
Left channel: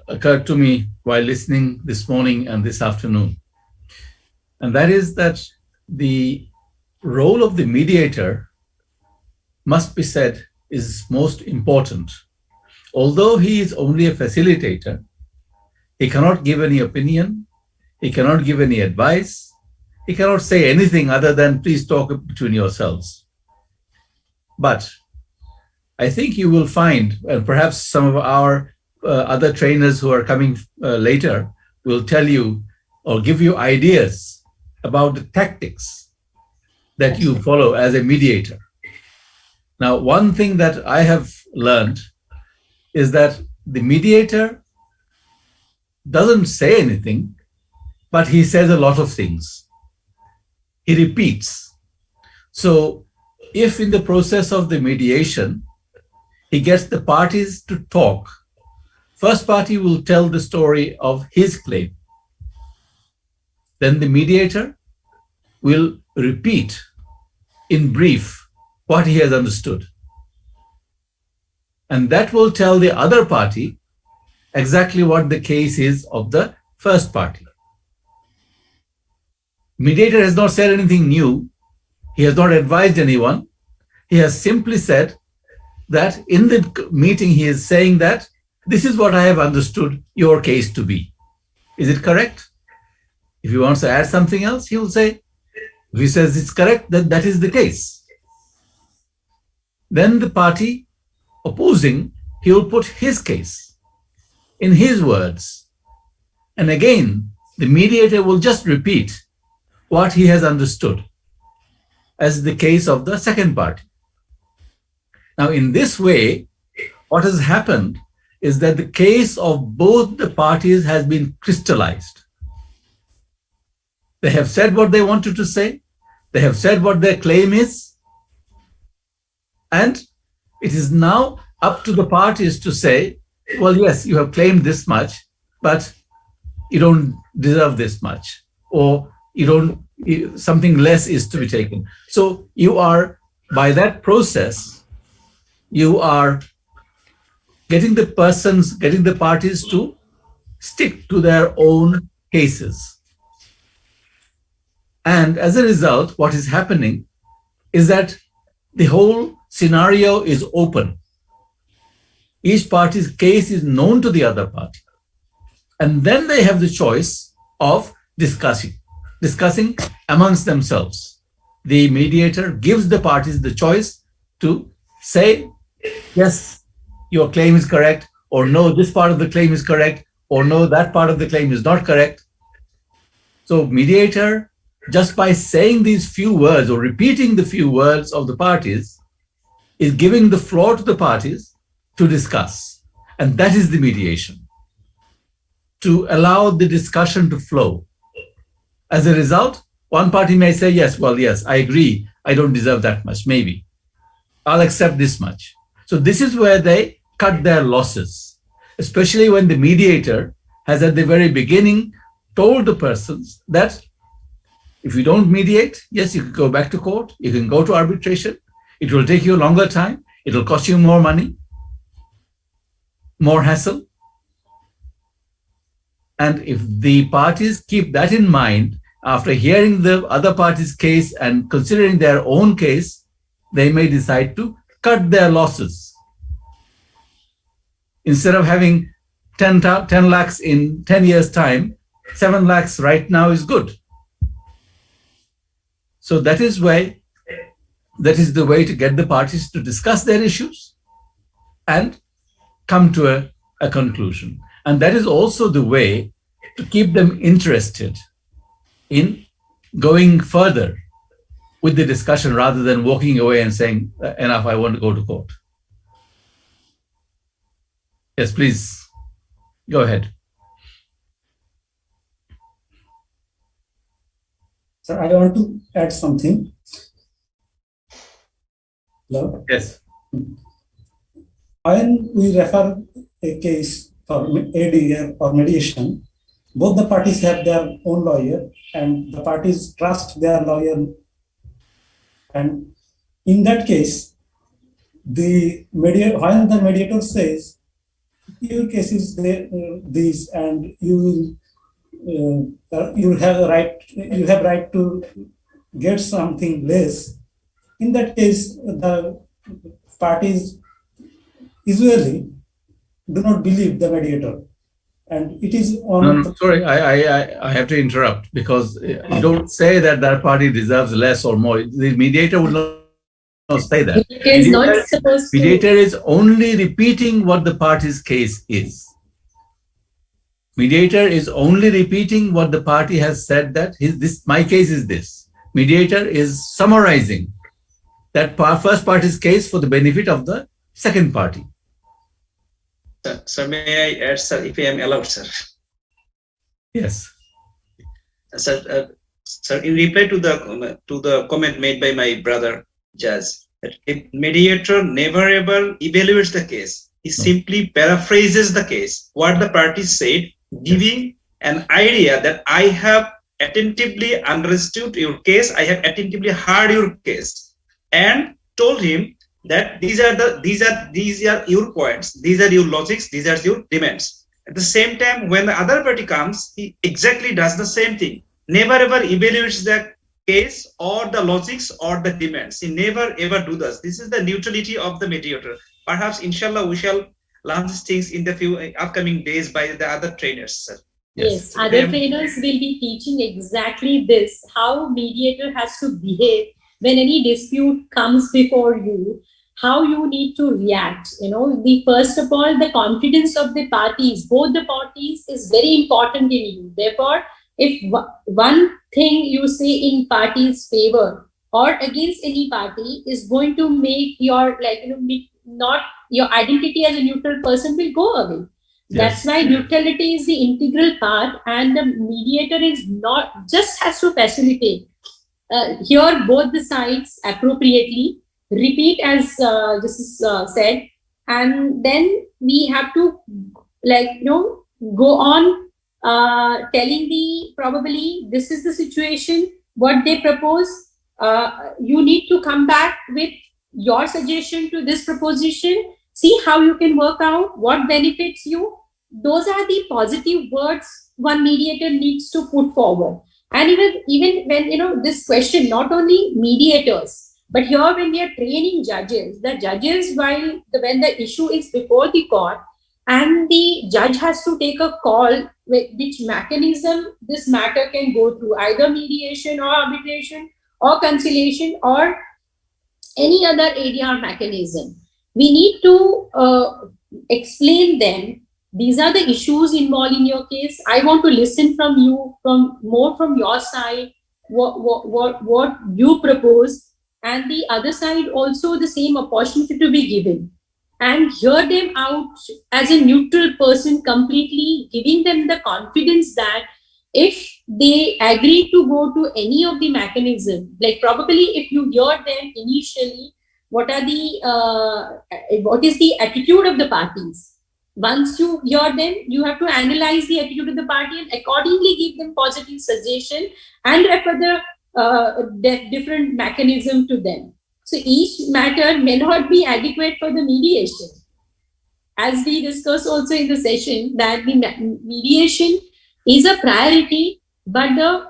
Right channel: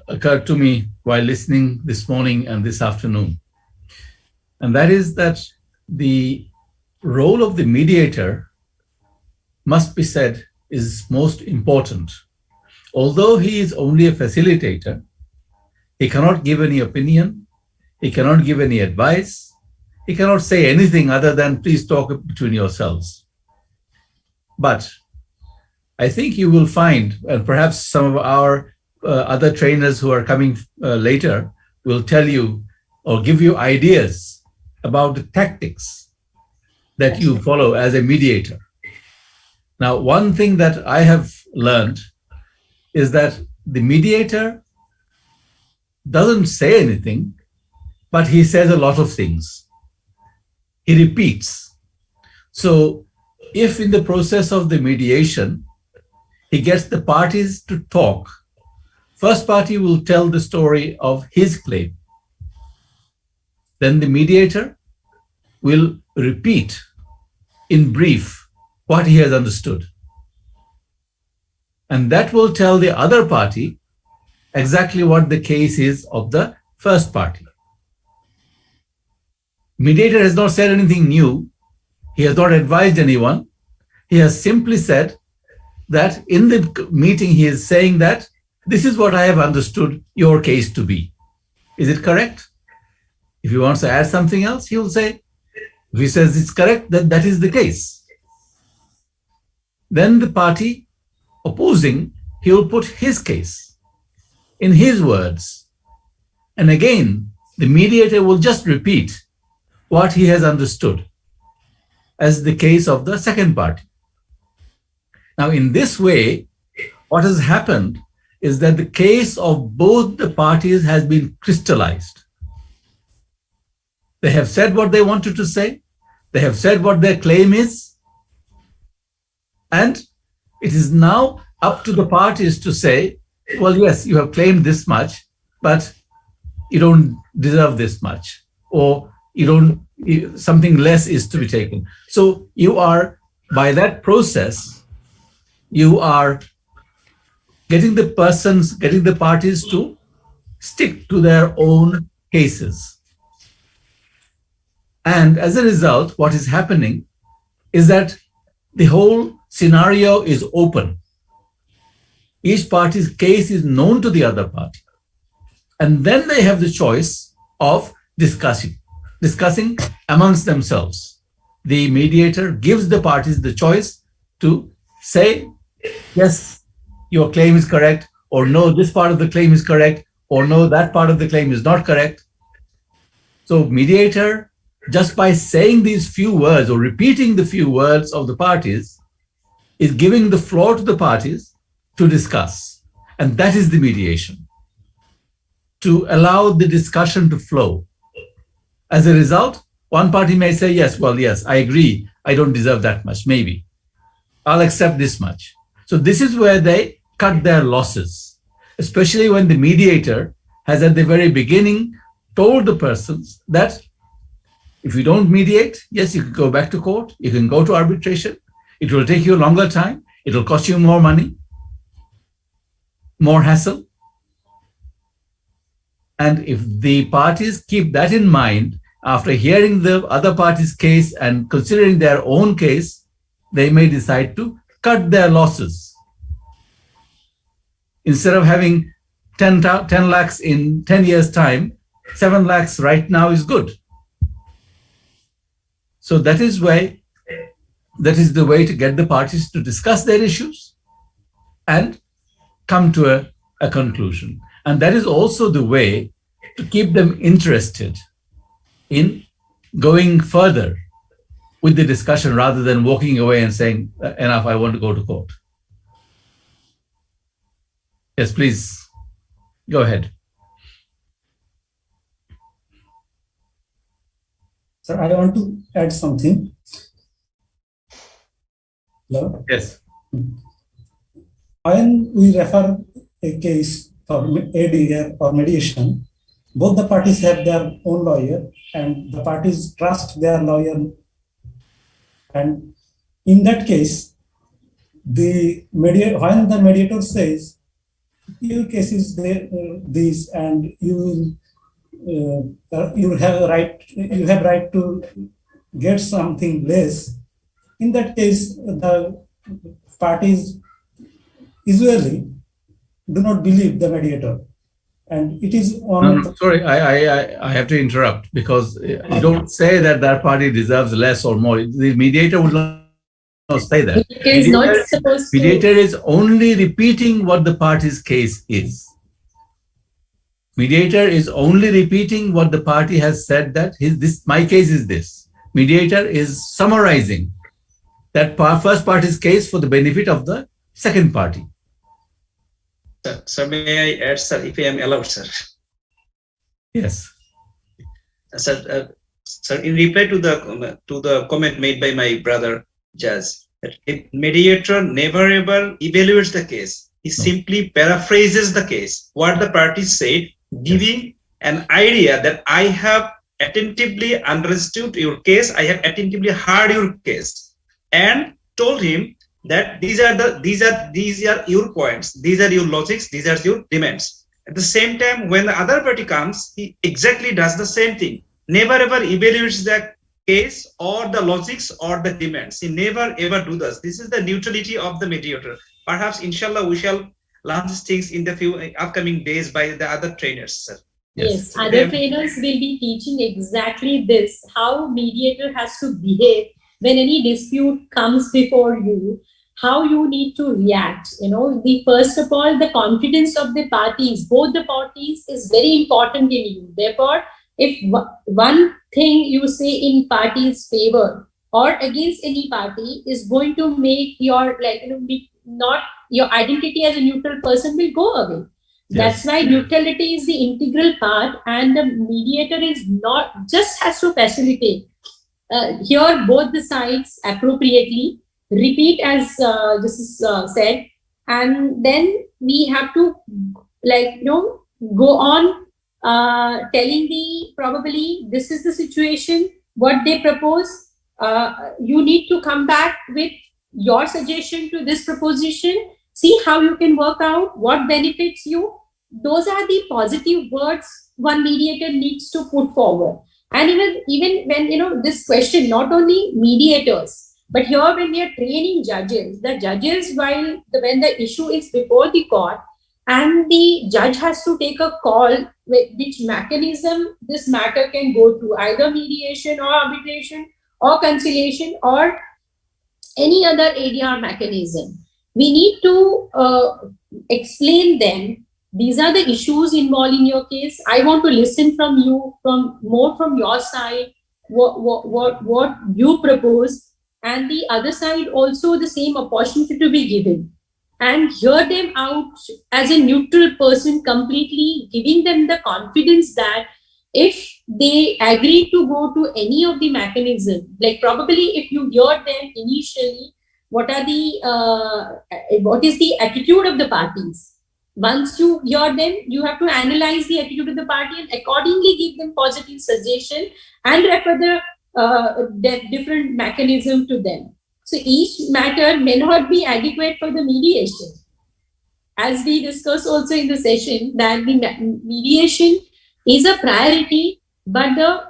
occurred to me while listening this morning and this afternoon, and that is that the role of the mediator, must be said, is most important. Although he is only a facilitator, he cannot give any opinion, he cannot give any advice, he cannot say anything other than please talk between yourselves. But I think you will find, and perhaps some of our other trainers who are coming later will tell you or give you ideas about the tactics that you follow as a mediator. Now, one thing that I have learned is that the mediator doesn't say anything, but he says a lot of things. He repeats. So if in the process of the mediation, he gets the parties to talk, first party will tell the story of his claim. Then the mediator will repeat in brief what he has understood. And that will tell the other party exactly what the case is of the first party. Mediator has not said anything new. He has not advised anyone. He has simply said that in the meeting, he is saying that this is what I have understood your case to be. Is it correct? If he wants to add something else, he will say, if he says it's correct, then that is the case. Then the party opposing, he will put his case in his words. And again, the mediator will just repeat what he has understood as the case of the second party. Now, in this way, what has happened is that the case of both the parties has been crystallized. They have said what they wanted to say. They have said what their claim is. And it is now up to the parties to say, well, yes, you have claimed this much, but you don't deserve this much, or something less is to be taken. So you are, by that process, you are getting the parties to stick to their own cases. And as a result, what is happening is that the whole scenario is open. Each party's case is known to the other party. And then they have the choice of discussing amongst themselves. The mediator gives the parties the choice to say, yes, your claim is correct, or no, this part of the claim is correct, or no, that part of the claim is not correct. So mediator, just by saying these few words or repeating the few words of the parties, is giving the floor to the parties to discuss. And that is the mediation, to allow the discussion to flow. As a result, one party may say, yes, well, yes, I agree. I don't deserve that much, maybe. I'll accept this much. So this is where they cut their losses, especially when the mediator has at the very beginning told the persons that if you don't mediate, yes, you can go back to court, you can go to arbitration. It will take you a longer time. It will cost you more money, more hassle. And if the parties keep that in mind, after hearing the other party's case and considering their own case, they may decide to cut their losses. Instead of having 10 lakhs in 10 years' time, 7 lakhs right now is good. So that is the way to get the parties to discuss their issues and come to a conclusion. And that is also the way to keep them interested in going further with the discussion rather than walking away and saying, enough, I want to go to court. Yes, please, go ahead. Sir, I want to add something. Hello? Yes. When we refer a case for ADA or mediation, both the parties have their own lawyer and the parties trust their lawyer. And in that case, when the mediator says, your case is this, and you have right to get something less. In that case, the parties usually do not believe the mediator, and it is on. No, sorry, I have to interrupt, because you don't say that party deserves less or more. The mediator would not say that. Mediator is only repeating what the party's case is. Mediator is only repeating what the party has said, that my case is this. Mediator is summarizing that first party's case for the benefit of the second party. Sir, may I add, sir, if I am allowed, sir? Yes. Sir, in reply to the comment made by my brother Jaz, if mediator never ever evaluates the case, he simply paraphrases the case, what the parties said, giving an idea that I have attentively understood your case, I have attentively heard your case, and told him that these are your points, these are your logics, these are your demands. At the same time, when the other party comes, he exactly does the same thing. Never ever evaluates the case or the logics or the demands. He never ever do this. This is the neutrality of the mediator. Perhaps, inshallah, we shall learn these things in the few upcoming days by the other trainers, sir. Yes, other trainers will be teaching exactly this, how mediator has to behave when any dispute comes before you, how you need to react. First of all, the confidence of the parties, both the parties, is very important in you. Therefore, if one thing you say in party's favor or against any party is going to make your, not your identity as a neutral person will go away. Yes. That's why neutrality is the integral part, and the mediator is not just has to facilitate. Hear both the sides appropriately, repeat as this is said, and then we have to go on telling probably this is the situation, what they propose. You need to come back with your suggestion to this proposition. See how you can work out what benefits you. Those are the positive words one mediator needs to put forward. And even when this question, not only mediators, but here when we are training judges, the judges, when the issue is before the court and the judge has to take a call with which mechanism this matter can go through, either mediation or arbitration or conciliation or any other ADR mechanism, we need to explain them. These are the issues involved in your case. I want to listen from you, from your side, what you propose, and the other side also the same opportunity to be given, and hear them out as a neutral person, completely giving them the confidence that if they agree to go to any of the mechanism, like probably if you hear them initially, what is the attitude of the parties. Once you hear them, you have to analyze the attitude of the party and accordingly give them positive suggestion and refer the different mechanism to them. So each matter may not be adequate for the mediation. As we discussed also in the session, that the mediation is a priority, but the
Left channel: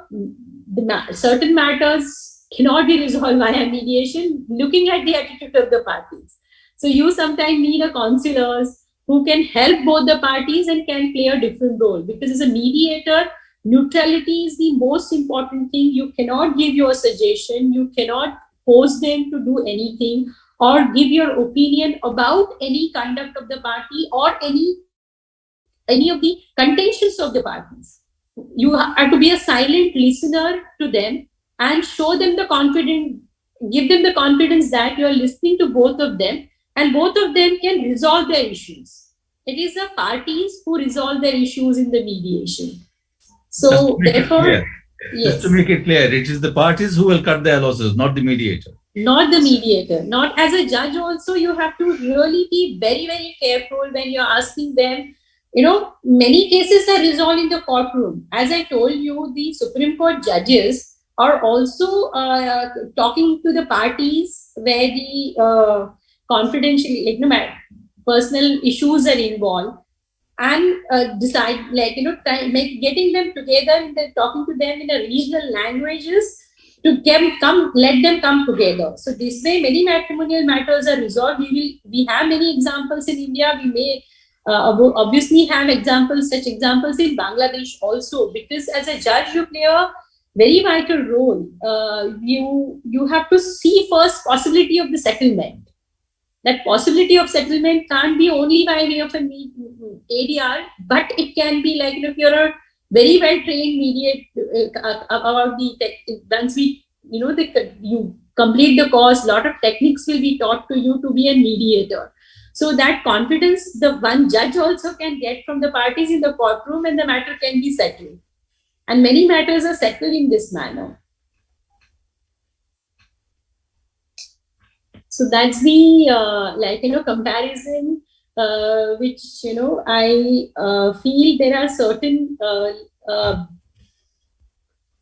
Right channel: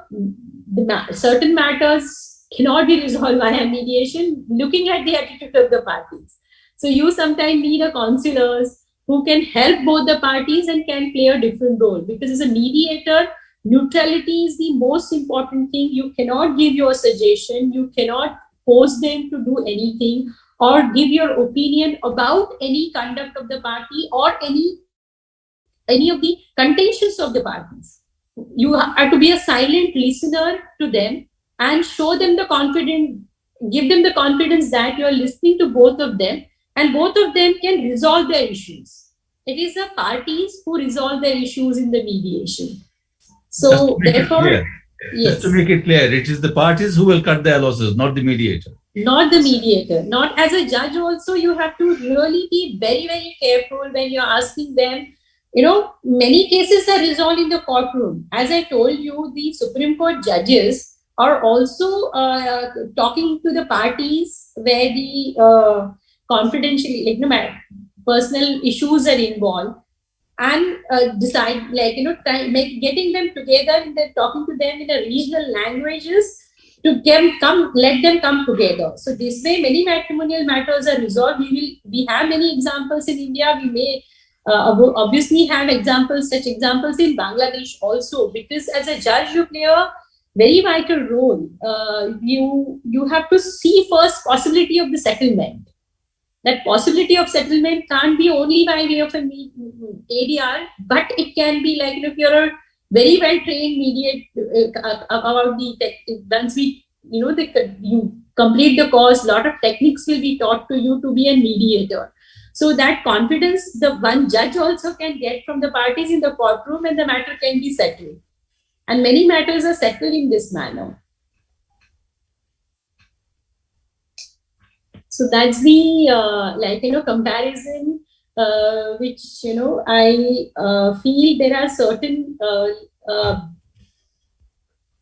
certain matters cannot be resolved via mediation, looking at the attitude of the parties. So you sometimes need a counselors who can help both the parties and can play a different role, because as a mediator, neutrality is the most important thing. You cannot give your suggestion, you cannot force them to do anything or give your opinion about any conduct of the party or any of the contentions of the parties. You have to be a silent listener to them and show them the confidence, give them the confidence that you are listening to both of them and both of them can resolve their issues. It is the parties who resolve their issues in the mediation. So therefore, just to make it clear, it is the parties who will cut their losses, not the mediator. Not the mediator. Not as a judge also, you have to really be very, very careful when you're asking them. You know, many cases are resolved in the courtroom. As I told you, the Supreme Court judges are also talking to the parties where the confidential, personal issues are involved, and decide, getting them together and talking to them in the regional languages to let them come together. So this way, many matrimonial matters are resolved. We have many examples in India. We may obviously have such examples in Bangladesh also, because as a judge, you play a very vital role. You have to see first possibility of the settlement. That possibility of settlement can't be only by way of an ADR, but it can be like, if you're a very well trained mediator about the tech, once you complete the course, a lot of techniques will be taught to you to be a mediator. So that confidence the one judge also can get from the parties in the courtroom, and the matter can be settled. And many matters are settled in this manner. So that's the comparison, which I feel there are certain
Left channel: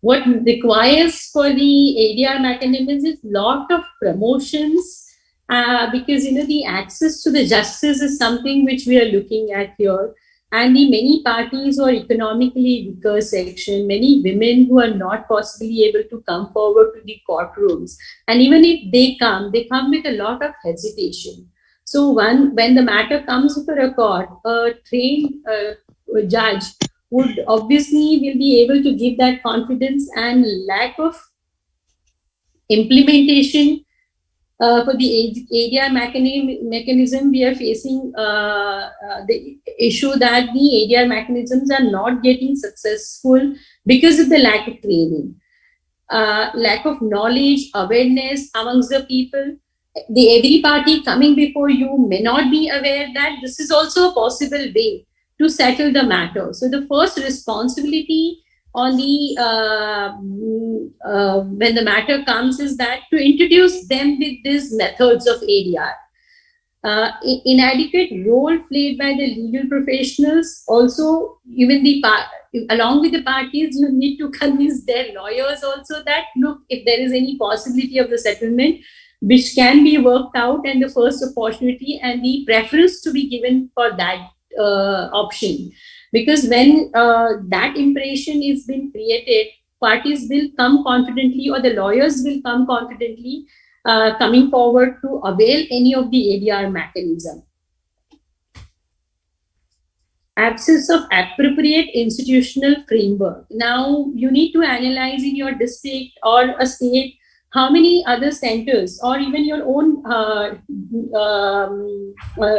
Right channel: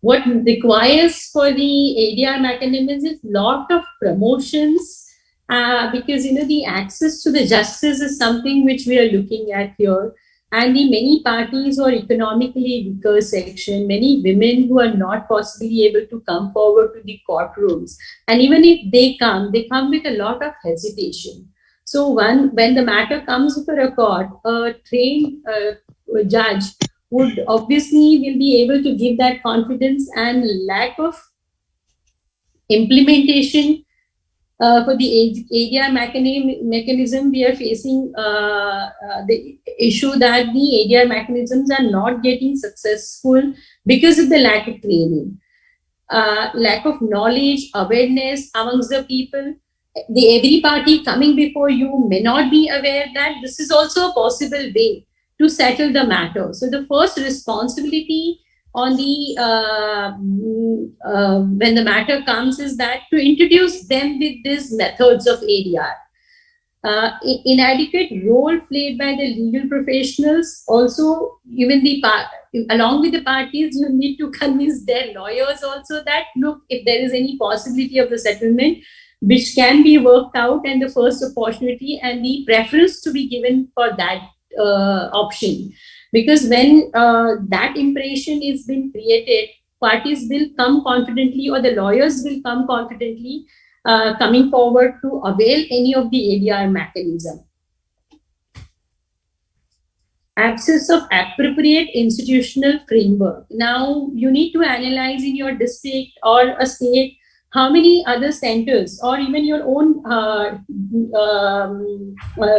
what requires for the ADR mechanism is lot of promotions, because the access to the justice is something which we are looking at here. And the many parties or economically weaker section, many women who are not possibly able to come forward to the courtrooms. And even if they come with a lot of hesitation. So when the matter comes before a court, a trained judge would obviously will be able to give that confidence, and lack of implementation for the ADR mechanism, we are facing the issue that the ADR mechanisms are not getting successful because of the lack of training, lack of knowledge, awareness amongst the people. Every party coming before you may not be aware that this is also a possible way to settle the matter. So the first responsibility on the when the matter comes is that to introduce them with these methods of ADR. Inadequate role played by the legal professionals. Also, even along with the parties, you need to convince their lawyers also that, look, if there is any possibility of the settlement, which can be worked out, and the first opportunity and the preference to be given for that option. Because when that impression is being created, parties will come confidently, or the lawyers will come confidently, coming forward to avail any of the ADR mechanism. Absence of appropriate institutional framework. Now, you need to analyze in your district or a state how many other centers or even your own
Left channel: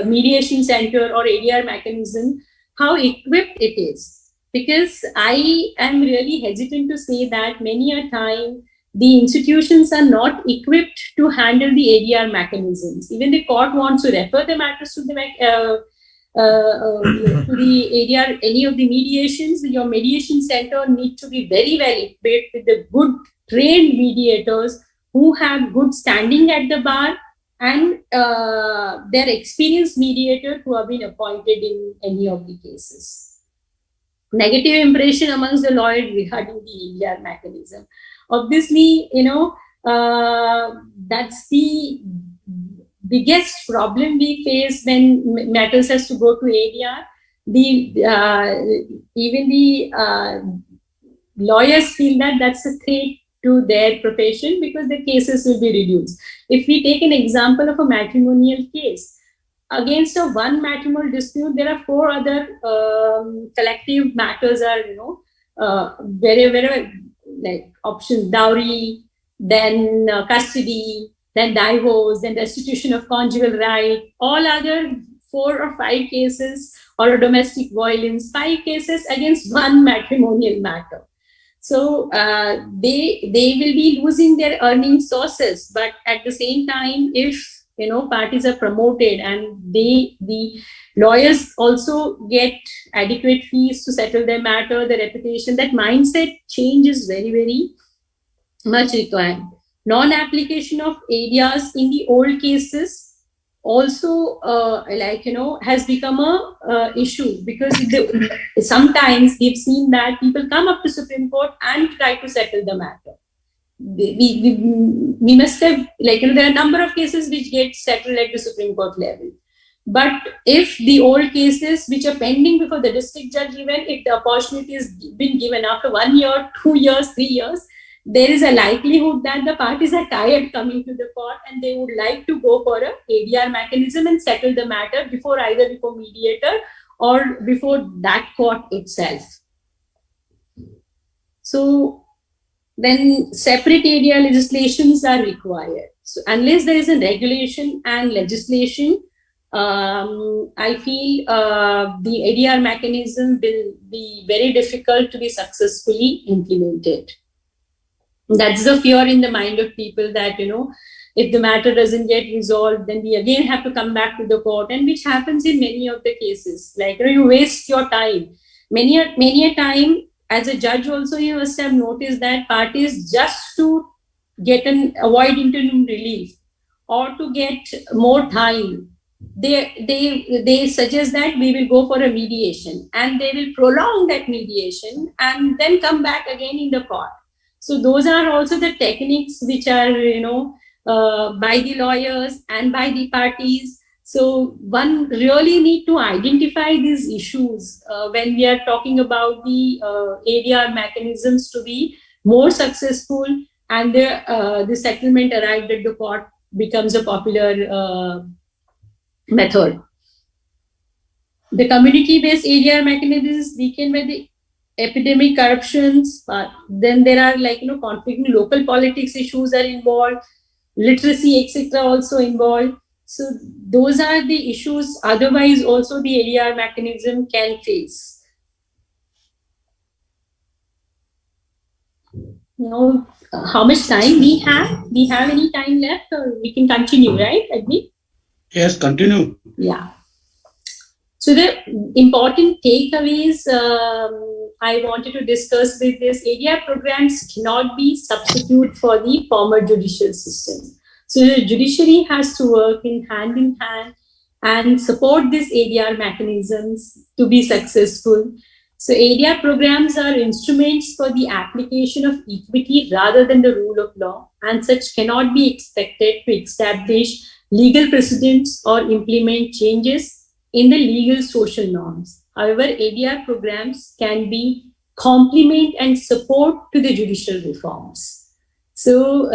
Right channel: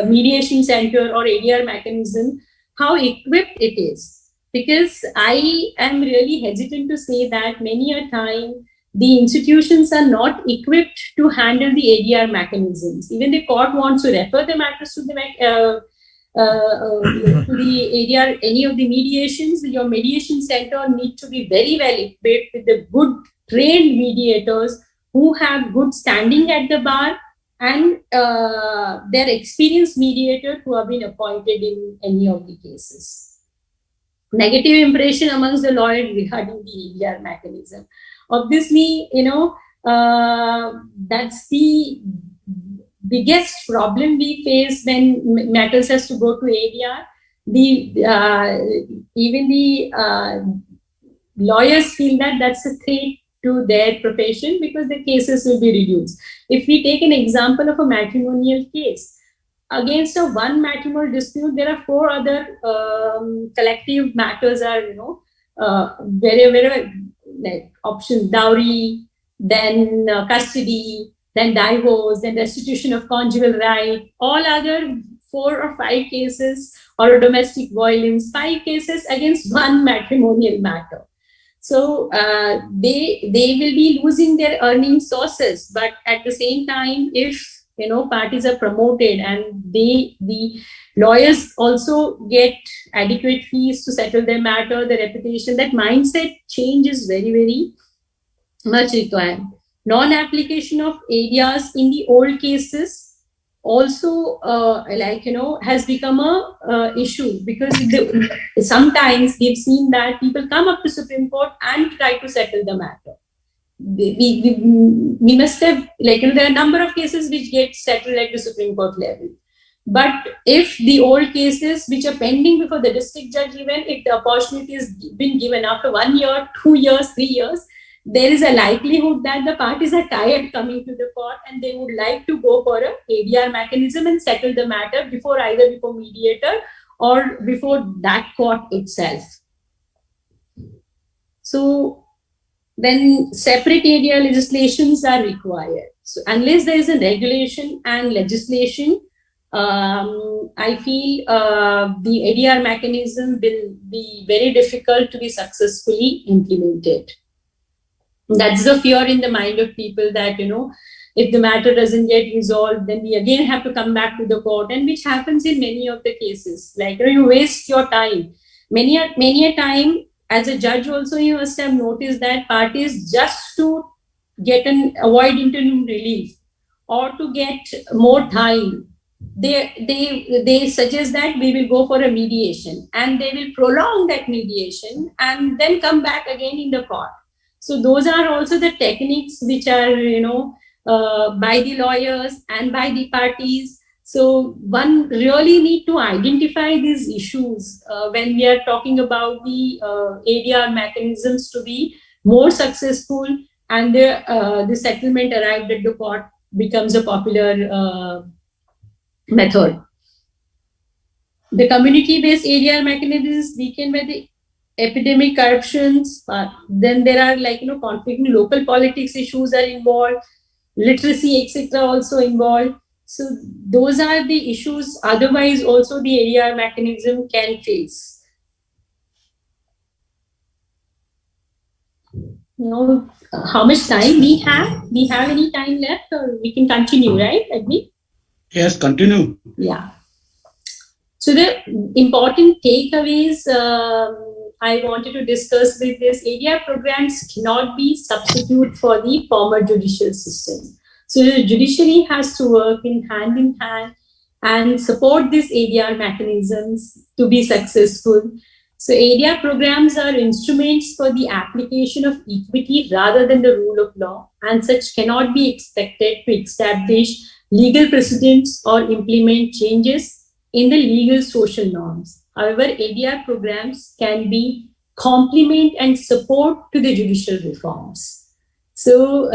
mediation center or ADR mechanism, how equipped it is? Because I am really hesitant to say that many a time the institutions are not equipped to handle the ADR mechanisms. Even the court wants to refer the matters to the ADR, any of the mediations. Your mediation center need to be very well equipped with the good trained mediators who have good standing at the bar and their experienced mediator who have been appointed in any of the cases. Negative impression amongst the lawyers regarding the ADR mechanism. Obviously, that's the biggest problem we face when matters has to go to ADR. Even the lawyers feel that that's a threat to their profession because the cases will be reduced. If we take an example of a matrimonial case, against a one matrimonial dispute, there are 4 other collective matters are, very like options: dowry, then custody, then divorce, then restitution of conjugal right, all other 4 or 5 cases, or domestic violence, 5 cases against one matrimonial matter. So they will be losing their earning sources, but at the same time, if parties are promoted and the lawyers also get adequate fees to settle their matter, the reputation, that mindset change is very, very much required. Non-application of ADRs in the old cases also has become a issue, because sometimes we've seen that people come up to Supreme Court and try to settle the matter. We must have, there are a number of cases which get settled at the Supreme Court level. But if the old cases which are pending before the district judge, even if the opportunity has been given after 1 year, 2 years, 3 years, there is a likelihood that the parties are tired coming to the court and they would like to go for a ADR mechanism and settle the matter either before mediator or before that court itself. So then separate ADR legislations are required. So unless there is a regulation and legislation, I feel the ADR mechanism will be very difficult to be successfully implemented. That's the fear in the mind of people that, if the matter doesn't get resolved, then we again have to come back to the court, and which happens in many of the cases. You waste your time. Many a time, as a judge also, you must have noticed that parties, just to avoid interim relief or to get more time, they suggest that we will go for a mediation, and they will prolong that mediation and then come back again in the court. So those are also the techniques which are, by the lawyers and by the parties. So one really need to identify these issues when we are talking about the ADR mechanisms to be more successful, and the settlement arrived at the court becomes a popular method. The community-based ADR mechanisms weakened by the epidemic corruptions. Then there are conflicting local politics issues are involved, literacy, etc. also involved. So those are the issues otherwise also the ADR mechanism can face. How much time we have? We have any time left, or we can continue, right, Agni? Yes, continue. Yeah. So the important takeaways I wanted to discuss with this: ADR programs cannot be substitute for the former judicial system. So the judiciary has to work in hand and support these ADR mechanisms to be successful. So ADR programs are instruments for the application of equity rather than the rule of law, and such cannot be expected to establish legal precedents or implement changes in the legal social norms. However, ADR programs can be complement and support to the judicial reforms. So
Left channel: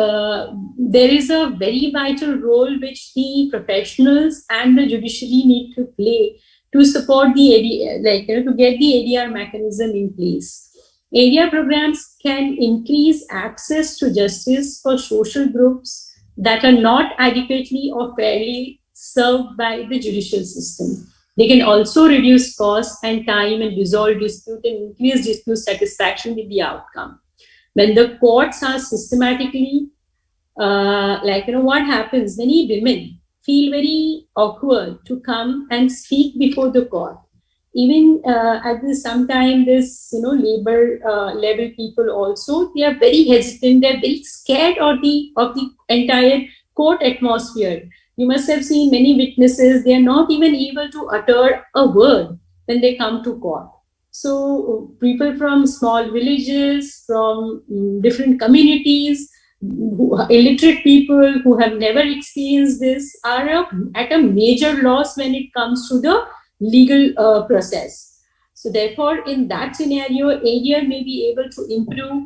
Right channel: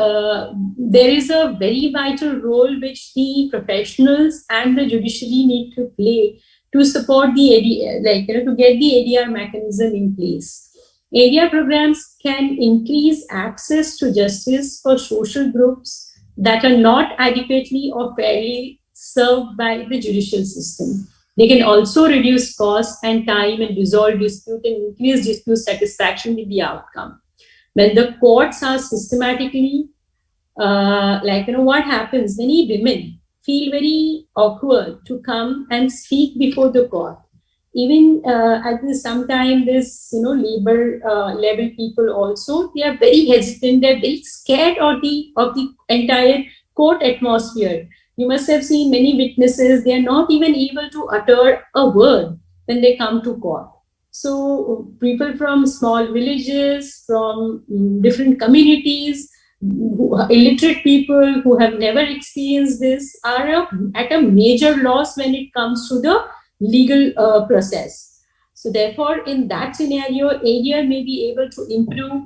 there is a very vital role which the professionals and the judiciary need to play to support the ADR, to get the ADR mechanism in place. ADR programs can increase access to justice for social groups that are not adequately or fairly served by the judicial system. They can also reduce costs and time and resolve dispute and increase dispute satisfaction with the outcome. When the courts are systematically, what happens? Many women feel very awkward to come and speak before the court. Even at this sometime this labor level people also, they are very hesitant, they're very scared of the entire court atmosphere. You must have seen many witnesses, they are not even able to utter a word when they come to court. So people from small villages, from different communities, illiterate people who have never experienced this are at a major loss when it comes to the legal process. So therefore, in that scenario, ADR may be able to improve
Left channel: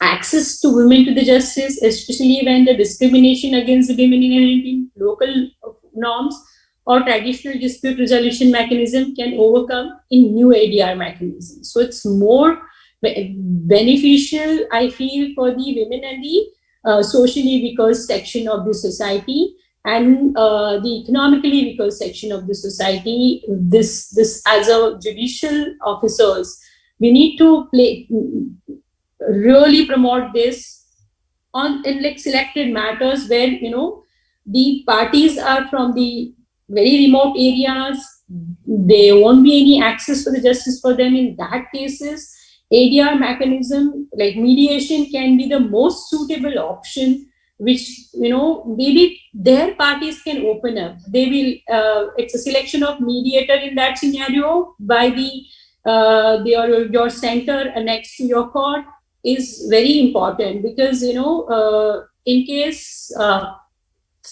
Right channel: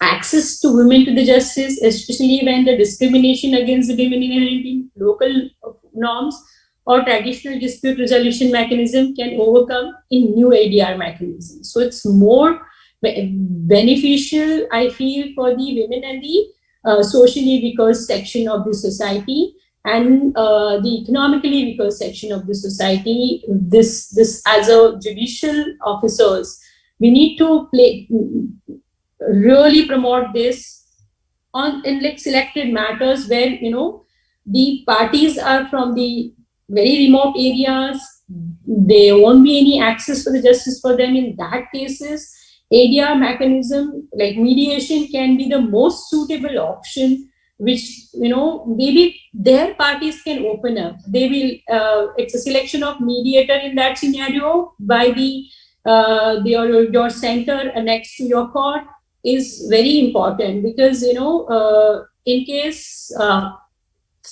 access to women to the justice, especially when the discrimination against the women inherent in local norms or traditional dispute resolution mechanism can overcome in new ADR mechanisms. So it's more beneficial, I feel, for the women and the socially weaker section of the society and the economically weaker section of the society. This as a judicial officers, we need to really promote this in like selected matters where the parties are from the very remote areas. There won't be any access for the justice for them. In that cases, ADR mechanism like mediation can be the most suitable option, which maybe their parties can open up. They will it's a selection of mediator in that scenario by the your center next to your court is very important, because in case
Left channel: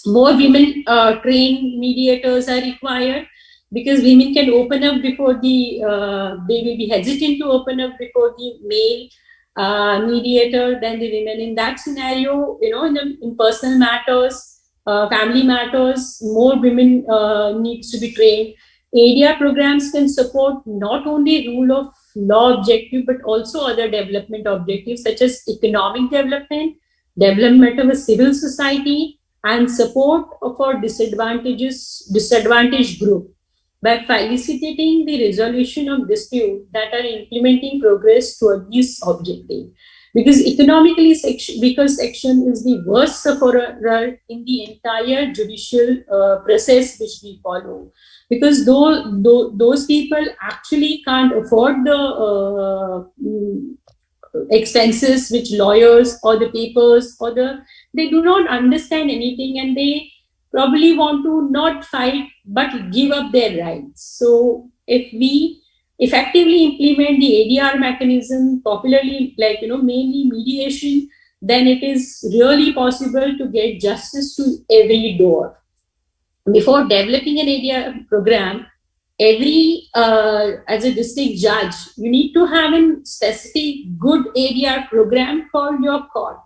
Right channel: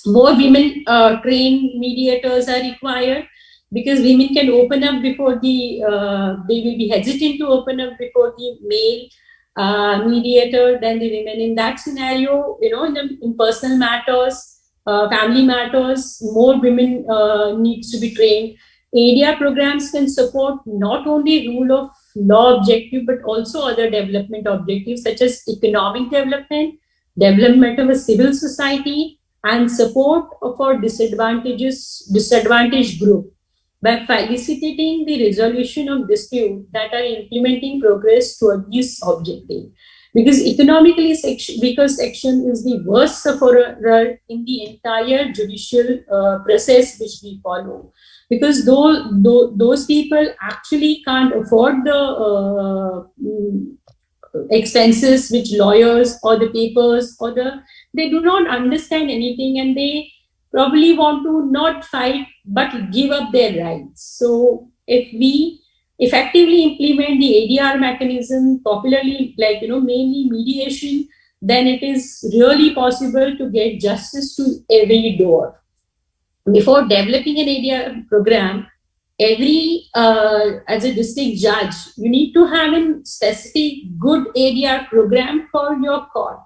more women trained mediators are required, because women can open up before they will be hesitant to open up before the male mediator than the women. In that scenario, in personal matters, family matters, more women needs to be trained. ADR programs can support not only rule of law objective, but also other development objectives such as economic development, development of a civil society, and support for disadvantaged group by facilitating the resolution of dispute that are implementing progress toward this objective. Because economically weaker section is the worst sufferer in the entire judicial process which we follow. Because those people actually can't afford the expenses which lawyers or the papers or they do not understand anything, and they probably want to not fight but give up their rights. So if we effectively implement the ADR mechanism, popularly mainly mediation, then it is really possible to get justice to every door. Before developing an ADR program, as a district judge, you need to have a specific good ADR program for your court.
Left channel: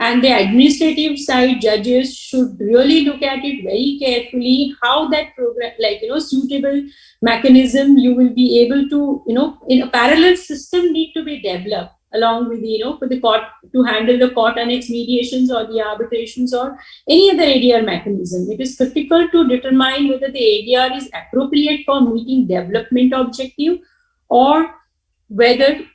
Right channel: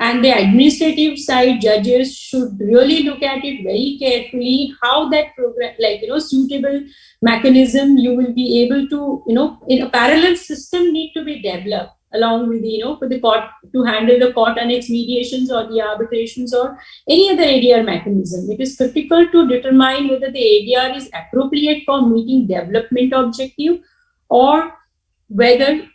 And the administrative side judges should really look at it very carefully, how that program, suitable mechanism you will be able to, in a parallel system need to be developed along with, for the court to handle the court annex mediations or the arbitrations or any other ADR mechanism. It is critical to determine whether the ADR is appropriate for meeting development objective or whether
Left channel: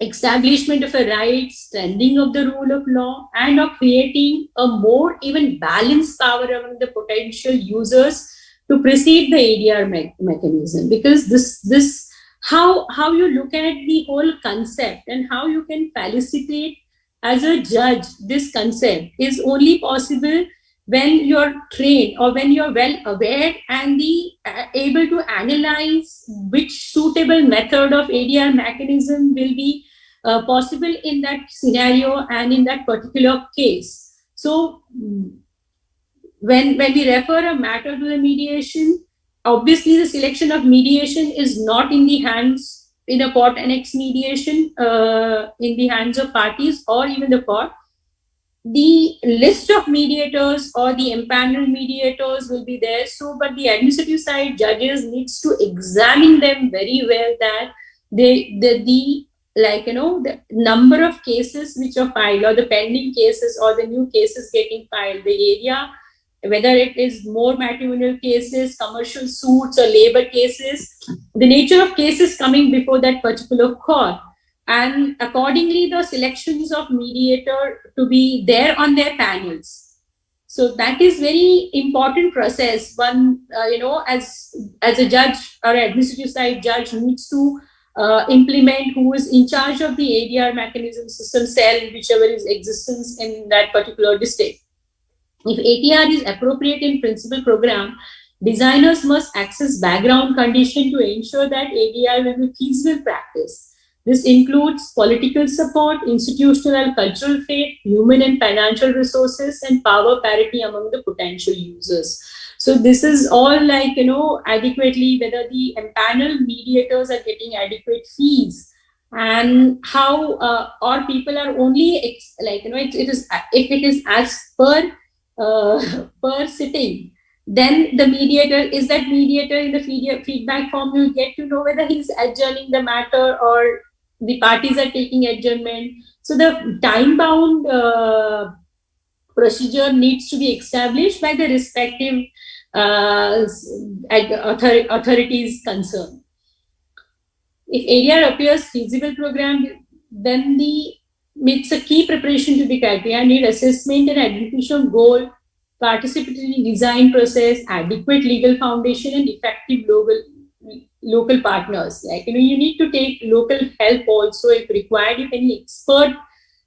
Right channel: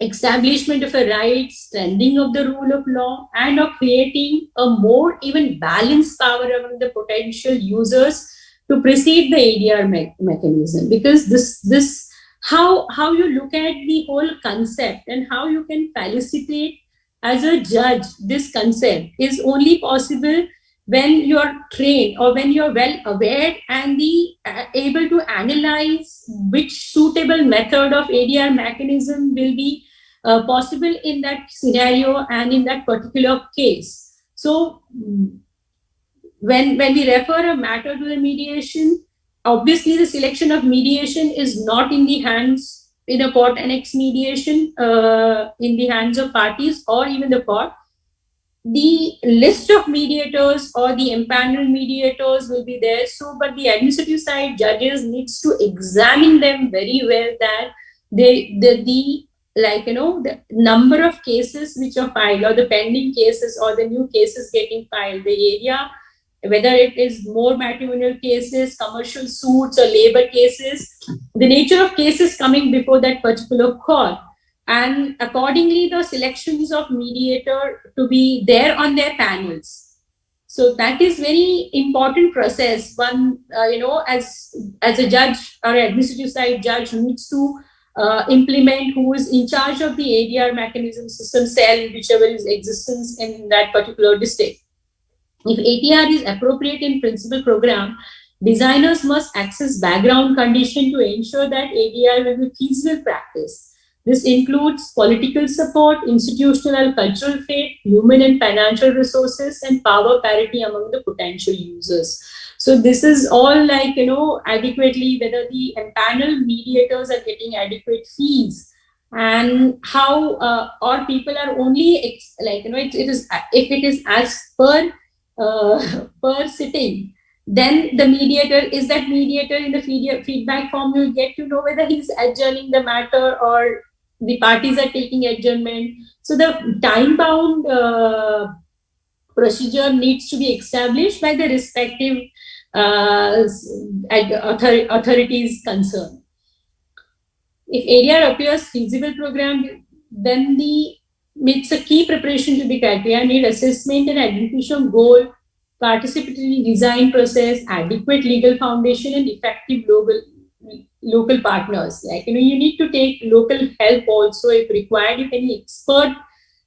establishment of a right, strengthening of the rule of law, and of creating a more even balanced power among the potential users to precede the ADR mechanism. Because this how you look at the whole concept and how you can facilitate as a judge this concept is only possible when you're trained or when you're well aware and able to analyze which suitable method of ADR mechanism will be possible in that scenario and in that particular case. So when we refer a matter to the mediation, obviously the selection of mediation is not in the hands in a court annex mediation in the hands of parties or even the court. The list of mediators or the empaneled mediators will be there. So, but the administrative side judges needs to examine them very well, that the the number of cases which are filed, or the pending cases, or the new cases getting filed, the area, whether it is more matrimonial cases, commercial suits, or labor cases, the nature of cases coming before that particular court, and accordingly the selections of mediator to be there on their panels. So that is very important process. One, as a judge or administrative side judge needs to implement, who is in charge of the ADR mechanism system cell, whichever is existence in that particular district. If ATR is appropriate in principal program, designers must access background condition to ensure that ADR will be feasible practice. This includes political support, institutional cultural fit, human and financial resources, and power parity among the potential users. So this is all adequately, whether the panel mediators are getting adequate fees, and how or people are only it is, if it is as per sitting, then the mediator is that mediator in the feedback form. You get to know whether he's adjourning the matter or the parties are taking adjournment. So the time bound procedure needs to be established by the respective authorities concerned. If ADR appears feasible program, then it's a key preparation to the criteria, need assessment and identification of goal, participatory design process, adequate legal foundation, and effective local partners. You need to take local help also if required. If any expert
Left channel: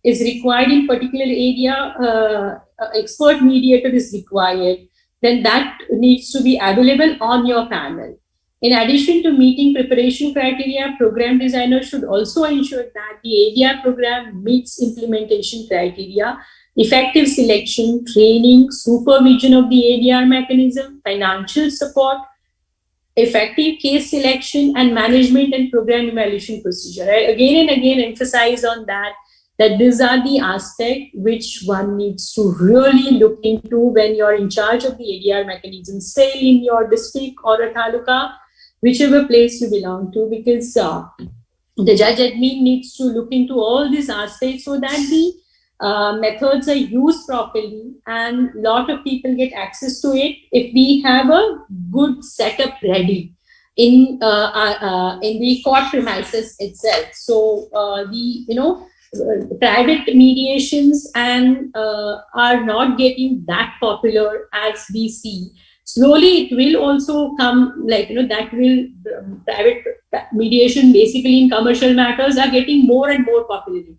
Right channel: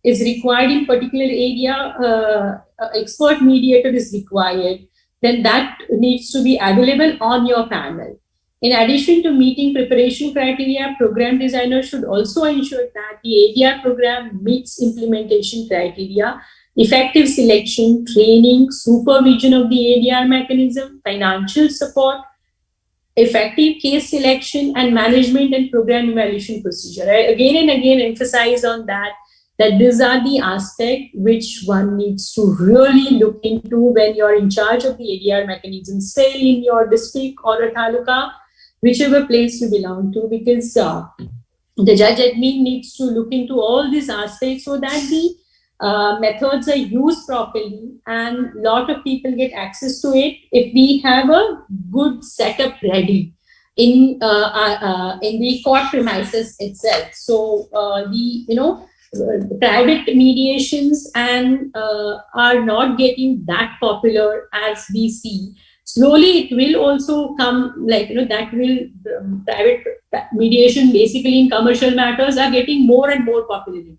is required in particular area, expert mediator is required, then that needs to be available on your panel. In addition to meeting preparation criteria, program designers should also ensure that the ADR program meets implementation criteria, effective selection, training, supervision of the ADR mechanism, financial support, effective case selection, and management and program evaluation procedure. I again and again emphasize on that these are the aspects which one needs to really look into when you're in charge of the ADR mechanism, say in your district or a taluka, whichever place you belong to, because the judge admin needs to look into all these aspects so that the methods are used properly and a lot of people get access to it if we have a good setup ready in the court premises itself. So private mediations and are not getting that popular as we see. Slowly it will also come, that will private mediation basically in commercial matters are getting more and more popularity.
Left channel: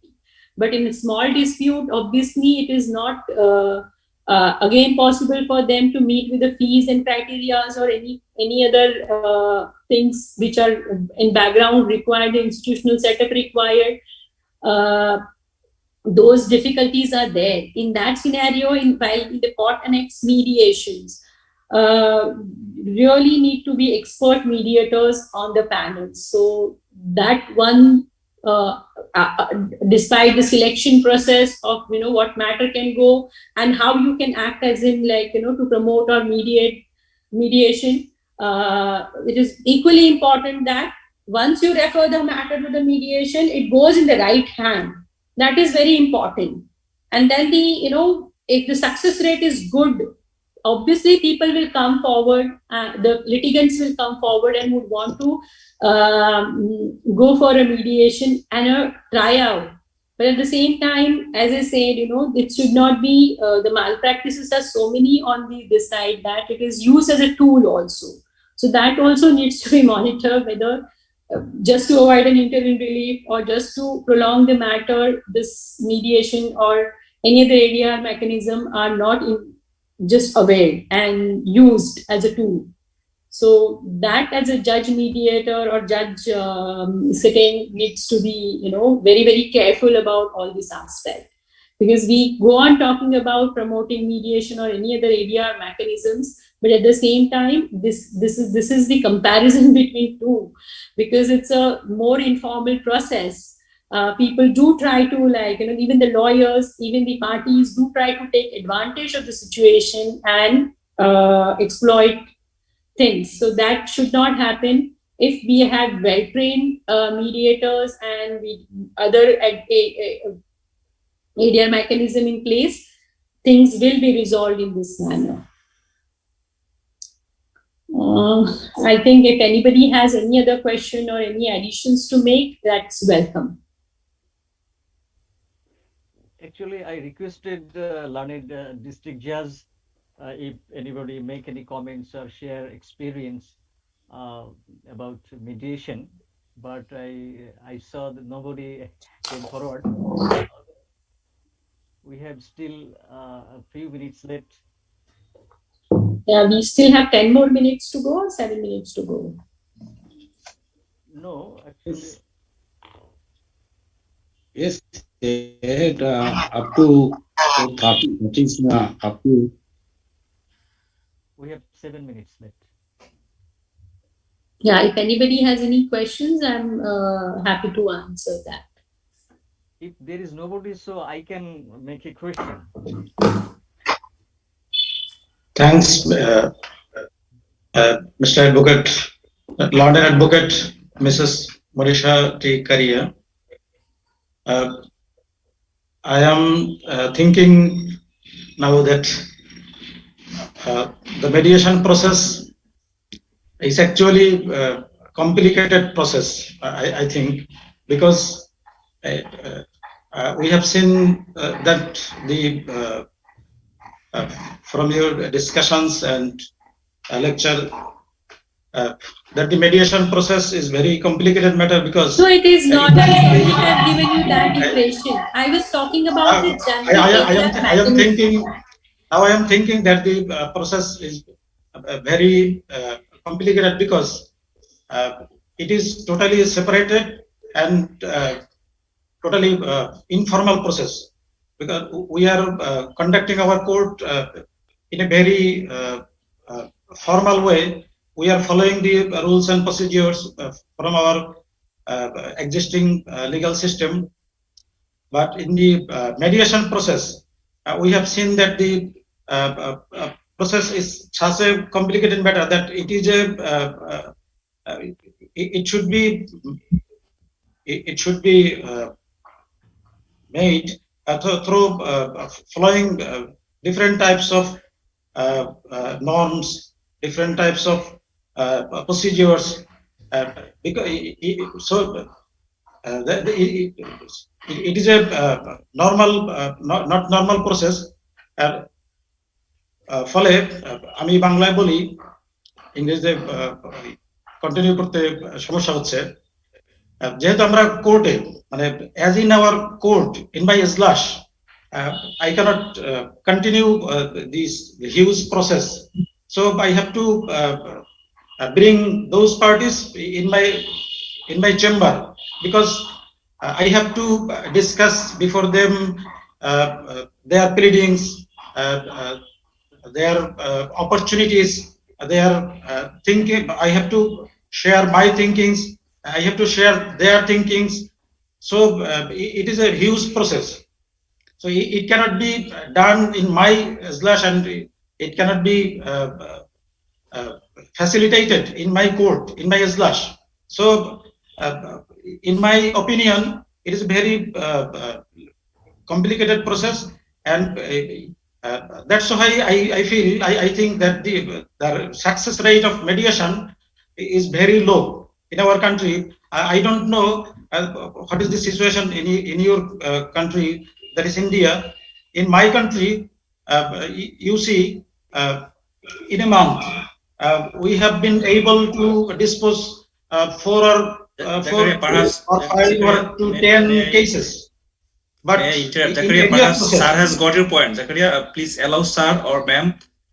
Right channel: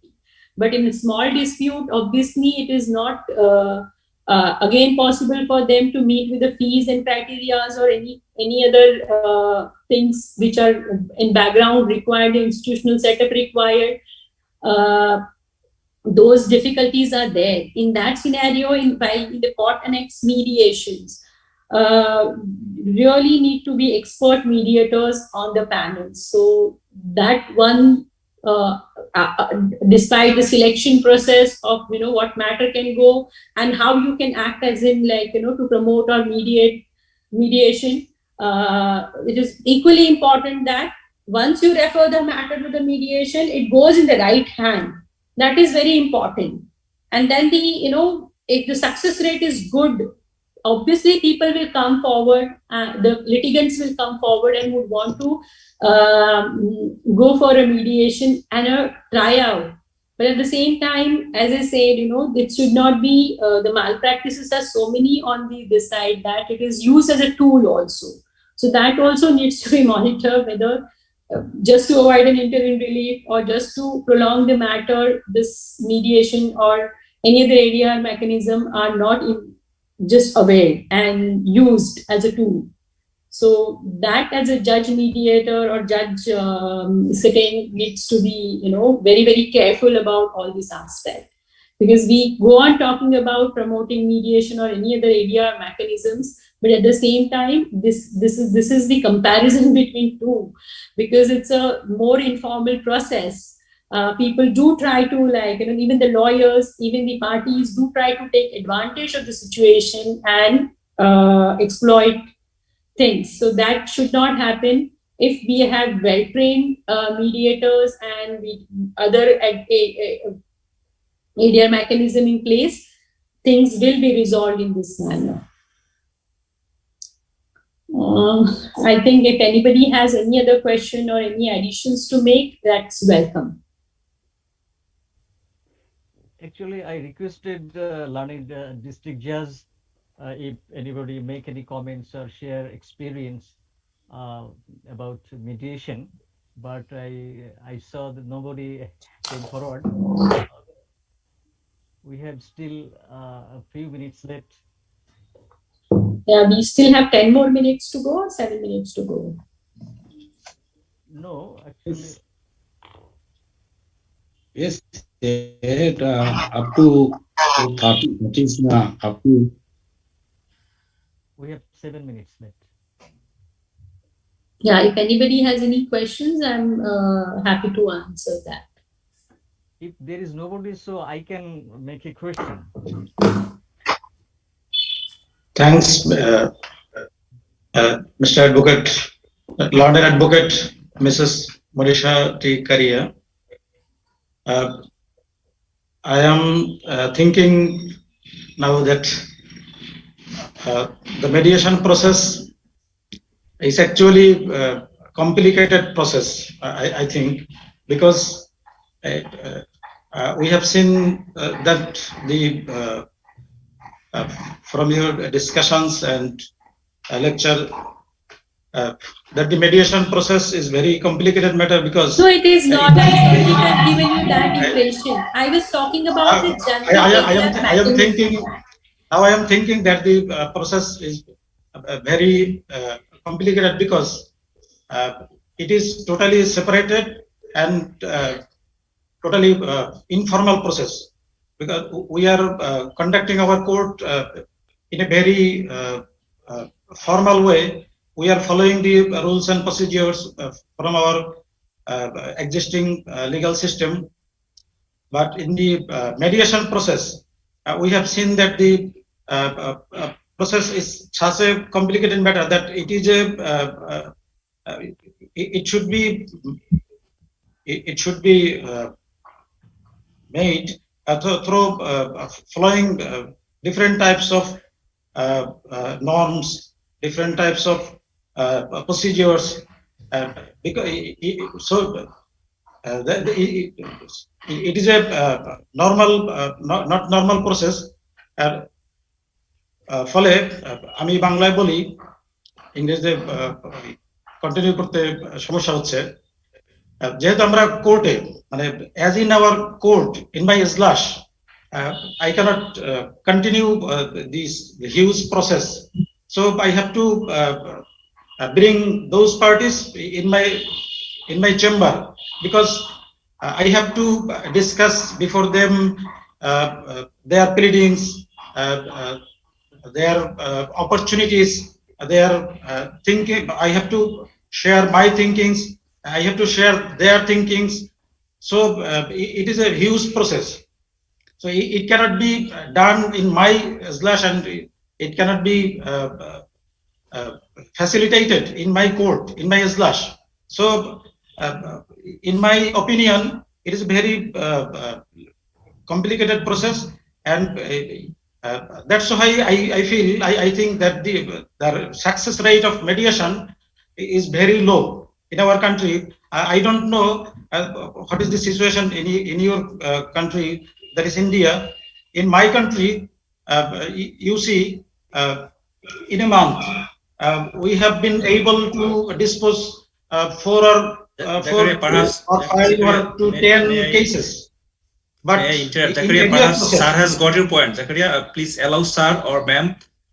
But in a small dispute, obviously it is not again possible for them to meet with the fees and criteria or any other things which are in background required, the institutional setup required. Those difficulties are there. In that scenario, in the court annex mediations, really need to be expert mediators on the panel. So that one, despite the selection process of what matter can go and how you can act as in to promote or mediation, it is equally important that once you refer the matter to the mediation, it goes in the right hand. That is very important. And then if the success rate is good, obviously people will come forward, the litigants will come forward and would want to go for a mediation and a tryout. But at the same time, as I said, it should not be, the malpractices are so many on this side that it is used as a tool also. So that also needs to be monitored, whether just to avoid an interim relief or just to prolong the matter, this mediation or any other ADR mechanism are not just aware and used as a tool. So that as a judge mediator or judge sitting needs to be, very, very careful about all this aspect. Because we go on talking about promoting mediation or any other ADR mechanisms, but at the same time, this is the comparison between two, because it's a more informal process. People do try to even the lawyers, even the parties do try to take advantage of the situation and exploit things. So that should not happen. if we have well-trained mediators and other ADR mechanism in place, things will be resolved in this manner. I think if anybody has any other question or any additions to make, that's welcome. Actually, I requested learned district judge if anybody make any comments or share experience about mediation, but I saw that nobody came forward. We have still a few minutes left. Yeah, we still have 10 more minutes to go or 7 minutes to go? No, actually. Yes, up to 30, that is up to. We have 7 minutes left. Yeah, if anybody has any questions, I'm happy to answer that. If there is nobody, so I can make a question. Thanks, Mr. Advocate, Learned Advocate, Mrs. Monisha T. Karia. I am thinking now that the mediation process is actually a complicated process, I think, because we have seen that the from your discussions and lecture that the mediation process is very complicated matter because no, it is not. I'm sorry if I've given you that impression. I was talking about the general I am thinking now. I am thinking that the process is very complicated because it is totally separated and totally informal process, because we are conducting our court in a very formal way. We are following the rules and procedures from our existing legal system. But in the mediation process, we have seen that the process is such a complicated matter that it is a it should be made through following different types of norms, different types of procedures, because it is a normal, not normal process. ফলে আমি বাংলায় বলি, ইংরেজিতে continue করতে সমস্যা হচ্ছে। যেহেতু আমরা কোর্টে, মানে as in our court in my slash, I cannot continue this huge process, so I have to bring those parties in my chamber, because I have to discuss before them their pleadings, their opportunities, their thinking. I have to share my thinkings, I have to share their thinkings. So it is a huge process. So it cannot be done in my slash, and it cannot be facilitated in my court, in my slash. So in my opinion, it is a very complicated process, and that's why I think that the success rate of mediation is very low in our country. I don't know what is the situation in your country, that is India. In my country, you see, in a month, we have been able to dispose 4 or 5 or to 10 cases. But perhaps sir has got your point. Zakaria, please allow sir or ma'am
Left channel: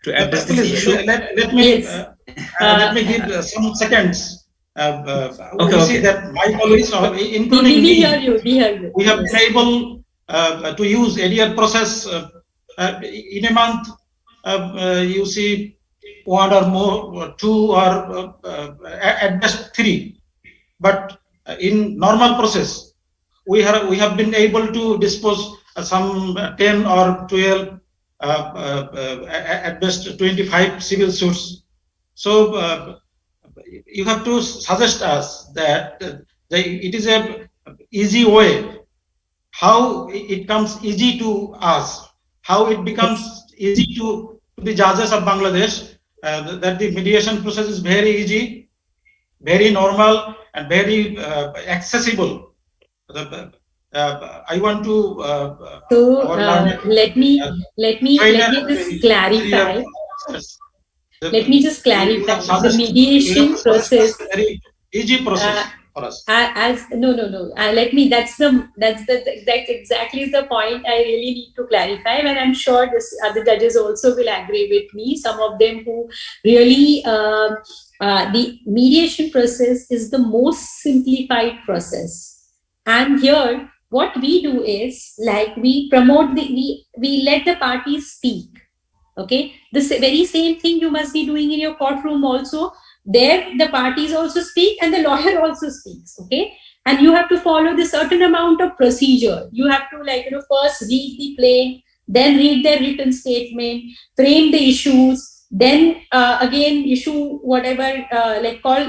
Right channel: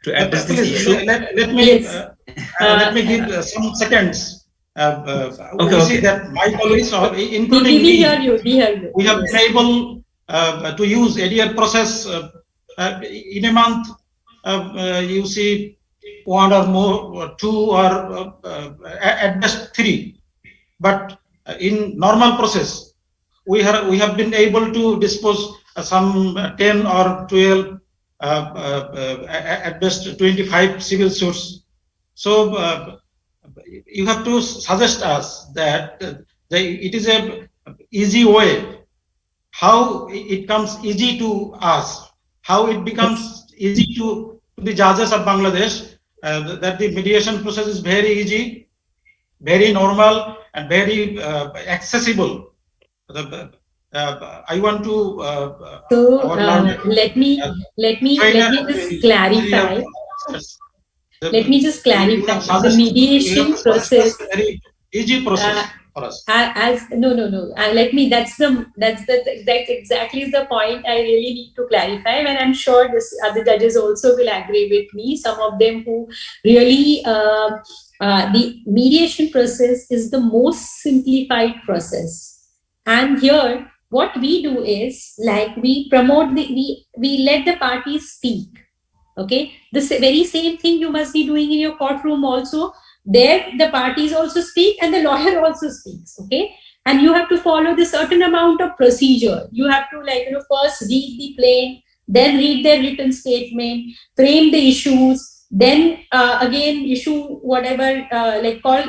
to address this issue. Let me give some seconds. Okay. See that my colleagues, including me, we have been able to use ADR process in a month. You see, 1 or more, or 2, or at best 3. But in normal process, we have been able to dispose some 10 or 12, at best 25 civil suits. So you have to suggest us that it is a easy way, how it comes easy to us, how it becomes easy to the judges of Bangladesh, that the mediation process is very easy, very normal, and very accessible. I want to let me just clarify. Let me just clarify. The mediation process, very easy process for us. Let me. That's exactly the point I really need to clarify, and I'm sure other judges also will agree with me. Some of them who really the mediation process is the most simplified process, and here what we do is like we promote we let the parties speak. Okay, the very same thing you must be doing in your courtroom also. There the parties also speak and the lawyer also speaks. Okay, and you have to follow the certain amount of procedure. You have to first read the plaint, then read their written statement, frame the issues, then again issue whatever call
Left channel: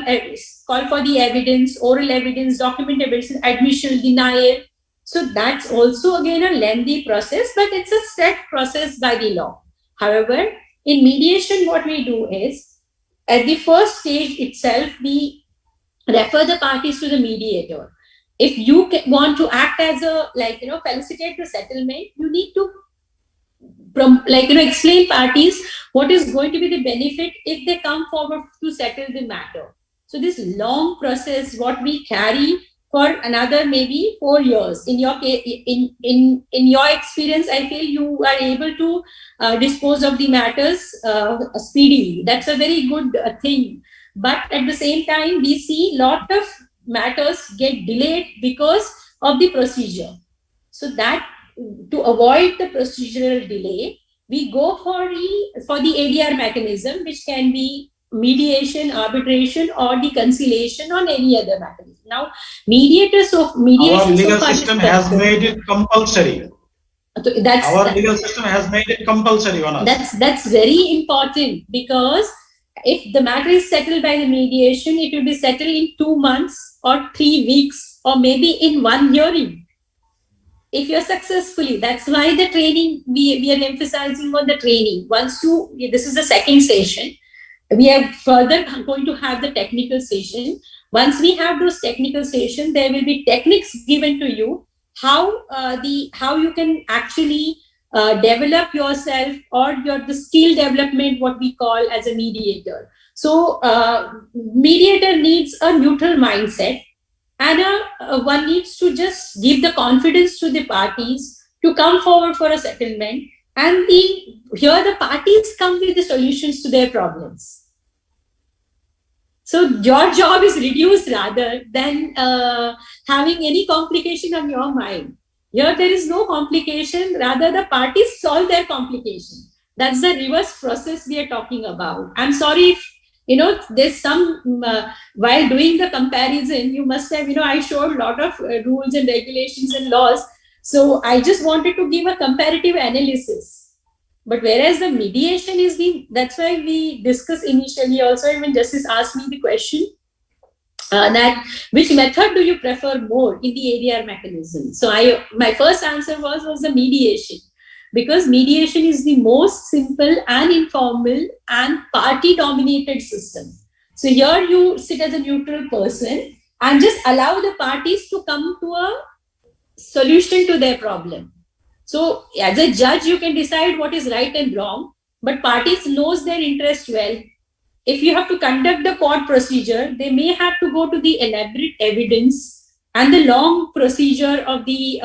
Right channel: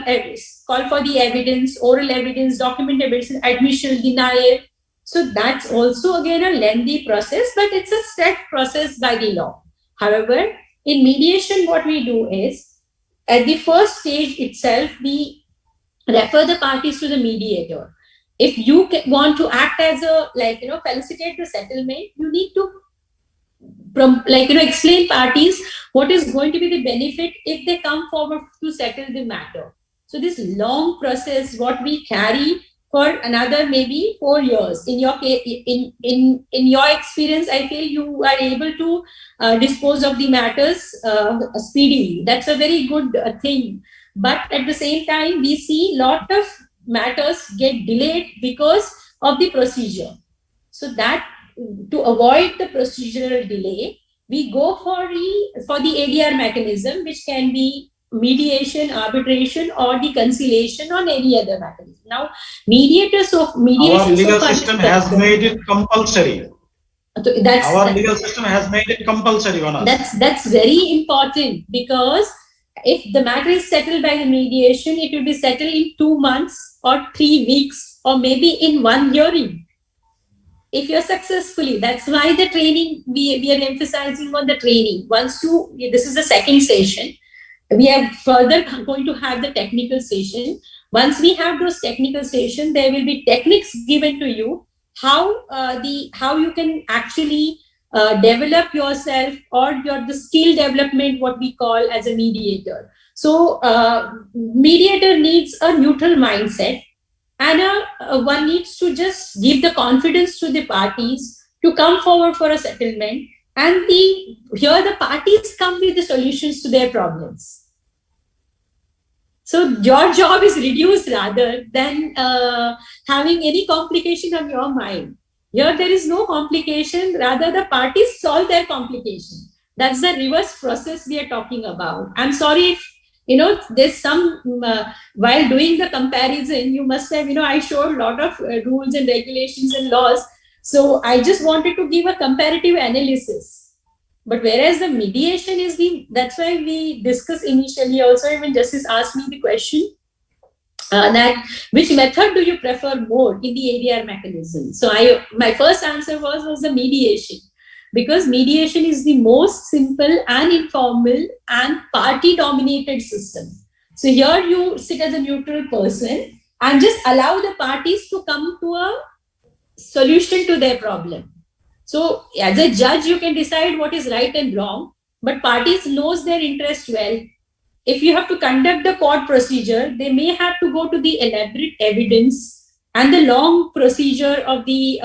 for the evidence, oral evidence, document evidence, admission, denial. So that's also again a lengthy process, but it's a set process by the law. However, in mediation, what we do is, at the first stage itself, we refer the parties to the mediator. If you want to act as a, felicitate the settlement, you need to, explain parties what is going to be the benefit if they come forward to settle the matter. So this long process, what we carry for another maybe 4 years. In your your experience, I feel you are able to dispose of the matters speedily. That's a very good thing. But at the same time, we see a lot of matters get delayed because of the procedure. So that to avoid the procedural delay, we go for the ADR mechanism, which can be mediation, arbitration, or the conciliation, or any other mechanism. Now, mediation. Our legal system has made it compulsory. Our legal system has made it compulsory on us. That's very important, because if the matter is settled by the mediation, it will be settled in 2 months or 3 weeks, or maybe in 1 hearing. If you're successfully, that's why the training, we are emphasizing on the training. This is the second session. We are further going to have the technical session. Once we have those technical sessions, there will be techniques given to you how you can actually develop yourself, or the skill development, what we call as a mediator. So mediator needs a neutral mindset, and one needs to just give the confidence to the parties to come forward for a settlement, and here the parties come with the solutions to their problems. So your job is reduced rather than having any complication on your mind. Here there is no complication, rather the parties solve their complication. That's the reverse process we are talking about. I'm sorry if, there's some, while doing the comparison, you must have, I showed a lot of rules and regulations and laws. So I just wanted to give a comparative analysis. But whereas the mediation is that's why we discussed initially also, even Justice asked me the question that which method do you prefer more in the ADR mechanism? So my first answer was the mediation, because mediation is the most simple and informal and party dominated system. So here you sit as a neutral person and just allow the parties to come to a solution to their problem. So as a judge, you can decide what is right and wrong, but parties knows their interest well. If you have to conduct the court procedure, they may have to go to the elaborate evidence and the long procedure of the,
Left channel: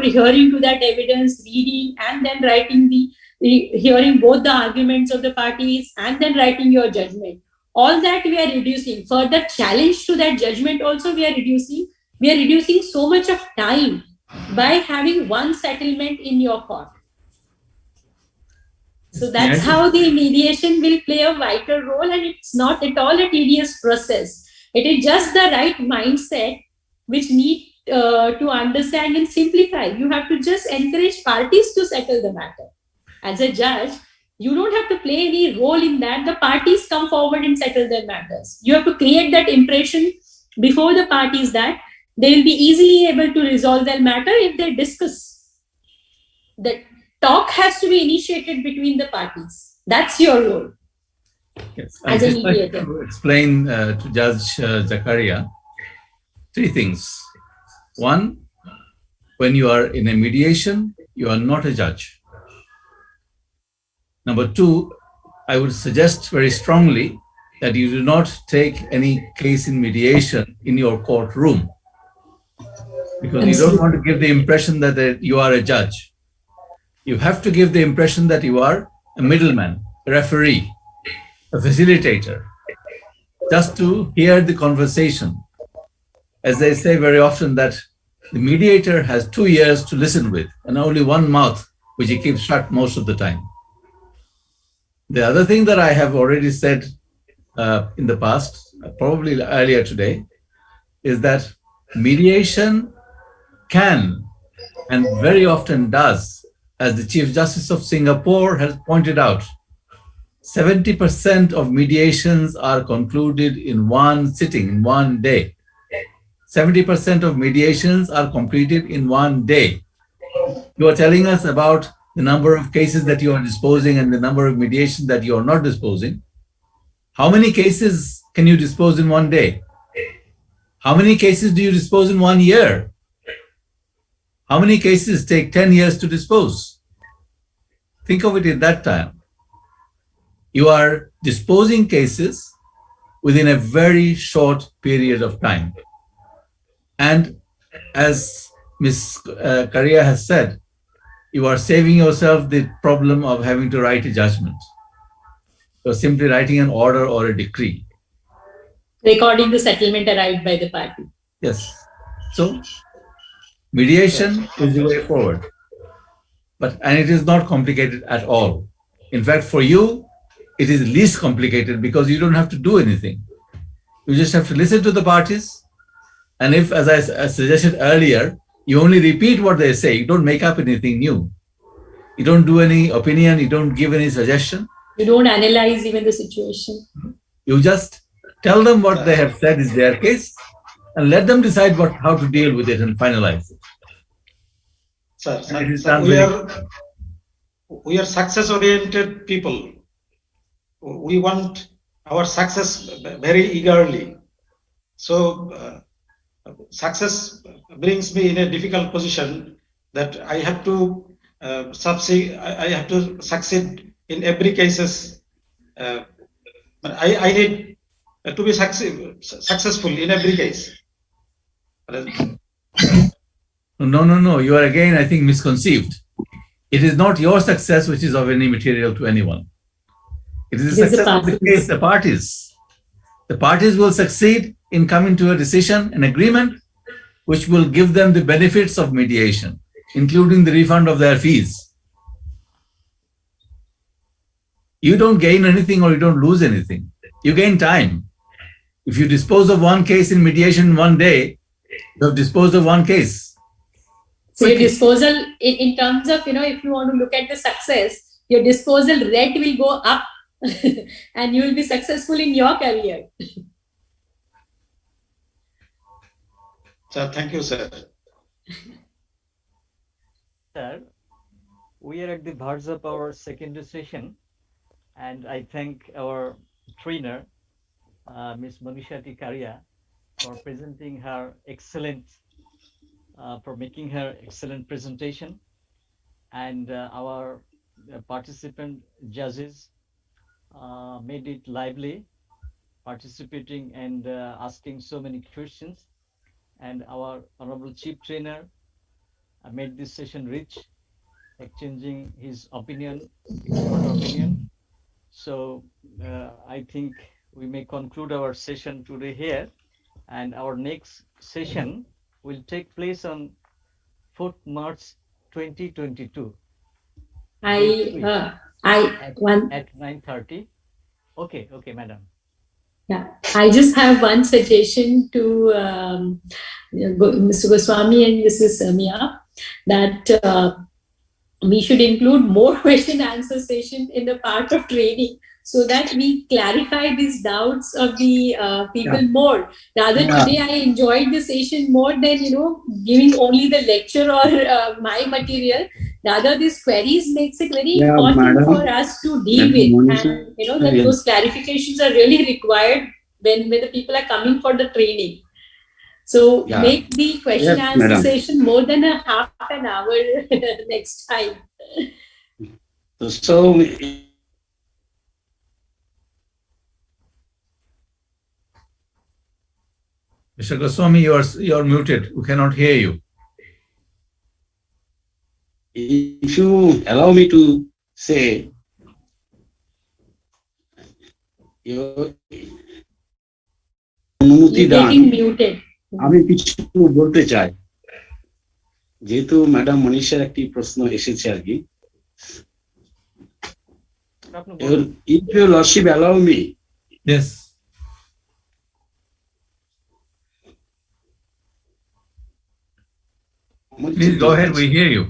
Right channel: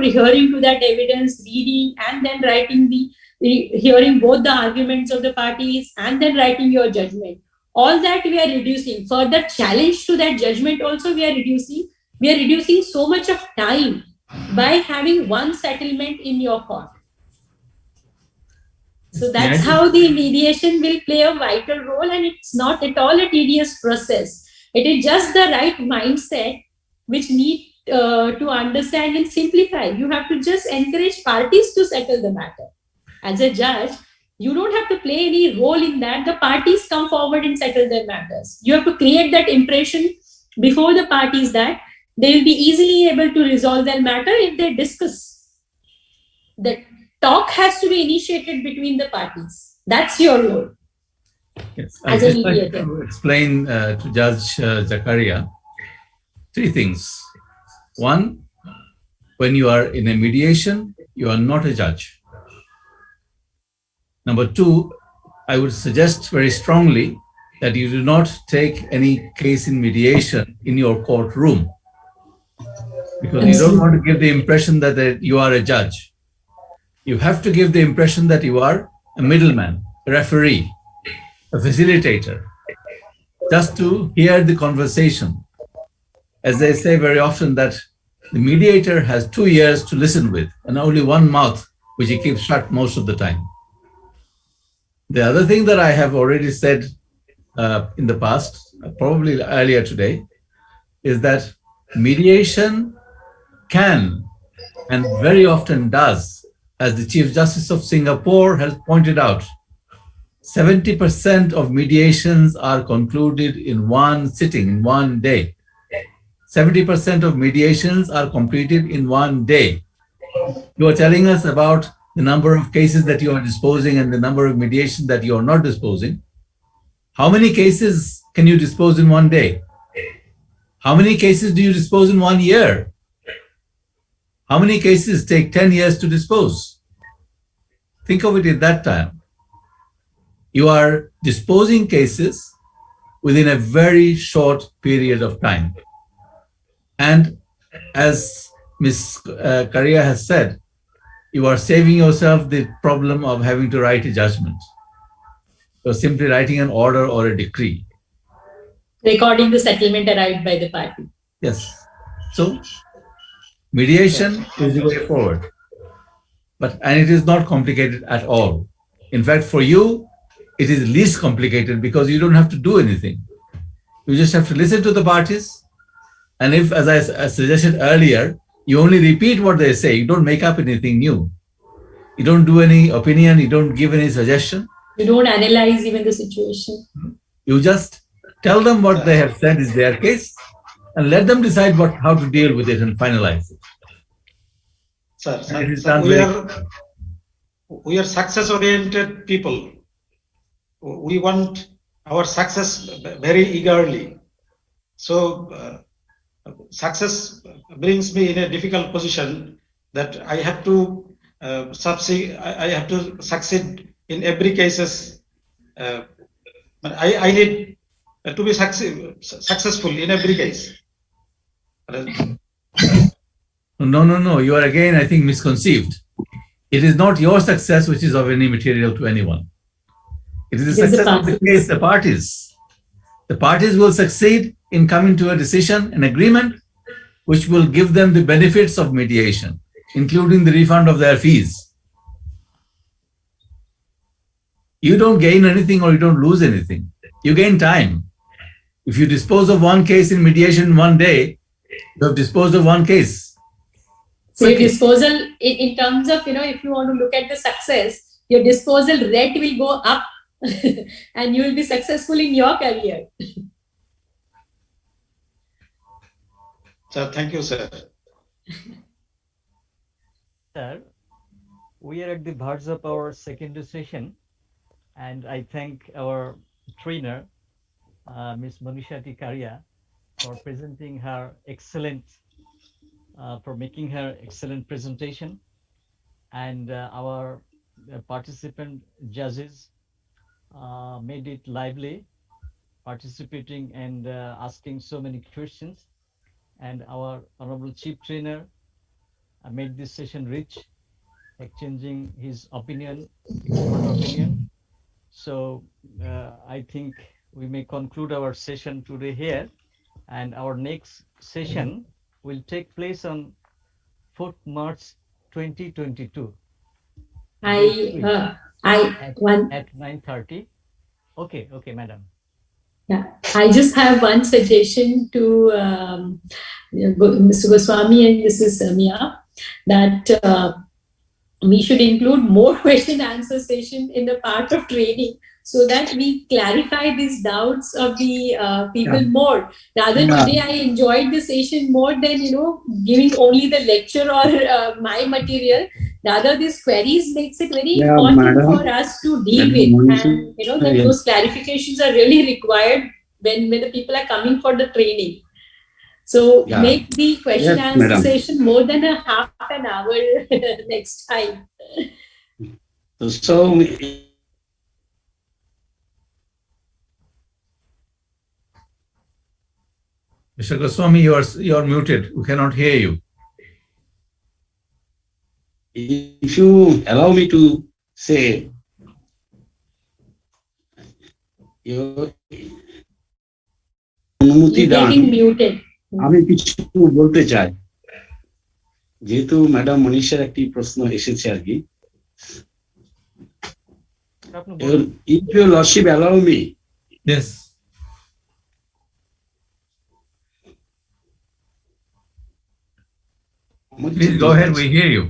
rehearing to that evidence, reading, and then writing hearing both the arguments of the parties, and then writing your judgment. All that we are reducing. Further challenge to that judgment also we are reducing. We are reducing so much of time by having one settlement in your court. So that's how the mediation will play a vital role, and it's not at all a tedious process. It is just the right mindset which need to understand and simplify. You have to just encourage parties to settle the matter. As a judge, You don't have to play any role in that. The parties come forward and settle their matters. You have to create that impression before the parties that they will be easily able to resolve their matter if they discuss. The talk has to be initiated between the parties. That's your role. Yes, as a mediator. Like to explain to Judge Zakaria three things. One, when you are in a mediation, you are not a judge. Number two, I would suggest very strongly that you do not take any case in mediation in your courtroom, because you don't want to give the impression that you are a judge. You have to give the impression that you are a middleman, a referee, a facilitator, just to hear the conversation. As they say very often, that the mediator has 2 ears to listen with and only one mouth, which he keeps shut most of the time. The other thing that I have already said in the past, probably earlier today, is that mediation can and very often does, as the Chief Justice of Singapore has pointed out, 70% of mediations are concluded in one sitting, in one day. 70% of mediations are completed in one day. You are telling us about the number of cases that you are disposing and the number of mediations that you are not disposing. How many cases can you dispose in one day? How many cases do you dispose in 1 year? How many cases take 10 years to dispose? Think of it in that time. You are disposing cases within a very short period of time. And as Ms. Karia has said, you are saving yourself the problem of having to write a judgment. You're simply writing an order or a decree. Recording the settlement arrived by the party. Yes. So mediation is the way forward. And it is not complicated at all. In fact, for you, it is least complicated because you don't have to do anything. You just have to listen to the parties. And if, as I suggested earlier, you only repeat what they say, you don't make up anything new. You don't do any opinion, you don't give any suggestion. You don't analyze even the situation. You just tell them what they have said is their case and let them decide how to deal with it and finalize it. Sir, we are success-oriented people. We want our success very eagerly. So success brings me in a difficult position that I have to succeed in every cases. I need to be successful in every case. No. You are again, I think, misconceived. It is not your success which is of any material to anyone. It is the success of the case, the parties. The parties will succeed in coming to a decision, an agreement, which will give them the benefits of mediation, including the refund of their fees. You don't gain anything or you don't lose anything. You gain time. If you dispose of one case in mediation one day, you have disposed of one case. So your disposal, in terms of, if you want to look at the success, your disposal rate will go up and you will be successful in your career. Sir, thank you, sir. Sir, we are at the verge of our second session, and I thank our trainer, Ms. Monisha Karia, for presenting her for making her excellent presentation, and our participant judges made it lively, participating and asking so many questions, and our honorable chief trainer made this session rich, exchanging his opinion, expert opinion. So I think we may conclude our session today here, and our next session will take place on 4th March 2022. At 9:30. Okay, madam. Yeah, I just have one suggestion to Mr. Goswami and Mrs. Mia, that we should include more question answer session in the part of training, so that we clarify these doubts of the people more. Rather, today I enjoyed the session more than giving only the lecture or my material. Rather, these queries makes it very important for us to deal with, and that those clarifications are really required when the people are coming for the training. So make the question answer session more than a half an hour next time. So Mr. Goswami, you are muted. We cannot hear you. If you allow me to say, অনুমতি দান, আমি কিছু বলতে চাই, যেহেতু madam মনীষার একটি প্রশ্ন এসেছে আর কি। If your lordship allow me, yes, please go ahead, we hear you.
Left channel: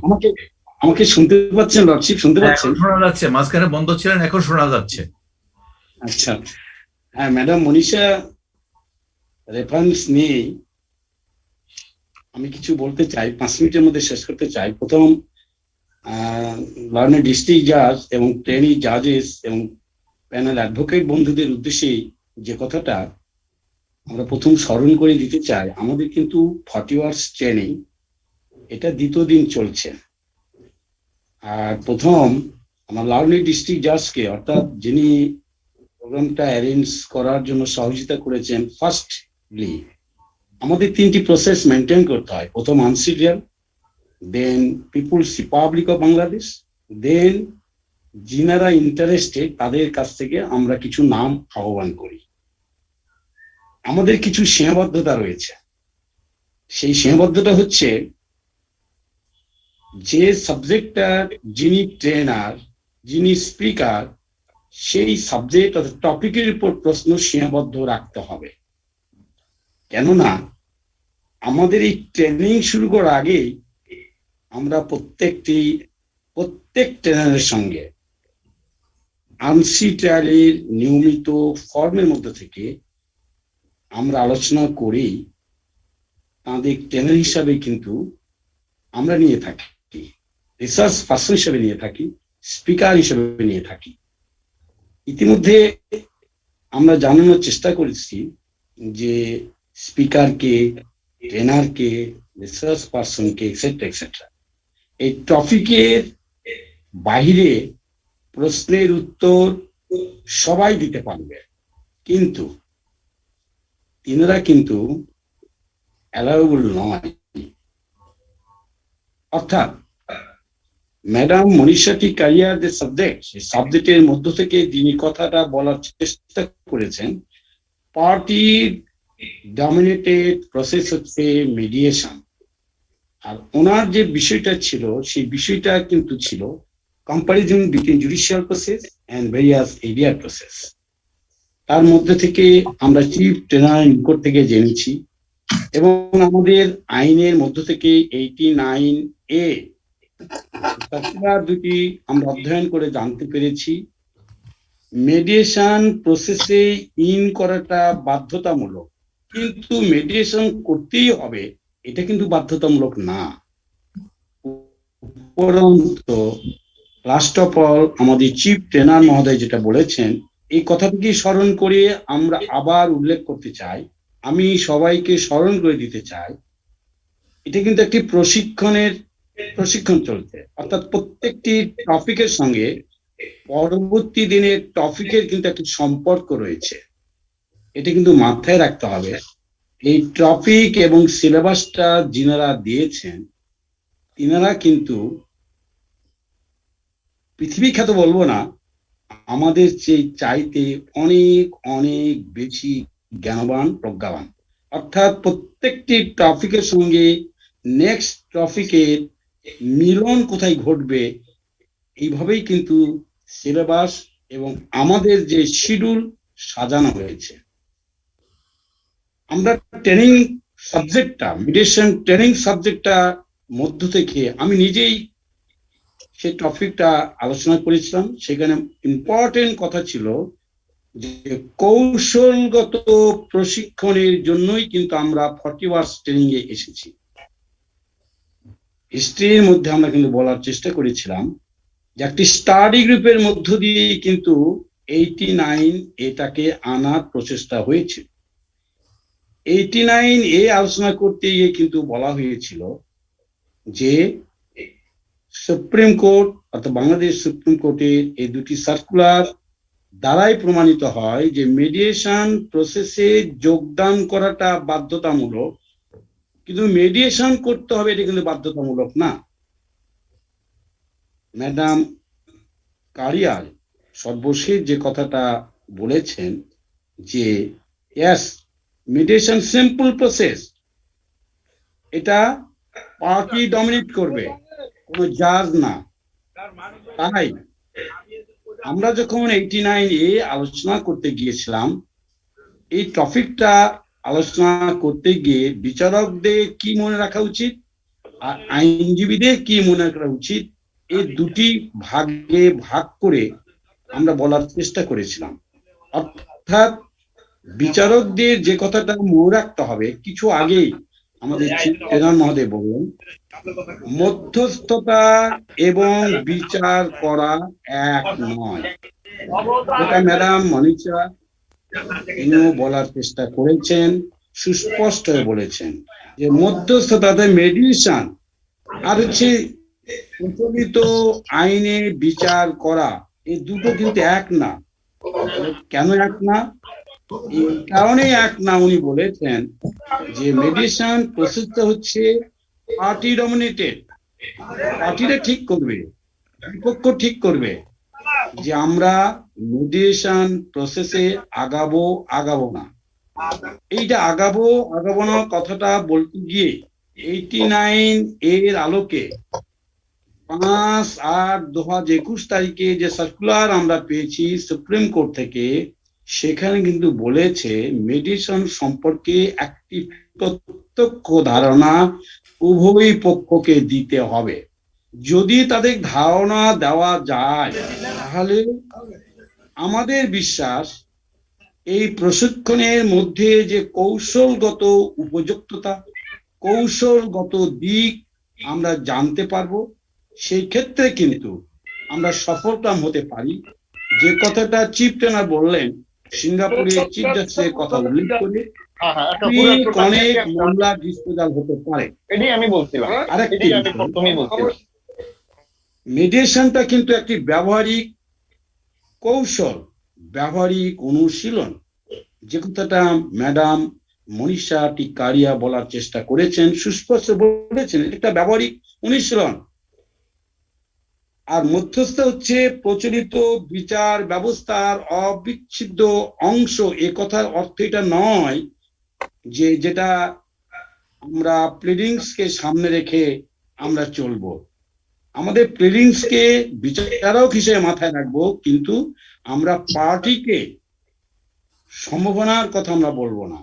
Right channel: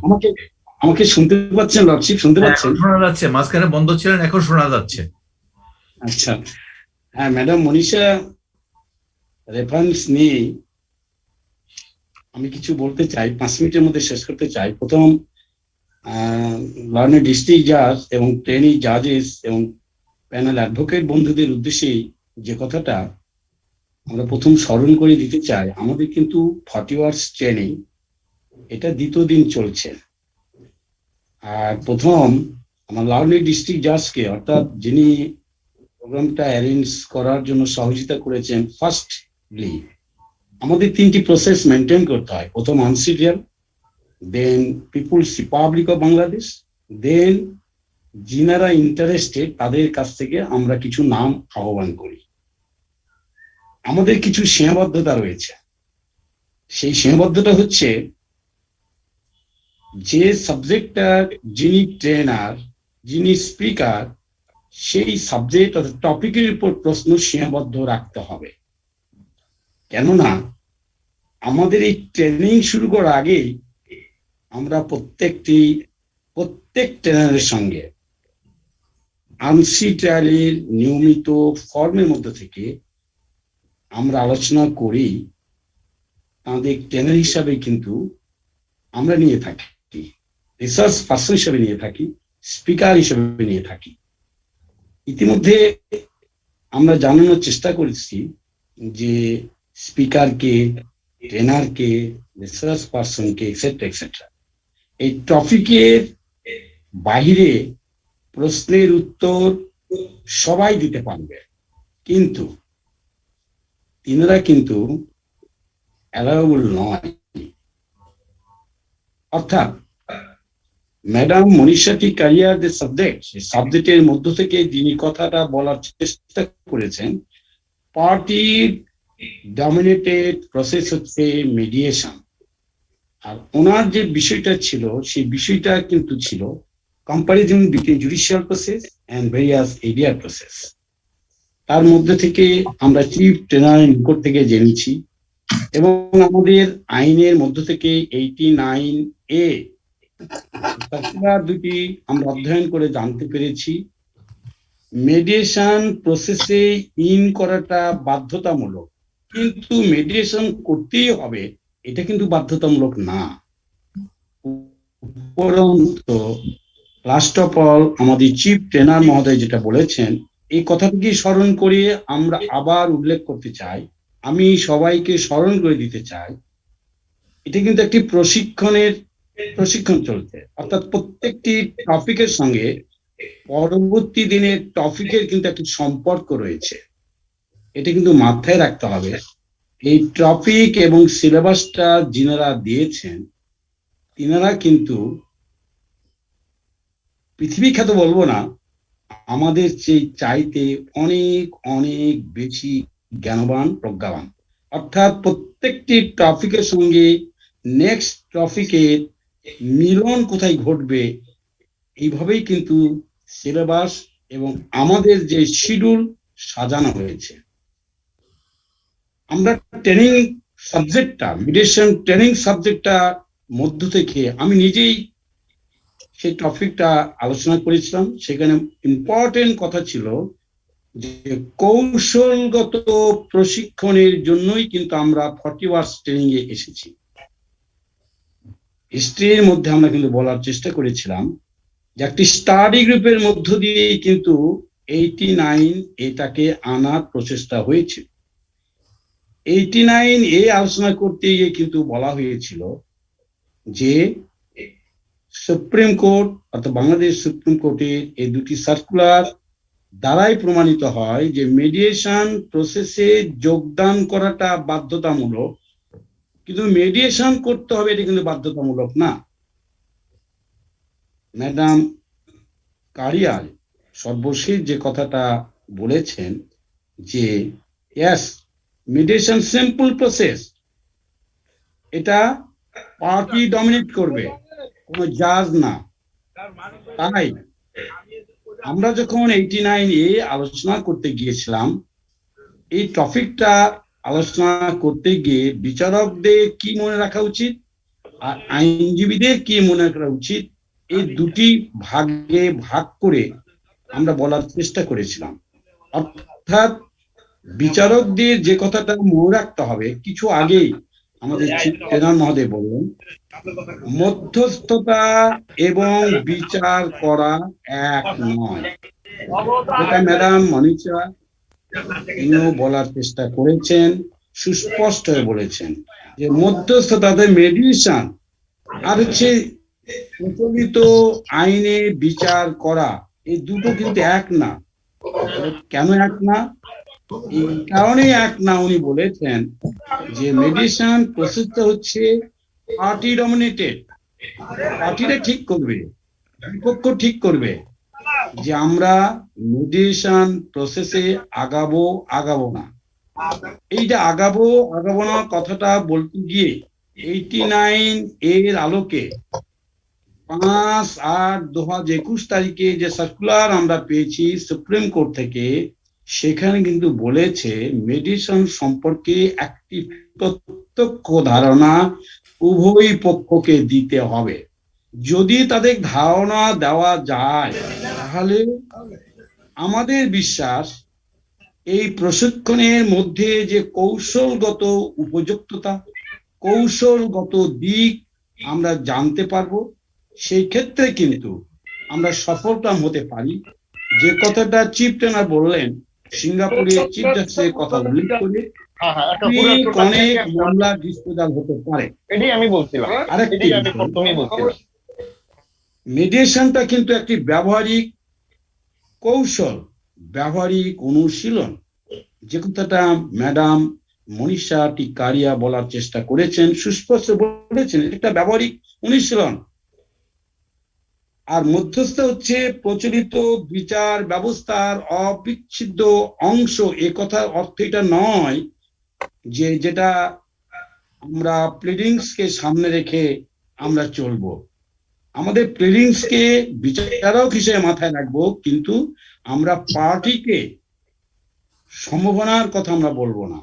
আমাকে শুনতে পাচ্ছেন লর্ডশিপ? শুনতে পাচ্ছেন? শোনা যাচ্ছে, মাঝখানে বন্ধ ছিলেন, এখন শোনা যাচ্ছে। আচ্ছা, হ্যাঁ ম্যাডাম মনীষা রেফারেন্স নিয়ে আমি কিছু বলতে চাই, 5 মিনিটের মধ্যে শেষ করতে চাই। প্রথম, লার্নের ডিস্ট্রিক্ট জাজ এবং ট্রেনি জাজেস এবং প্যানেল অ্যাডভোকেট বন্ধুদের উদ্দেশ্যে যে কথাটা আমরা প্রথম স্মরণ করে দিতে চাই, আমাদের কিন্তু 40 আওয়ার্স ট্রেনিং, এটা দ্বিতীয় দিন চলছে। আর প্রথম আমার লার্নের ডিস্ট্রিক্ট জাজকে, অর্থাৎ যিনি প্রোগ্রামটা অ্যারেঞ্জ করার জন্য সহযোগিতা করেছেন, ফার্স্টলি আমাদের 3টি প্রসেস মেনটেন করতে হয়। প্রথম আনসিডিয়াল, then People's Republic of Bangladesh, then যিনারা ইন্টারেস্টেড তাদের কাছ থেকে আমরা কিছু নাম আহ্বান করি। আমাদের কিছু সীমাবদ্ধতা রয়েছে। সেই সীমাবদ্ধতা হচ্ছে, যে সাবজেক্টটা যিনি ট্রেনার, যিনি স্পিকার, সেই সাবজেক্ট অর্থাৎ টপিকের উপর প্রশ্ন সীমাবদ্ধ রাখতে হবে। কেননা আমাদের এই ট্রেনিং শুরু করার আগে আমরা প্রত্যেক ট্রেনারের সঙ্গে আনসি ট্রায়ালের নিয়মিত ফর্মের মধ্যে থেকে আমরা আলোচনা করি, তাদের ট্রেনার হিসাবে কিন্তু আমরা নিয়ে থাকি, রিসার্চ পার্সন হিসেবে নিয়ে থাকি, স্পিকার হিসেবে নিয়ে থাকি। ইতিমধ্যে আমরা জানানোর চেষ্টা করেছি যে স্পিকারকে, ট্রেনারকে, রিসার্চ পার্সনকে, এক্সেট্রা এক্সেট্রা, এই টপিকের বাইরে প্রশ্নের উত্তর সবাই দিতে পারবে, কিন্তু তিনারা কিন্তু অ্যালাউবল নয়। অর্থাৎ ম্যাডাম মনীষাটি ক্যারিয়ার যে সাবজেক্ট, সেই সাবজেক্টের মধ্য থেকে যিনি কথাটা বলার চেষ্টা করেছেন, পার্টি ডমিনেটেড প্রসেস হচ্ছে মিডিয়েশন। আর ওনার যে বিষয়টা ছিল, সেই বিষয়টা কিন্তু ছিল comparison between judicial process and various area process. তার মধ্যে থেকে আমরা চিফ ট্রেনার নিকট থেকে জেনেছি, এবং আমাদের আইনের মধ্য থেকে 89A দুটি আমরা অধ্যয়ন করে জানতে পেরেছি, মেডিয়েশন প্রসেসে ইন করাটা বাধ্যতামূলক, কিন্তু মেডিয়েশন করতেই হবে এটা কিন্তু বাধ্যতামূলক না। উপরন্তু লাস্ট অফ অল আমাদের চিফ ট্রেনার মহোদয় যেটা বলেছেন, এই কথাটিকে স্মরণ করে আমরা আবার উল্লেখ করতে চাই, আমি সবাইকে স্মরণ করে দিতে চাই, এটা কিন্তু একটি প্রশিক্ষণ চলছে। অর্থাৎ প্রত্যেকটি টপিকের সঙ্গে পরবর্তী দিনের টপিকের কিন্তু একটি সম্পর্ক রয়েছে, এটা কিন্তু মাথায় রাখতে হবে। এই টপিক এবং সিলেবাসটা যিনারা দিয়েছেন, তিনারা কিন্তু পৃথিবী খ্যাত বলবো না, আমাদের চেয়ে চাইতে অনেক অনেক বেশি জ্ঞানবান, প্রজ্ঞাবান। অর্থাৎ প্রত্যেকটি টপিকের সঙ্গে নেক্সট টপিকের মিলন কোথায় ঘটবে, এইভাবেই কিন্তু সিলেবাস এবং আমাদের যে শিডিউল সাজানো হয়েছে। আমরা ট্রেনিং সাবজেক্টটা, মিডিয়েশন ট্রেনিং সাবজেক্টটা মধ্য থেকে আমি নিজেই সেই টপিকটা আলোচনা করেছিলাম। সেখানে ইম্পর্টেন্ট কথা ছিল যে কৌশলগত প্রশিক্ষণের জন্যই কিন্তু আমরা 40 আওয়ার্স ট্রেনিং এ এসেছি। হিস্ট্রির মধ্যে আমরা কিন্তু বলার চেষ্টা করেছিলাম যে একটি স্টাডি গ্রুপের মধ্য দিয়ে কিন্তু 89 এটাকে আনার প্রচেষ্টা হয়েছিল। 89 এ আলোচনা করতে গিয়ে কিন্তু বলা হয়েছিল যে সুপ্রিম কোর্ট অর্থাৎ বাংলাদেশ সুপ্রিম কোর্টের এই দুটি সার্কুলার দ্বারাই প্রমাণিত হয় যে মিডিয়েশন প্রসেসে যোগদান করাটা বাধ্যতামূলক, কিন্তু মিডিয়েশন করতে হবে এটা কিন্তু বাধ্যতামূলক না। ম্যাডাম কারিয়াল সর্বশেষ যে কথাটা বলেছেন যে ইয়েস মিডিয়েশন সিম্পল প্রসেস, এটা পার্টি ডমিনেট করবে, কোনো জাজ না। তাই আমরা যখন 89 এ আলোচনা করতে গিয়েছিলাম, এই টপিকটা আলোচনা করতে গিয়ে বিচারকদের কি মনে রাখা উচিত আর আইনজীবীদের কি মনে রাখা উচিত, এই দুটি ভাগে ভাগ করে আমরা বলার চেষ্টা করেছিলাম। অর্থাৎ বিচারকদের যে কথাটা মনে রাখতে হবে, কিছু আগেই আমাদের চিফ জেনারেল মহোদয় বললেন মধ্যস্থতা এবং বিচার করা এক নয়। যেটা ম্যাডাম মনীষা তিনিও বলার চেষ্টা করেছেন, সুস্পষ্ট হয়ে বলেছেন যে মধ্যস্থতাতে মিডিয়েশন আর হচ্ছে প্রচলিত আইনে বিচার করা, এই দুটো কিন্তু এক না। কেন এক না? এই কারণেই এক না উনি বলেছেন যে মিডিয়েশন প্রসেসটা হচ্ছে পার্টি ডমিনেটেড। পার্টিরা ঠিক করবে, বিপক্ষ ঠিক করবে যে আমরা মিডিয়েশন প্রসেসে আগাবো না। এইটা আগাবো না কথাটা বলতে গিয়ে 89 এর আলোকে 5/8/2021 তারিখে যে সার্কুলার আমরা পেয়েছি সুপ্রিম কোর্ট থেকে, সেখানে কিন্তু বলেছে মিডিয়েশন সম্পর্কে একটি প্রত্যক্ষ ধারণা উভয় পক্ষকে দিতে হবে। যদি তাদের ধারণা দেওয়া যায় তাহলে আমাদের বিশ্বাস এই প্রশিক্ষণের মধ্যে যে কৌশলগত উপযুক্ততা, কৌশলগত দিক আমরা জানতে পারবো, সেই ক্ষেত্রে কিন্তু আমরা সফলকাম হতে পারি। যে কথাটা চিফ ট্রেনার বললেন, সিঙ্গাপুরের চিফ জাস্টিসের কথা উল্লেখ করে অনেক মামলা ডিসপোজাল হতে পারে। আরেকটি মিডিয়েশনটা কিন্তু একটি ব্যবহারিক কৌশল, ব্যবহারিক অনুশীলন। যে কথাটা ম্যাডাম মনীষা টিকারিয়া বলার চেষ্টা করেছেন, সুস্পষ্ট বলেছেন, এটা ব্যবহারিক অনুশীলন। আর মধ্যস্থ হচ্ছে প্রচলিত বিচার ব্যবস্থার অবিচ্ছেদ্য অংশ। এ কথার অর্থ এটা নয় যে যেটা আমরা প্লিডিংসকে সামনে রেখে আমরা চলবো। আমাদের প্লিডিংসকে বিচারক হিসেবে মাথায় রাখবো, কিন্তু আমরা পার্টিকে সম্ভাবনার কথা আমরা বলবো না,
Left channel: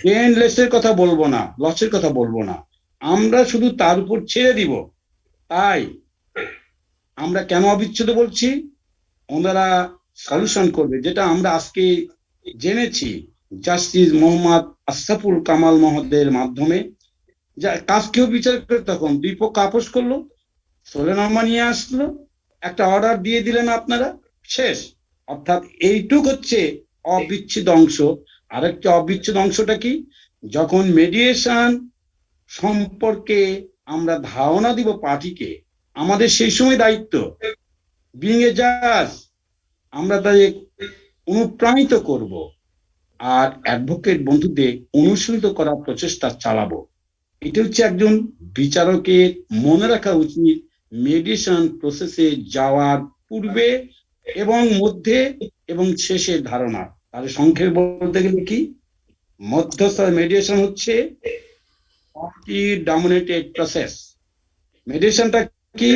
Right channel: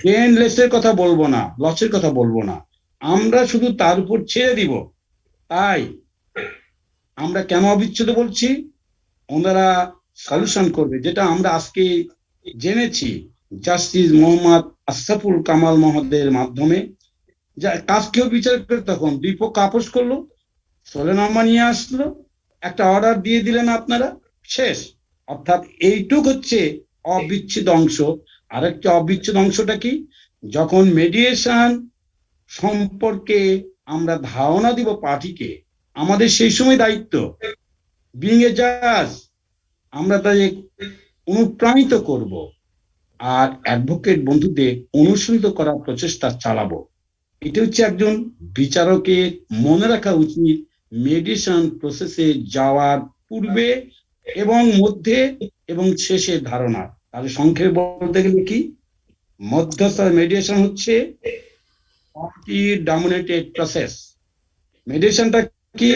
গেইন লেসের কথা বলবো না, লসের কথা বলবো না, আমরা শুধু তার উপর ছেড়ে দিব। তাই আমরা কেন অবিচ্ছেদ বলছি, ওনারা সলিউশন করবে। যেটা আমরা আজকে জেনেছি জাস্টিস মোহাম্মদ আশরাফুল কামাল মহোদয়ের মাধ্যমে, যা কাজকেও বিচার করে তখন দুই পক্ষ আপোষ করলো, সোলেনামা নিয়ে আসলো, একটা অর্ডার দিয়ে দিলেন আপনারা, শেষ। অর্থাৎ এইটুক হচ্ছে অবিচ্ছেদ অংশ। আরেকটা অবিচ্ছেদ অংশটা কি, যখন মিডিয়েশন সম্পর্কে আমরা ধারণা দিব পার্টিকে, আমাদের সেই সময় দায়িত্ব বিং এ জাজ, আমরা তাদের অনুপ্রাণিত করব আর অ্যাডভোকেট বন্ধুদের অনুসৃত করার প্রচেষ্টা চালাবো। এটা হচ্ছে একজন বিচারকের মনে রাখা উচিত মিডিয়েশন প্রসেসে যাওয়ার পূর্বে এবং মধ্যে এবং শেষের ধারণা। তাহলে সংক্ষেপে বলতে গেলে কি, মধ্যস্থ মিডিয়েশন হচ্ছে পার্টি ডমিনেটেড প্রসেস। মিডিয়েশনটা কি,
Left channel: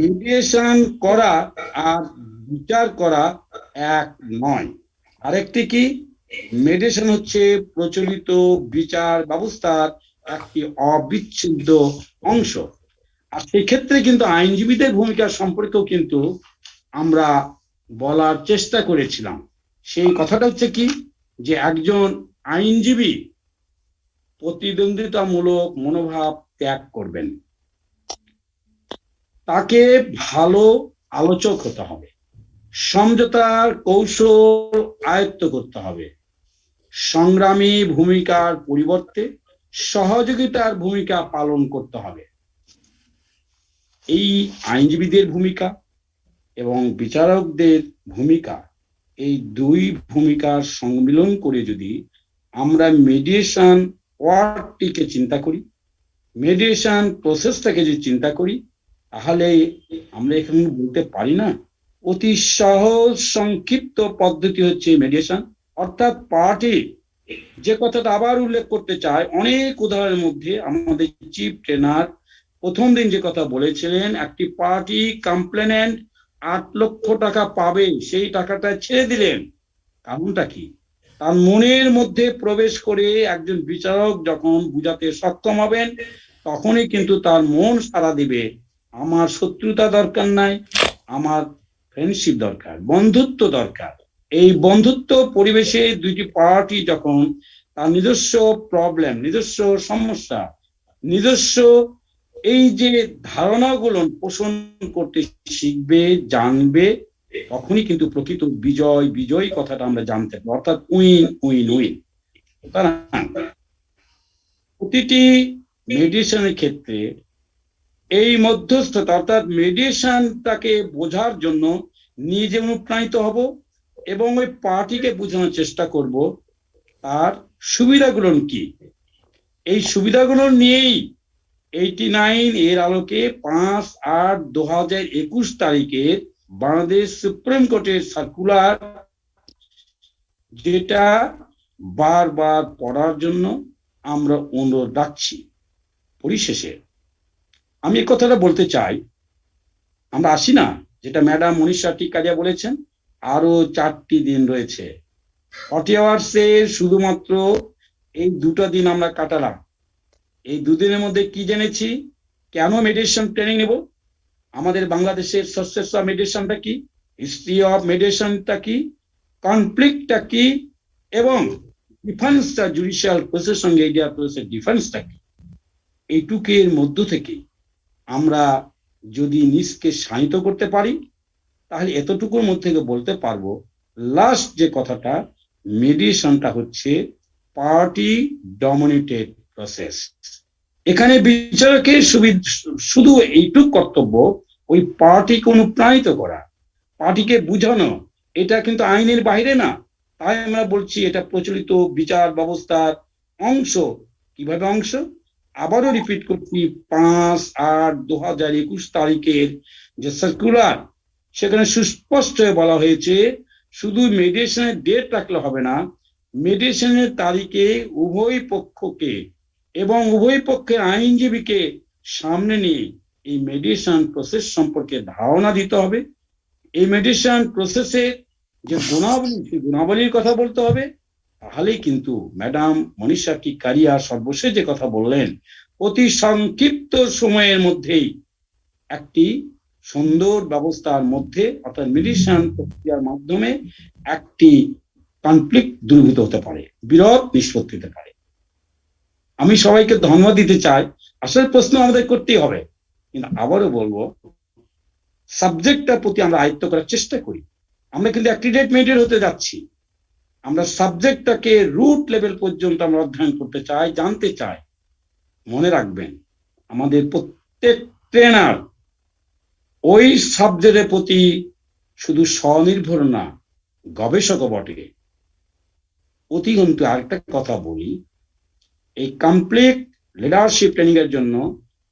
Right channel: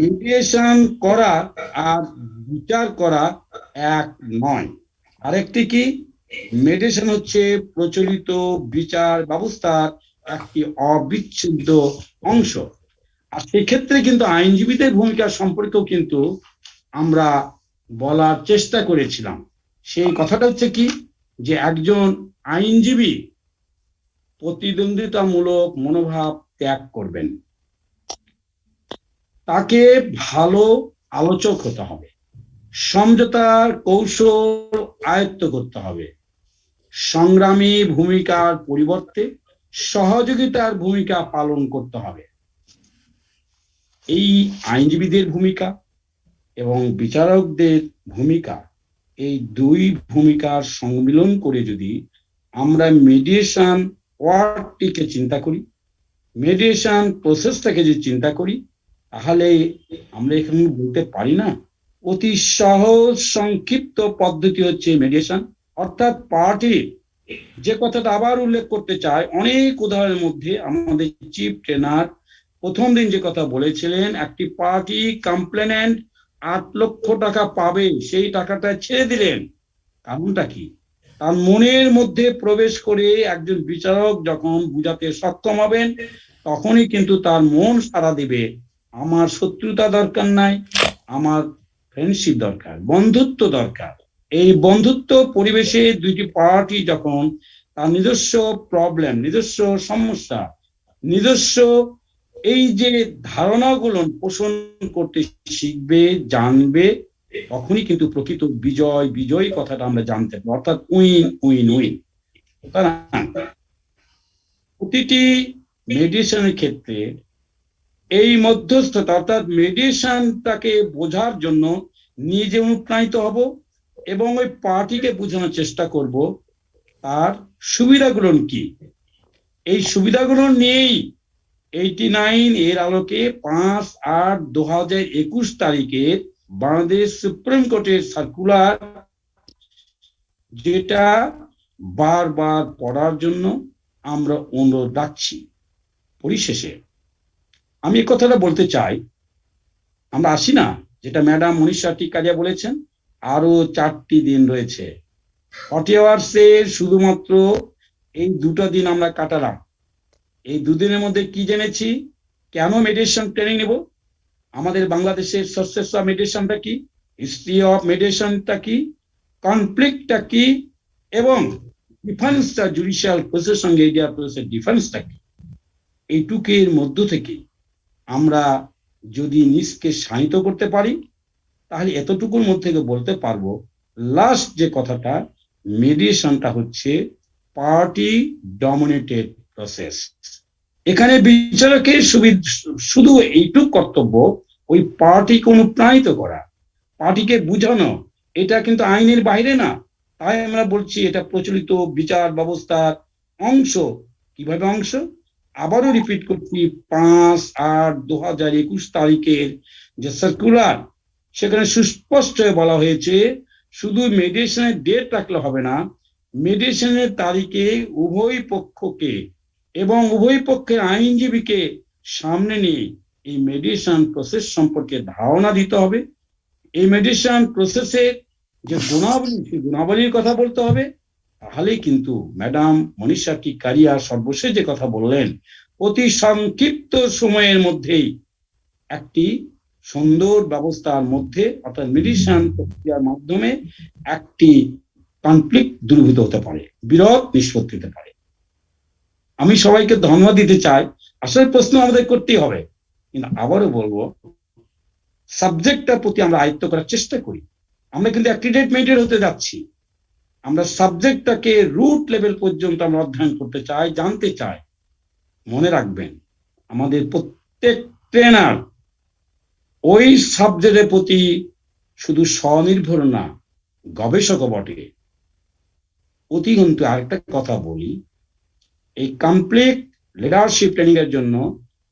মিডিয়েশন করা আর বিচার করা এক নয়। আরেকটি কি, মিডিয়েশন হচ্ছে প্রচলিত বিচার ব্যবস্থার একটি অবিচ্ছেদ্য অংশ। আর সেক্ষেত্রে কিন্তু আইনজীবীদের ভূমিকা সম্পর্কেও কিন্তু আমরা বলার চেষ্টা করেছিলাম। সেই কথাটা হচ্ছে কি, যে একজন আইনজীবী প্রতিদ্বন্দ্বিতামূলক মনোভাব ত্যাগ করবেন, তাকে ভালো আলোচক হতে হবে, সমঝোতার কৌশল আয়ত্ত করতে হবে, সংগ্রামী ভূমিকার পরিবর্তে সহযোগিতার ভূমিকা পালন করতে হবে। এই আইনজীবীদের ভূমিকা এবং বিচারকদের ভূমিকা, এই দুই ভূমিকার সম্মিলন করে যদি আমরা মিডিয়েশন ওয়ার্ডটিকে চিন্তা করি, মিডিয়েশন প্রসেসটাকে যদি চিন্তা করি, তাহলে আমরা এখানে বলতে পারি না অতি সহজ সংক্ষিপ্ত পদ্ধতি হচ্ছে মিডিয়েশন। অর্থাৎ পার্টি, যে কথাটা আবার উল্লেখ করতে চাই, অনেক উদাহরণের মধ্যে আমাদের চিফ ট্রেনার প্রথম দিন যে কথা বলেছিলেন, একটি পার্টি কমপ্লেনেন্ট 8 লক্ষ টাকা পাবে, সেই টাকাটা ছেড়ে দিলেন। কারণটা কি? তার মনের মধ্যে প্রবেশ করে একজন বিচারক যখন বুঝাতে সক্ষম হবেন, তখনই কিন্তু তার মন সাড়া দিবে, আমার শত্রুতা দরকার নাই, আমার ফ্রেন্ডশিপ দরকার, বন্ধুত্ব দরকার। এই বন্ধুত্ব পরিবেশে দুইটি পার্টি যখন তার নিজস্ব প্রবলেম, নিজস্ব সমস্যা, নিজস্ব এই যে ধারণাগুলো পোষণ করতে শিখবে, জানবে, তখনই কিন্তু প্রকৃত বিজয়, বিজয়ী কথাটা আমরা জানতে পারবো, অর্থাৎ উইন উইন উইন। প্রতিটি মেডিয়েশনের ক্ষেত্রে এই মধ্যস্থতা, অর্থাৎ মেডিয়েশনটাকে বোঝার জন্য নিজে অনুপ্রাণিত হব এবং ওই পার্টিকে বোঝানোর চেষ্টা করব তার সুবিধাগুলো কি। এই সুবিধাগুলো নিয়েই 89 এর আলোকে 5/8/2021 তারিখের বাংলাদেশ সুপ্রিম কোর্টের সার্কুলার, যেটা বারবার পড়ার জন্য আমরা অনুরোধ রাখছি। পরিশেষে আমি এই কথাটা বলতে চাই, আমরা আসি না, যেটা ম্যাডাম মনীষা টিকারিয়া বলেছেন, আরো 4টি দিন রয়েছে। 40 আওয়ার্সে শুধুমাত্র এই 2টা দিন আমরা কাটালাম। এই 2 দিনের মধ্যে কি জেনেছি? কেন মেডিয়েশন ট্রেনিং নেব, আমাদের বাংলাদেশের সোর্সেস অফ মেডিয়েশনটা কি, হিস্ট্রি অফ মেডিয়েশনটা কি, কনফ্লিক্টটা কি, এবং ডিফেন্সটা, জুডিশিয়াল প্রসেসের সঙ্গে ইন্ডিয়া প্রসেসের ডিফেন্সটা কি। এইটুকের মধ্য থেকে আমরা যদি নিজকে শানিত করতে পারি, তাহলে এতটুকুর মধ্যে বলতে পারবো, লাস্ট যে কথাটা, মেডিয়েশনটা হচ্ছে পার্টি ডমিনেটেড প্রসেস। এখানে বিচারকের শুধু এইটুক কর্তব্য, ওই পার্টিকে অনুপ্রাণিত করা, পার্টিকে বুঝানো। এটা কিন্তু আইনের বাইরে না, তাই আমরা বলছি এটা প্রচলিত বিচার ব্যবস্থার অংশ। কিভাবে অংশ? আবারও রিপিট করছি, 5/8/2021 তারিখের যে সার্কুলার, সেখানে সুস্পষ্ট বলা হয়েছে শুধু মেডিয়েশনের ডেট রাখলে হবে না, মেডিয়েশনের তারিখে উভয় পক্ষকে এবং উভয় পক্ষের আইনজীবীকে সামনে নিয়ে এই মেডিয়েশন প্রসেস সম্পর্কে ধারণা দিতে হবে। এই মেডিয়েশন প্রসেসের যে গুণাবলী, সেই গুণাবলীর কথা বলতে হবে। তাহলেই কিন্তু ম্যাডাম মনীষা টিকারিয়া সর্বশেষ যে কথা বললেন, অতি সংক্ষিপ্ত সময়ের মধ্যেই একটি সুন্দর ব্যবস্থার মধ্যে, অর্থাৎ মেডিয়েশন প্রক্রিয়ার মাধ্যমে একটি কনফ্লিক্ট দূরীভূত হতে পারে, বিরোধ নিষ্পত্তি হতে পারে। আমি সবাইকে ধন্যবাদ দিতে চাই। আসলে প্রশ্ন আমাদের করতেই হবে, কিন্তু আবারও বলবো, সাবজেক্টটার প্রতি আমরা আয়ত্ত করার চেষ্টা করি। আমরা কিন্তু অ্যাক্টিডেট মেডিয়েটর হতে যাচ্ছি, আমরা সাবজেক্টটাকে রুট লেভেল পর্যন্ত আমরা অধ্যয়ন করতে চাই, জানতে চাই। মনে রাখবেন, আমাদের প্রত্যেক ট্রেনার ওই সাবজেক্টের প্রতি শুধু স্বনির্ভর না, গবেষকও বটে। অতিগন্ত আরেকটা কথা বলি, এই কমপ্লিট লিডারশিপ ট্রেনিং এর জন্য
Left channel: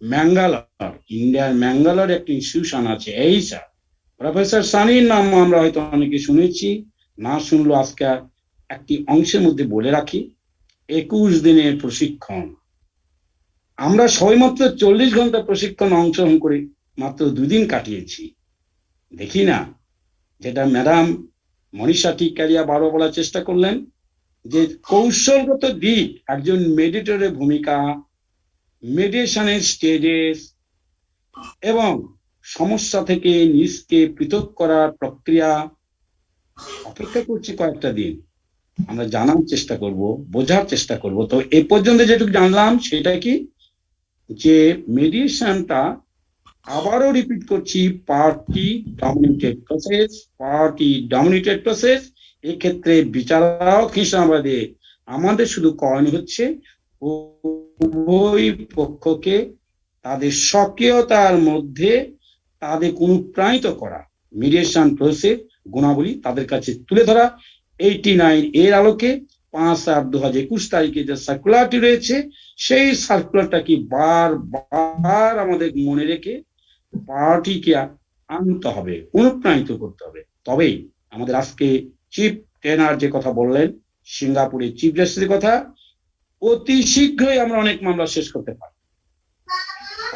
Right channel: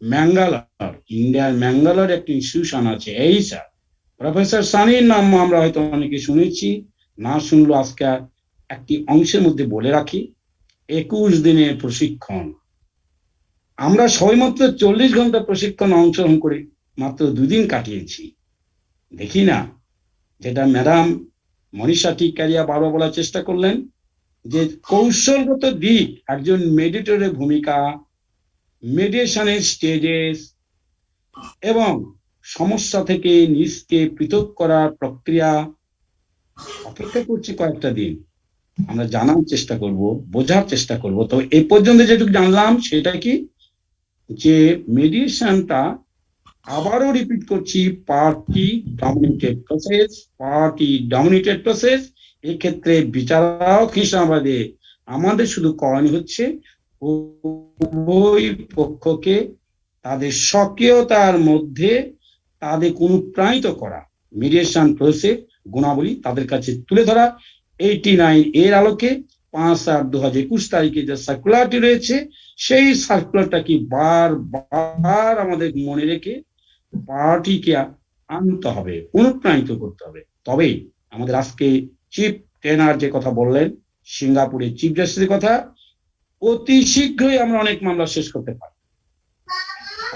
ম্যাঙ্গালোর, ইন্ডিয়ার ম্যাঙ্গালোর একটি ইনস্টিটিউশন আছে, এই স্যার প্রফেসর সানির নাম আমরা হয়তো অনেকে শুনেছি, না শুনলো আজকে একটি অংশের মধ্যে বলে রাখি। 21 দিনের প্রশিক্ষণ, আমরা সবেমাত্র 40 ঘন্টা প্রশিক্ষণ অংশগ্রহণ করি, মাত্র 2 দিন কাটিয়েছি। দেখি না, যেটা ম্যাডাম মনীষা টিকারিয়া বারবার বলার চেষ্টা করলেন, যে কৌশলগত দিক, একজন মেডিয়েটরের ভূমিকা, মেডিয়েশনের স্টেজেস, এবং সমস্যা থেকে নিজকে পৃথক করার প্রক্রিয়া অপেক্ষা করছি কয়েকটা দিন, আমরা জানার চেষ্টা করব, বোঝার চেষ্টা করব। তো এ পর্যন্ত যেটুকু জানলাম সেটা কি, যে মেডিয়েশনটা, আবারও রিপিট করছি, পার্টি ডমিনেটেড প্রসেস। এক্ষেত্রে বিচারক হিসাবে আমাদের শুধু করণীয় হচ্ছে উভয় পক্ষকে তাদের স্বকীয়তার মধ্যে তাদের অনুপ্রাণিত করা, মিডিয়েশন প্রসেস গুণাবলী তাদের কাছে তুলে ধরা। 89 এর আলোকে 5/8/2021 তারিখে যে সার্কুলারটি রয়েছে, সেই সার্কুলারটাকে বারবার আমাদের মনে রেখে পার্টিকে আনতে হবে, অনুপ্রাণিত করতে হবে। তবেই আমাদের আজকে চিফ ট্রেনার যে কথা বললেন, সিঙ্গাপুরের চিফ জাস্টিসের কথা, অতি শীঘ্রই আমরা অনেক মামলা শেষ করতে পারি।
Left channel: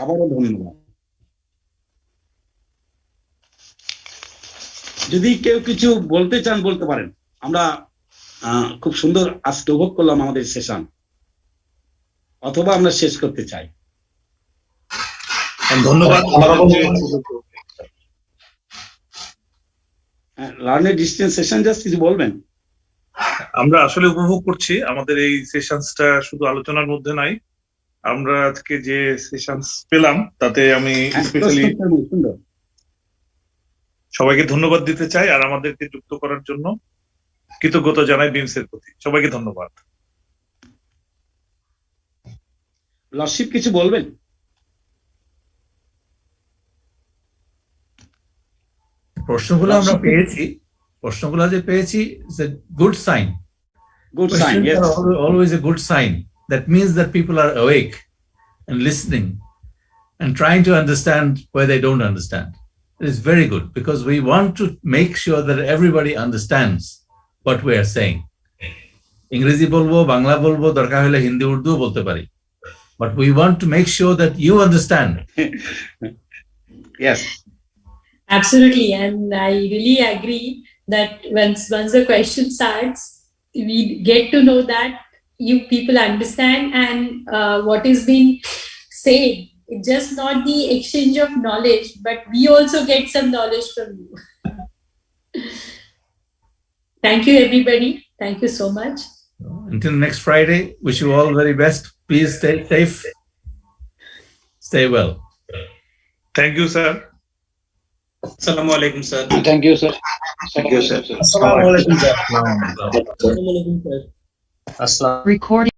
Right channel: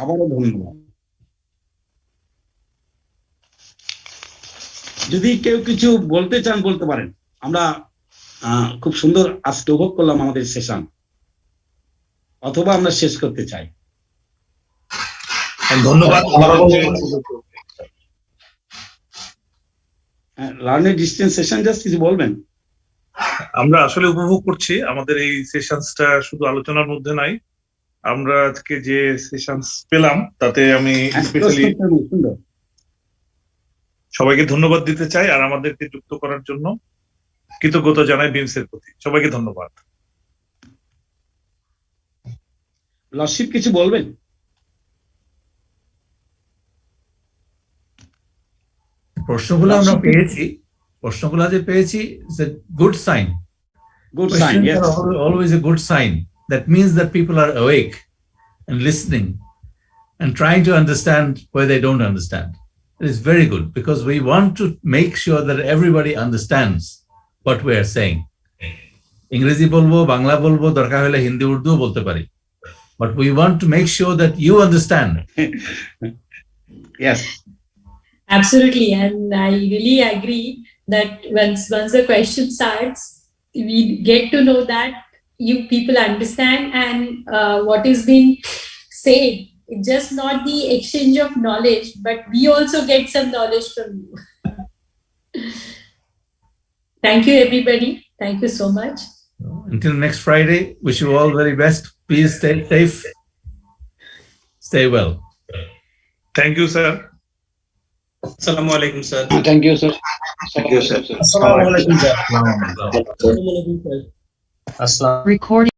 আবারও ধন্যবাদ। যদি কেউ কিছু বলতে চান বলতে পারেন। আমরা খুব সুন্দর আজকে উপভোগ করলাম আমাদের সেশন, অথবা আমরা শেষ করতে চাই। ধন্যবাদ। লার্নের ডিস্টেন্স সেশন জাস্ট কিছু বলবেন? আমরা আসলে উপভোগ করছি আমাদের এই সেশনসটা, শুধু আলোচনার মধ্যে নাই, আমরা আজকে যে সেশনস পেলাম তাতে আমি স্পেশালি সবাইকে ধন্যবাদ দিতে চাই, আর আমাদেরকে যুক্ত করার জন্য কৃতজ্ঞতা জানাই বিমস এর প্রতি। সবাইকে ধন্যবাদ। লর্ডশিপ কিছু বলবেন? প্রশ্নগুলো আমরা পেয়েছি, প্রশ্নগুলো যে পেয়েছি, it's a good sign. Good sign, yes. Questions are always a good sign. That means that people are awake and listening and trying to understand where they don't understand. It is very good, because we want to make sure that everybody understands what we are saying. English bolbo, Bangla bolbo, darkar hole Hindi Urdu bolte pari. But we want to make sure that you understand. Yes. Absolutely, and I really agree that once the question starts, we get to know that you people understand, and what is being said. It's just not the exchange of knowledge, but we also get some knowledge from you. Thank you, everybody. Thank you so much. Until next Friday, wish you all very best. Please stay safe. Stay well. Thank you, sir. Assalamu alaikum, sir. Thank you, sir. Thank you, sir. Assalamu alaikum, sir. Recording.